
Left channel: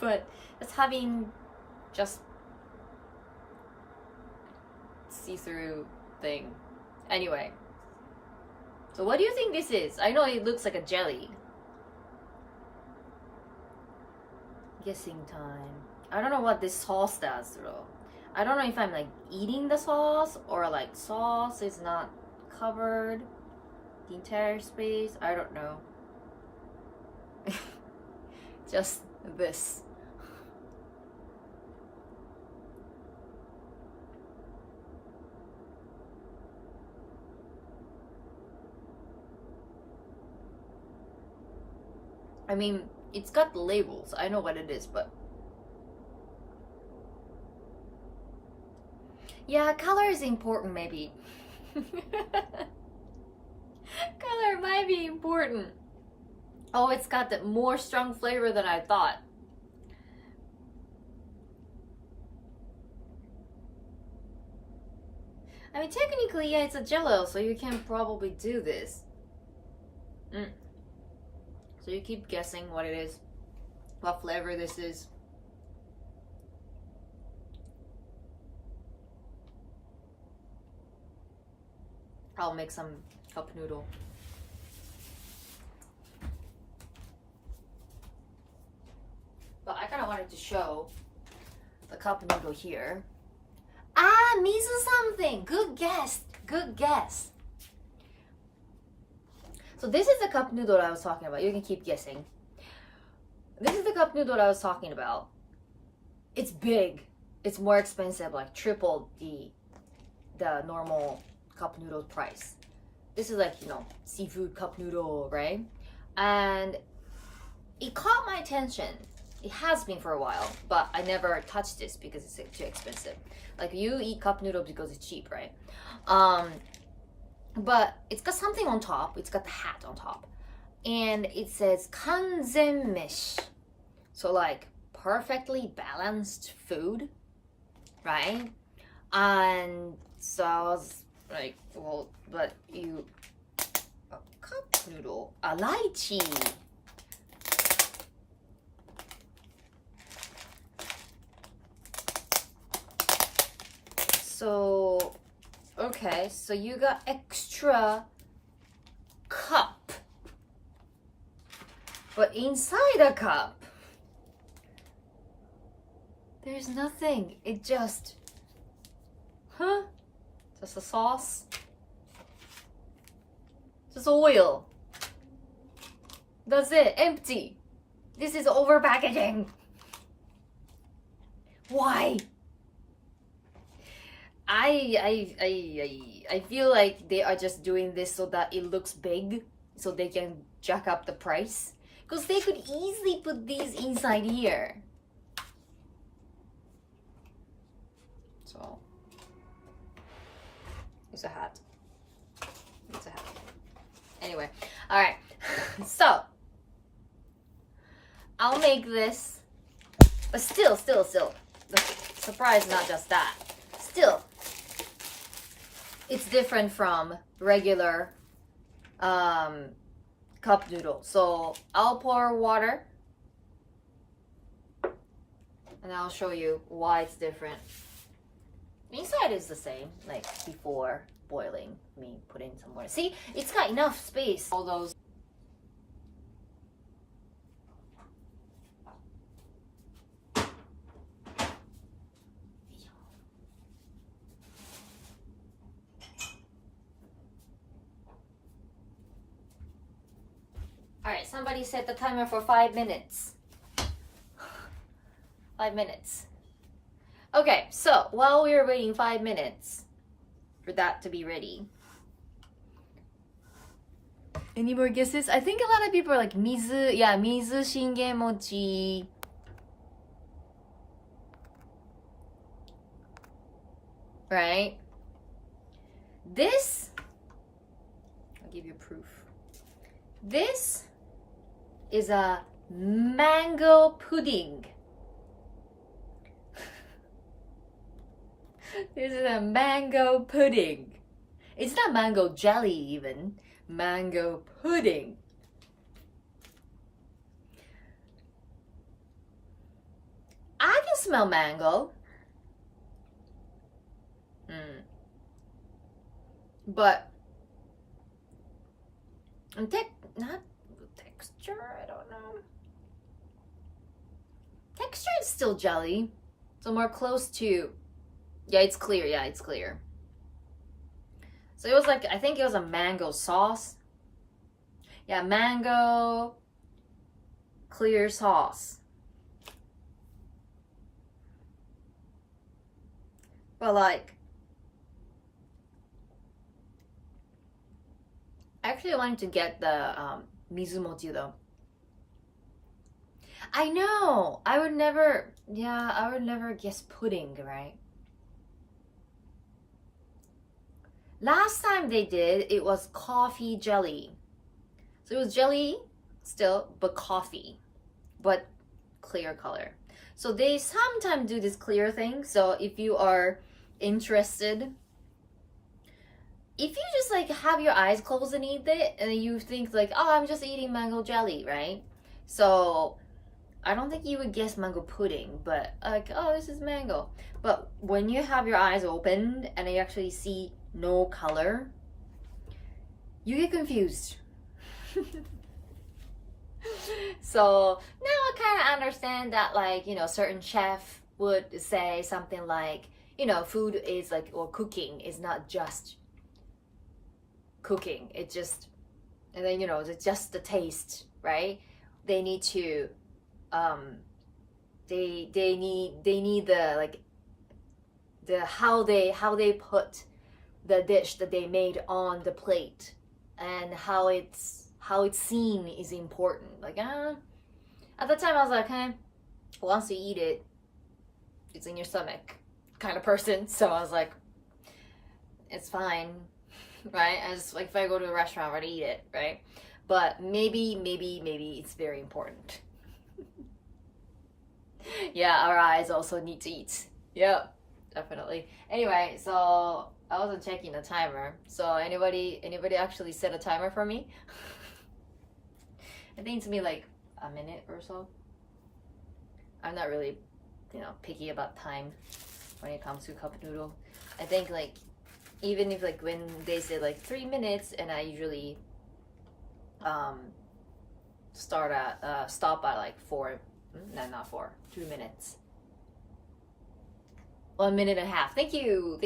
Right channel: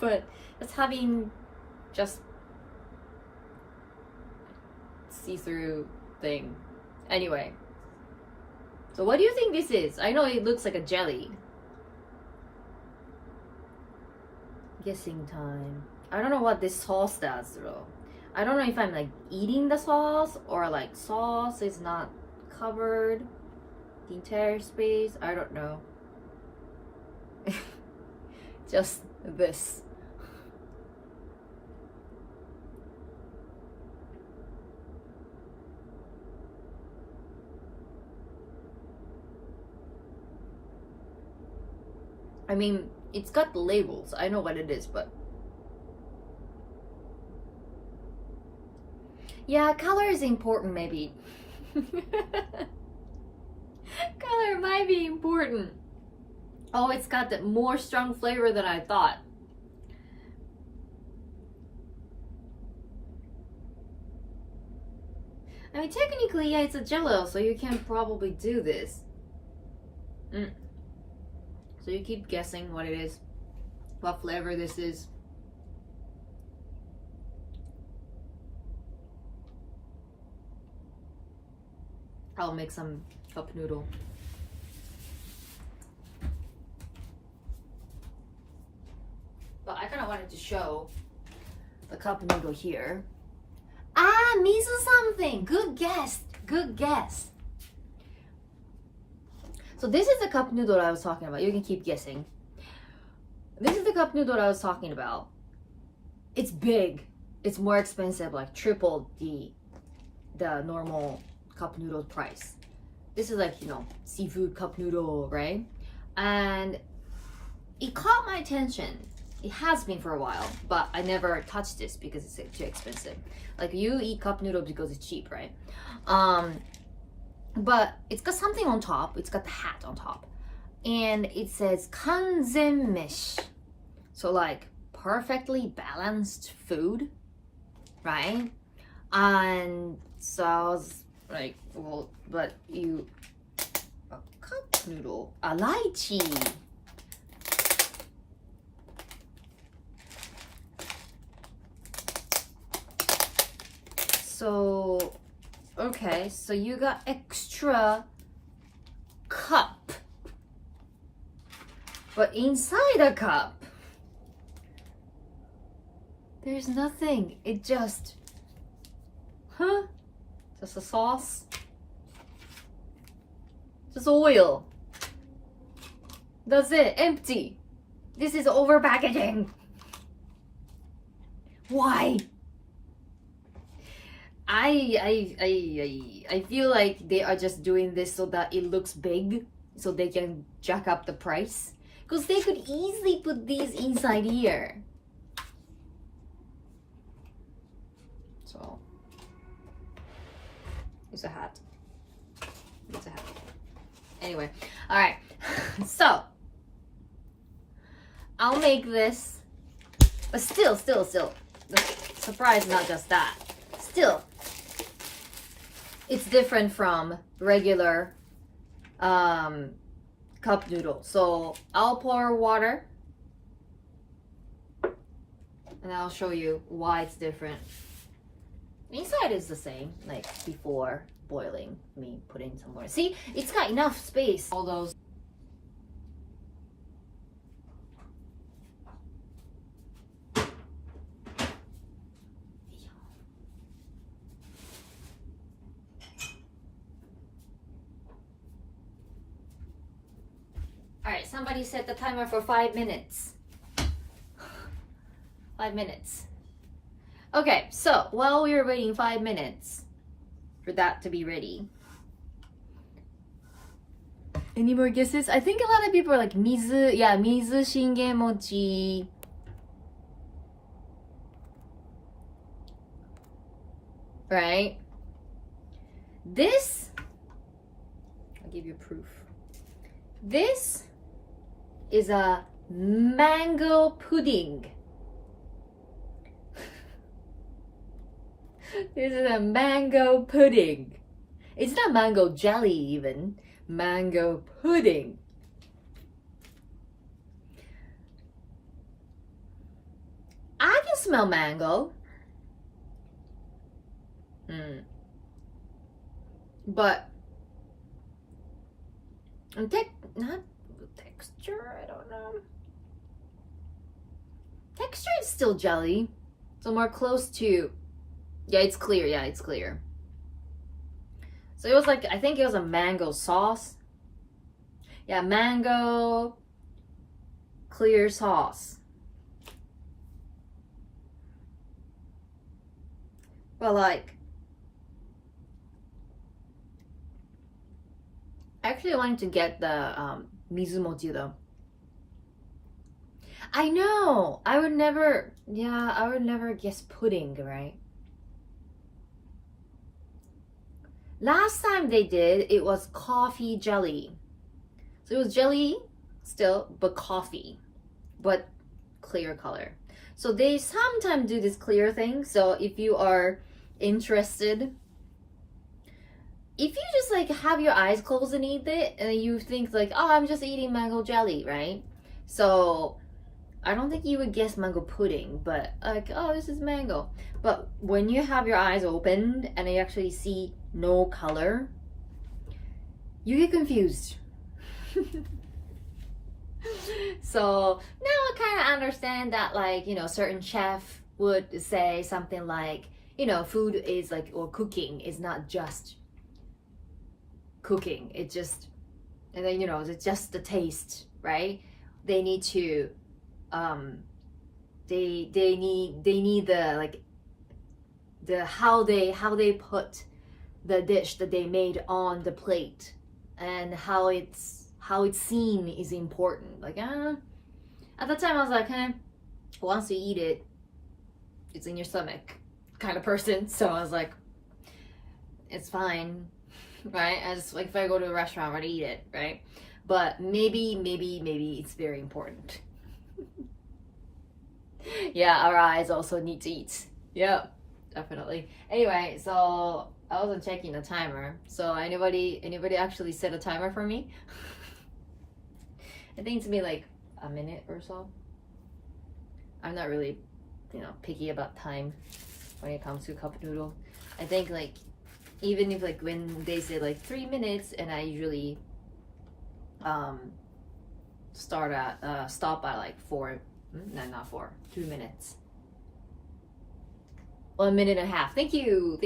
but it's having just see-through thing. Anyway, so what do you think this is? I know it looks like a jelly. Guessing time. I don't know what this sauce does though. I don't know if I'm like eating the sauce or like sauce is not covered the entire space. I don't know. Just this. I mean, it's got the labels. I know what it is, but yeah, color is important maybe. Color might be important. Oh, it's got the more strong flavor than I thought. I mean, technically, yeah, it's a jello, so you can probably do this. So you keep guessing what it is, what flavor this is. I'll make some cup noodle. But I kind of wanted to show the cup noodle here. Ah, miso something. Good guess. Good guess. So this is the cup noodle I was talking about. You can keep guessing. This is the cup noodle I was talking about. It's big. It's more expensive, like triple the normal cup noodle price. This is like, you know, seafood cup noodle, right? And it caught my attention. It has been for a while, but I never touched this because it's too expensive. Like you eat cup noodle because it's cheap, right? But it's got something on top. It's got the hat on top, and it says kanzenmeshi. So like perfectly balanced food, right? And so I was like, well, but you a cup noodle, a lychee. So, okay, so you got extra cup. But inside a cup, there's nothing. It just, just a sauce. Just oil. That's it, empty. This is over packaging. Why? I feel like they are just doing this so that it looks big, so they can jack up the price. Because they could easily put these inside here. So, it's a hat. It's a hat. Anyway, alright. So, I'll make this. But still. The surprise, not just that. Still, it's different from regular cup noodle. So I'll pour water and I'll show you why it's different. The inside is the same, like before boiling, me putting some water. See, it's got enough space. All those. somebody set the timer for 5 minutes. 5 minutes. Okay, so while we were waiting 5 minutes for that to be ready. Any more guesses? I think a lot of people are like mizu, yeah, mizu shingen mochi. Right? This, I'll give you proof. This is a mango pudding. This is a mango pudding. It's not mango jelly even. Mango pudding. I can smell mango. But not texture, I don't know. Texture is still jelly. So more close to, yeah, it's clear. Yeah, it's clear. So it was like, I think it was a mango sauce. Yeah, mango clear sauce. But like, I actually wanted to get the mizumochi though. I know, I would never guess pudding, right? Last time they did, it was coffee jelly. So it was jelly still, but coffee, but clear color. So they sometimes do this clear thing. So if you are interested, if you just like have your eyes closed and eat it, and you think like, oh, I'm just eating mango jelly, right? So I don't think you would guess mango pudding, but like, oh, this is mango. But when you have your eyes opened and you actually see no color, you get confused. So now I kind of understand that, like, you know, certain chef would say something like, you know, food is like, or cooking is not just cooking. It just, and then, you know, it's just the taste, right? They need to, they need the, like, the how they put the dish that they made on the plate, and how it's seen is important. Like, at the time I was like, once you eat it, it's in your stomach kind of person. So I was like, it's fine, right? As like, if I go to a restaurant, I'm gonna eat it, right? But maybe it's very important. Yeah, our eyes also need to eat. Yeah, definitely. Anyway, so I wasn't checking the timer. So anybody actually set a timer for me? I think it's me like a minute or so. I'm not really, you know, picky about time when it comes to cup noodle. I think like, even if like when they say like 3 minutes, and I usually stop at like 4, no, not 4, 2 minutes. 1 minute and a half. Thank you.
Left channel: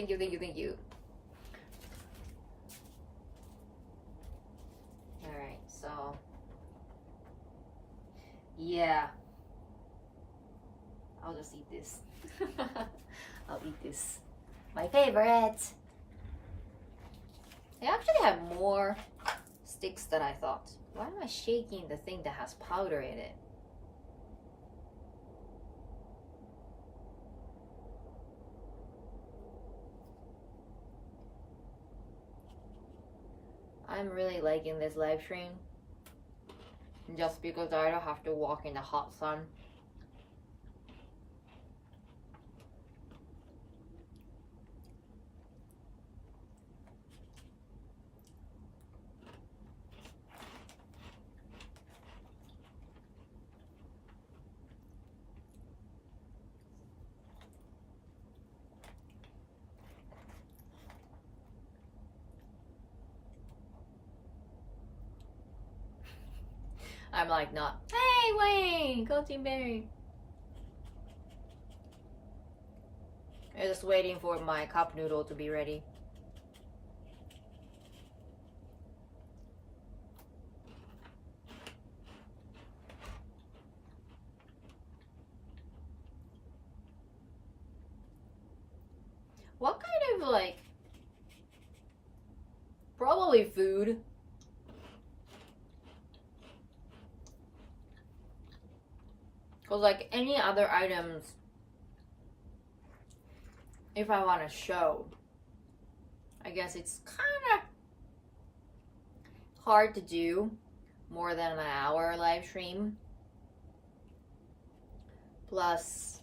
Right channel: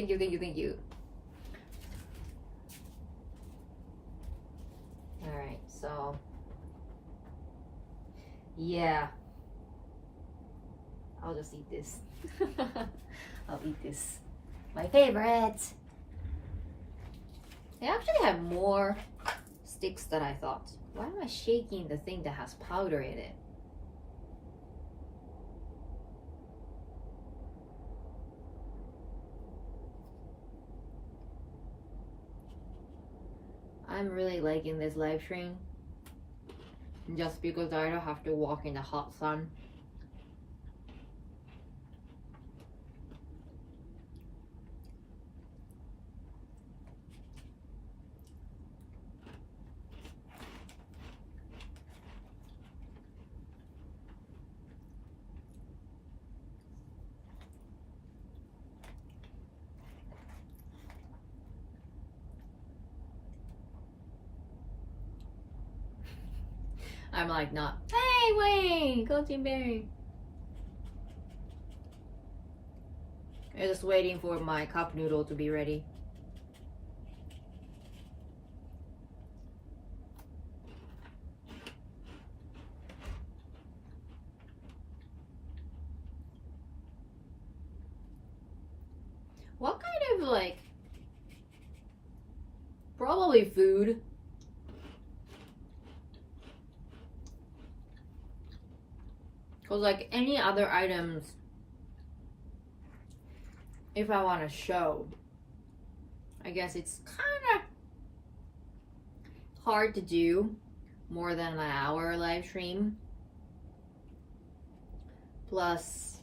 All right, so yeah, I'll just eat this. I'll eat this. My favorite. They actually have more sticks than I thought. Why am I shaking the thing that has powder in it? I'm really liking this live stream, just because I don't have to walk in the hot sun. I'm like, not, hey Wayne, go Team Berry. I'm just waiting for my cup noodle to be ready. like probably food. Because like any other items, if I want to show, I guess it's kind of hard to do more than an hour live stream. Plus,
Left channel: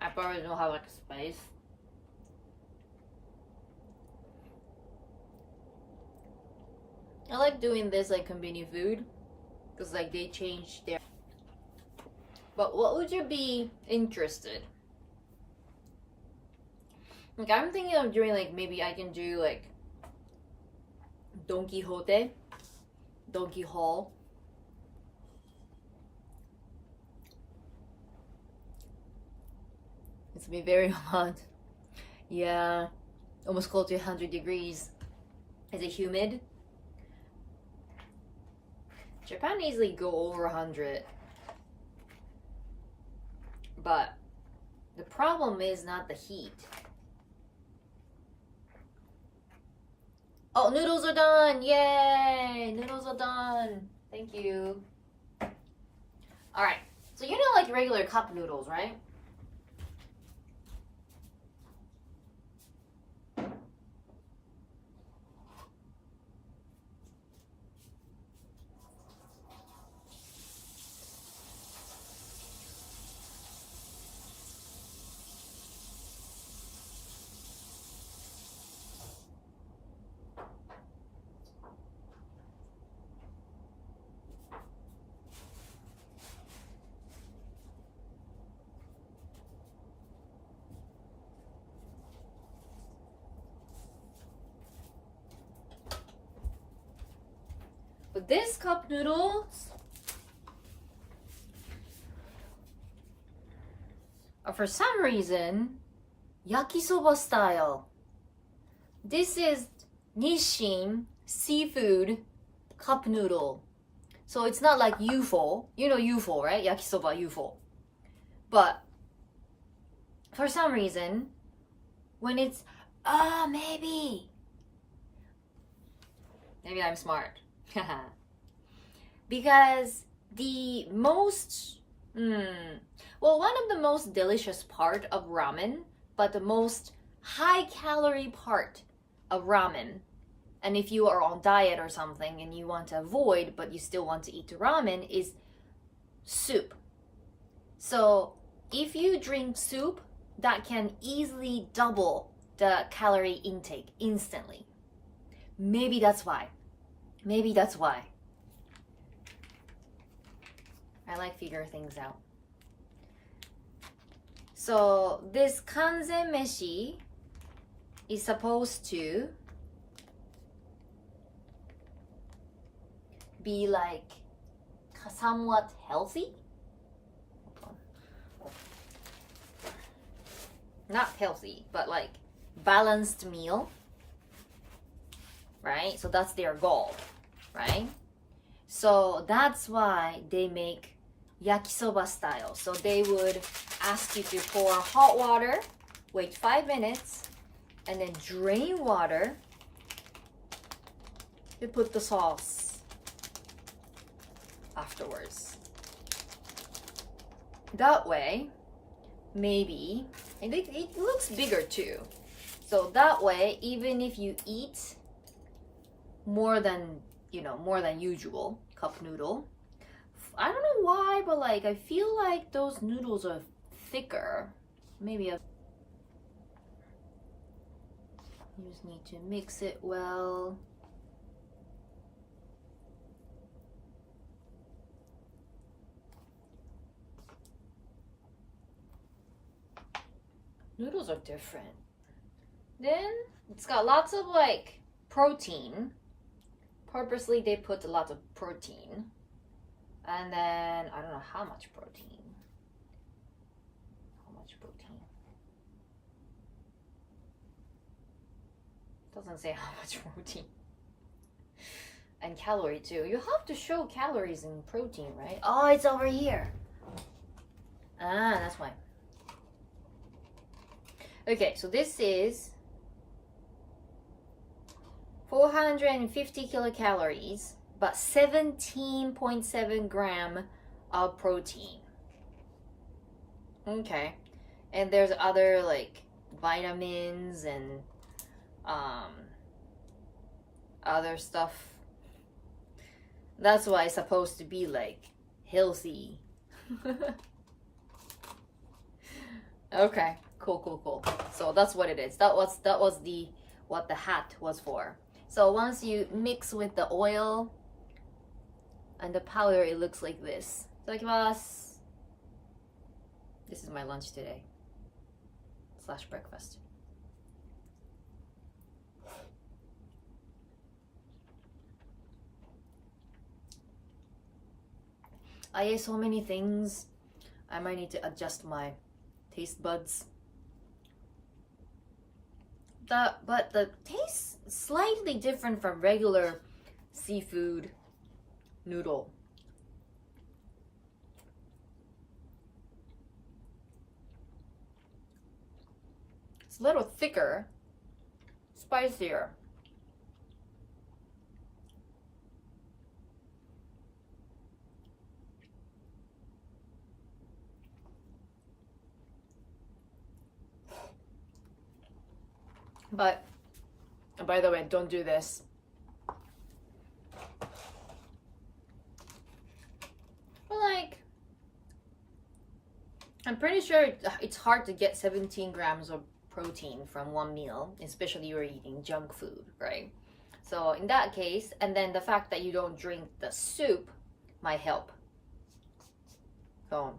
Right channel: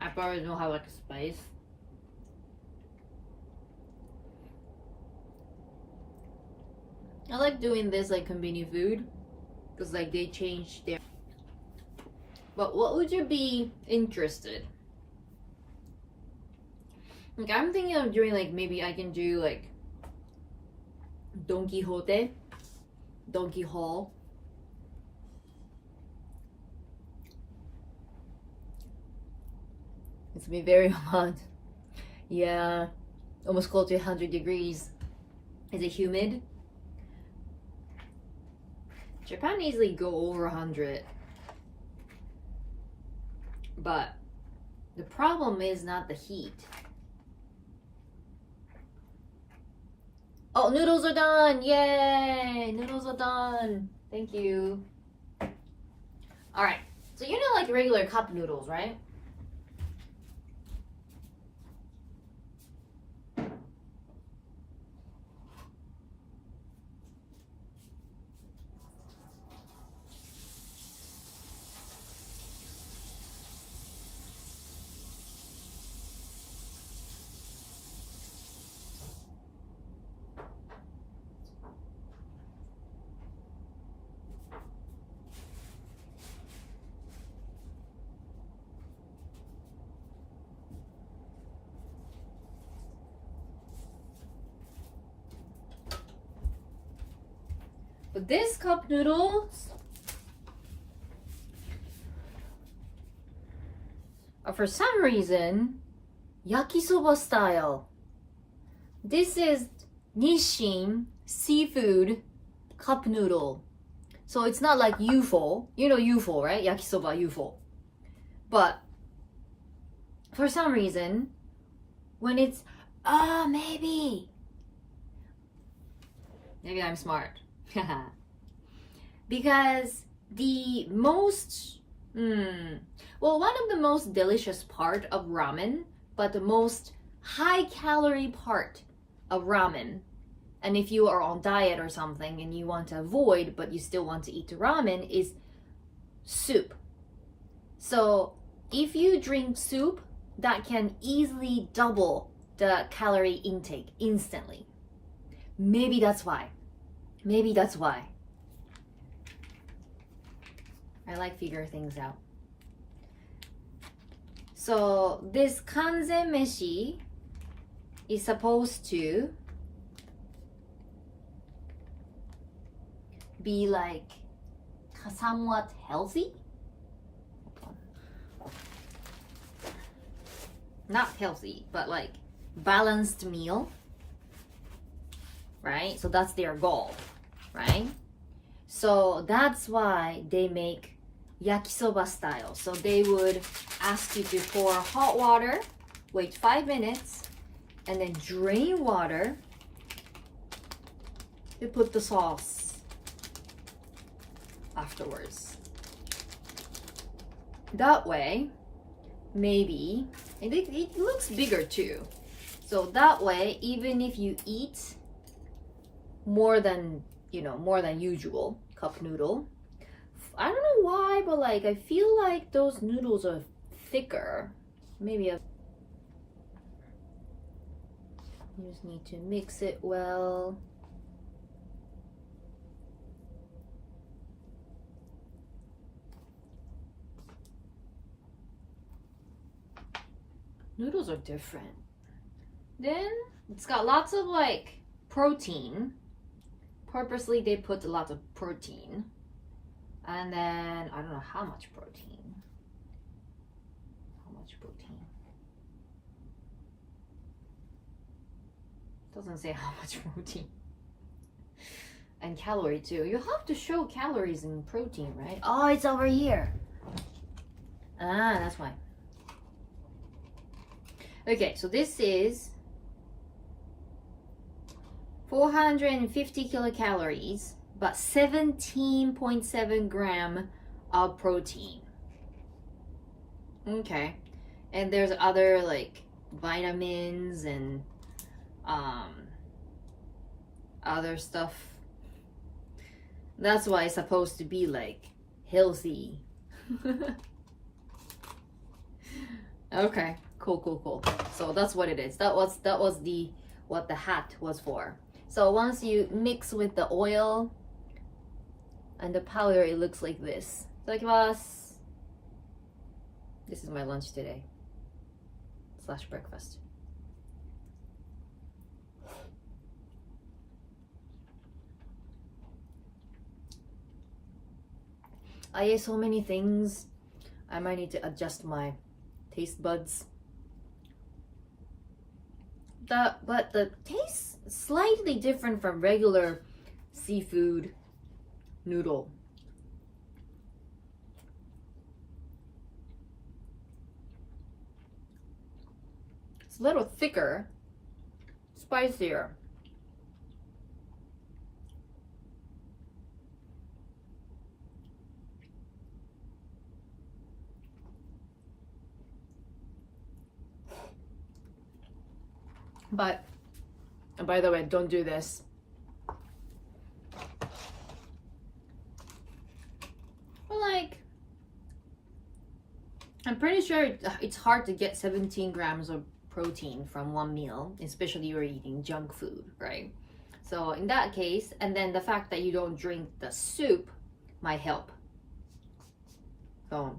I probably don't have like a space. I like doing this like Konbini food because like they changed their. But what would you be interested? Like I'm thinking of doing like maybe I can do like Don Quixote, Donkey Hall. It's been very hot. Yeah, almost close to 100 degrees. Is it humid? Japan easily go over 100. But the problem is not the heat. Oh, noodles are done! Yay! Noodles are done. Thank you. Alright, so you know like regular cup noodles, right? But this cup noodles are for some reason yakisoba style. This is Nissin seafood cup noodle. So it's not like UFO. You know UFO, right? Yakisoba UFO. But for some reason, when it's maybe I'm smart. Because the most well, one of the most delicious part of ramen, but the most high calorie part of ramen, and if you are on diet or something and you want to avoid but you still want to eat ramen, is soup. So if you drink soup, that can easily double the calorie intake instantly. Maybe that's why. I like figure things out. So this kanzen meshi is supposed to be like somewhat healthy. Not healthy, but like balanced meal, right? So that's their goal, right? So that's why they make yakisoba style. So they would ask you to pour hot water, wait 5 minutes, and then drain water to put the sauce afterwards. That way, maybe, and it looks bigger too. So that way, even if you eat more than usual cup noodle, I don't know why, but like I feel like those noodles are thicker. Maybe you just need to mix it well. Noodles are different. Then it's got lots of like protein. Purposely they put a lot of protein. And then I don't know how much protein. Doesn't say how much protein. and calorie too. You have to show calories and protein, right? Oh, it's over here. Ah, that's why. Okay, so this is 450 kilocalories, but 17.7 gram of protein. Okay, and there's other like vitamins and other stuff. That's why it's supposed to be like healthy. Okay, cool. So that's what it is. That was the what the hat was for. So once you mix with the oil and the powder, it looks like this. Itadakimasu. This is my lunch today / breakfast. I ate so many things. I might need to adjust my taste buds. But the taste is slightly different from regular seafood noodle. It's a little thicker, spicier. But by the way, don't do this. But like, I'm pretty sure it's hard to get 17 grams of protein from one meal, especially you're eating junk food, right? So in that case, and then the fact that you don't drink the soup might help. So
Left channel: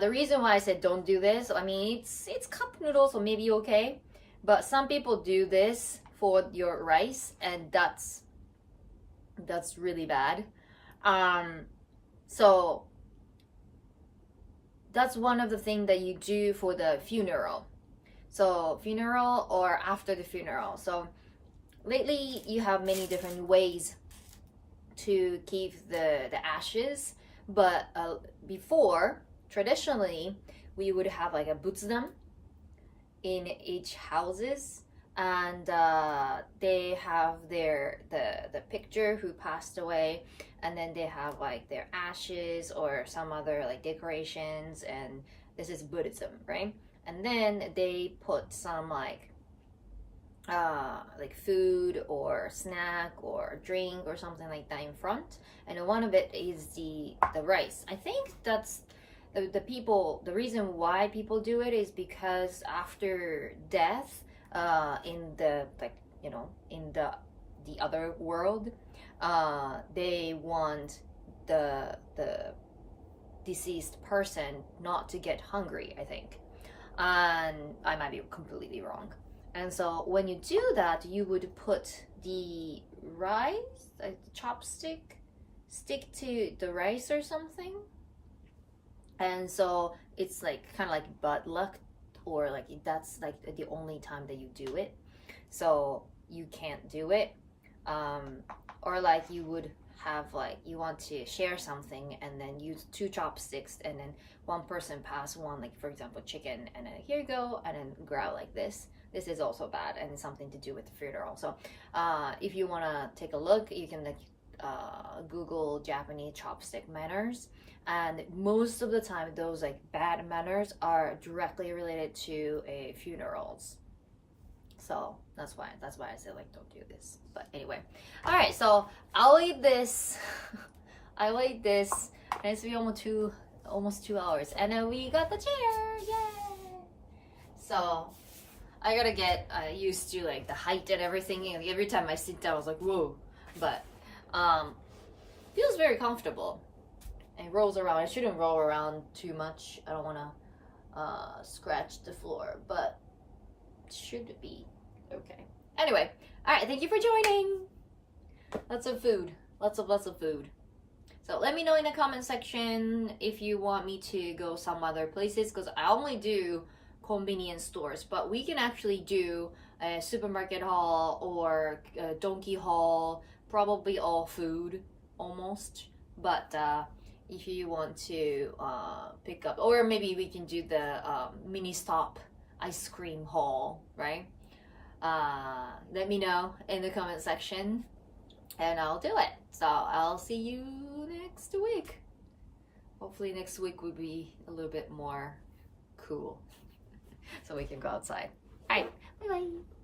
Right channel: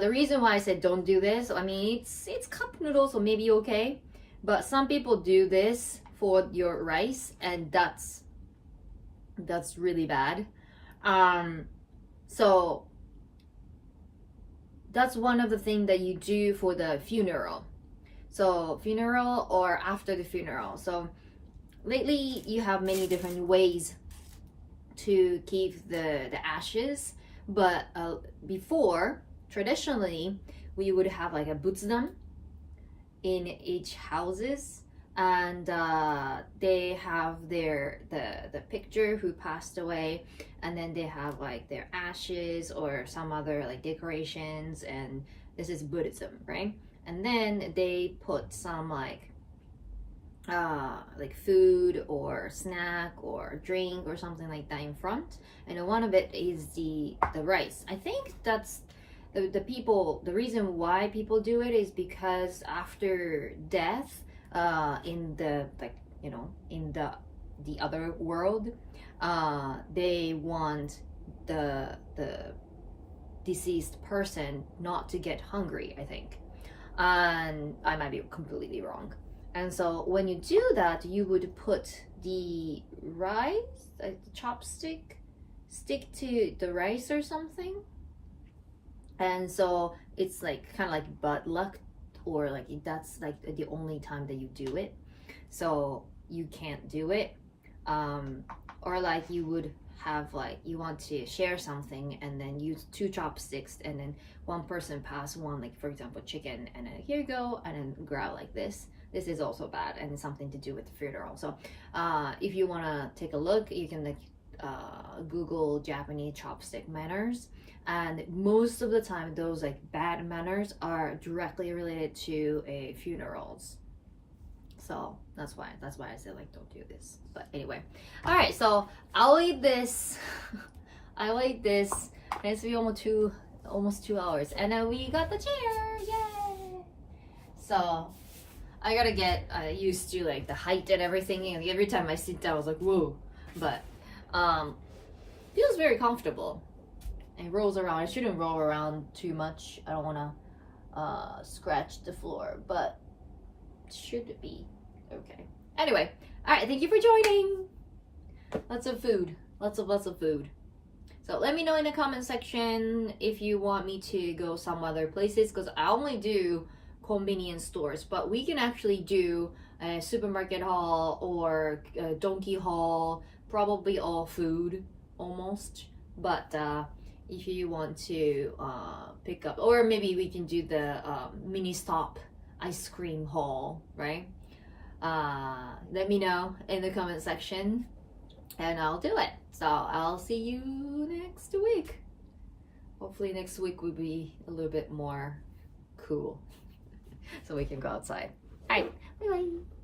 the reason why I said don't do this, I mean, it's cup noodles, so maybe okay. But some people do this for your rice, and that's really bad. So that's one of the things that you do for the funeral. So funeral or after the funeral. So lately you have many different ways to keep the ashes, but before, traditionally, we would have like a butsudan in each houses, and they have the picture who passed away, and then they have like their ashes or some other like decorations, and this is Buddhism, right? And then they put some like food or snack or drink or something like that in front, and one of it is the rice. I think that's the reason why people do it is because after death, in the in the other world, they want the deceased person not to get hungry, I think, and I might be completely wrong. And so when you do that, you would put the rice, like the chopstick, stick to the rice or something. And so it's like kind of like bad luck, or like that's like the only time that you do it, so you can't do it. Or like you would have like you want to share something and then use 2 chopsticks, and then one person pass one, like for example chicken, and then here you go, and then grab like this. This is also bad and something to do with the funeral. So if you want to take a look, you can like Google Japanese chopstick manners, and most of the time those like bad manners are directly related to funerals. So that's why I said like don't do this. But anyway, all right, so I'll eat this. I'll eat this, and it's been almost 2 hours, and then we got the chair. Yay! So I gotta get used to like the height and everything, and every time I sit down I was like whoa, but feels very comfortable. It rolls around. It shouldn't roll around too much. I don't want to scratch the floor, but it should be okay. Anyway, all right, thank you for joining. Lots of food, lots of food. So let me know in the comment section if you want me to go some other places, because I only do convenience stores, but we can actually do a supermarket haul or a donkey haul, probably all food almost. But if you want to pick up, or maybe we can do the mini stop ice cream haul, right? Let me know in the comment section and I'll do it. So I'll see you next week. Hopefully next week will be a little bit more cool so we can go outside. All right, bye bye.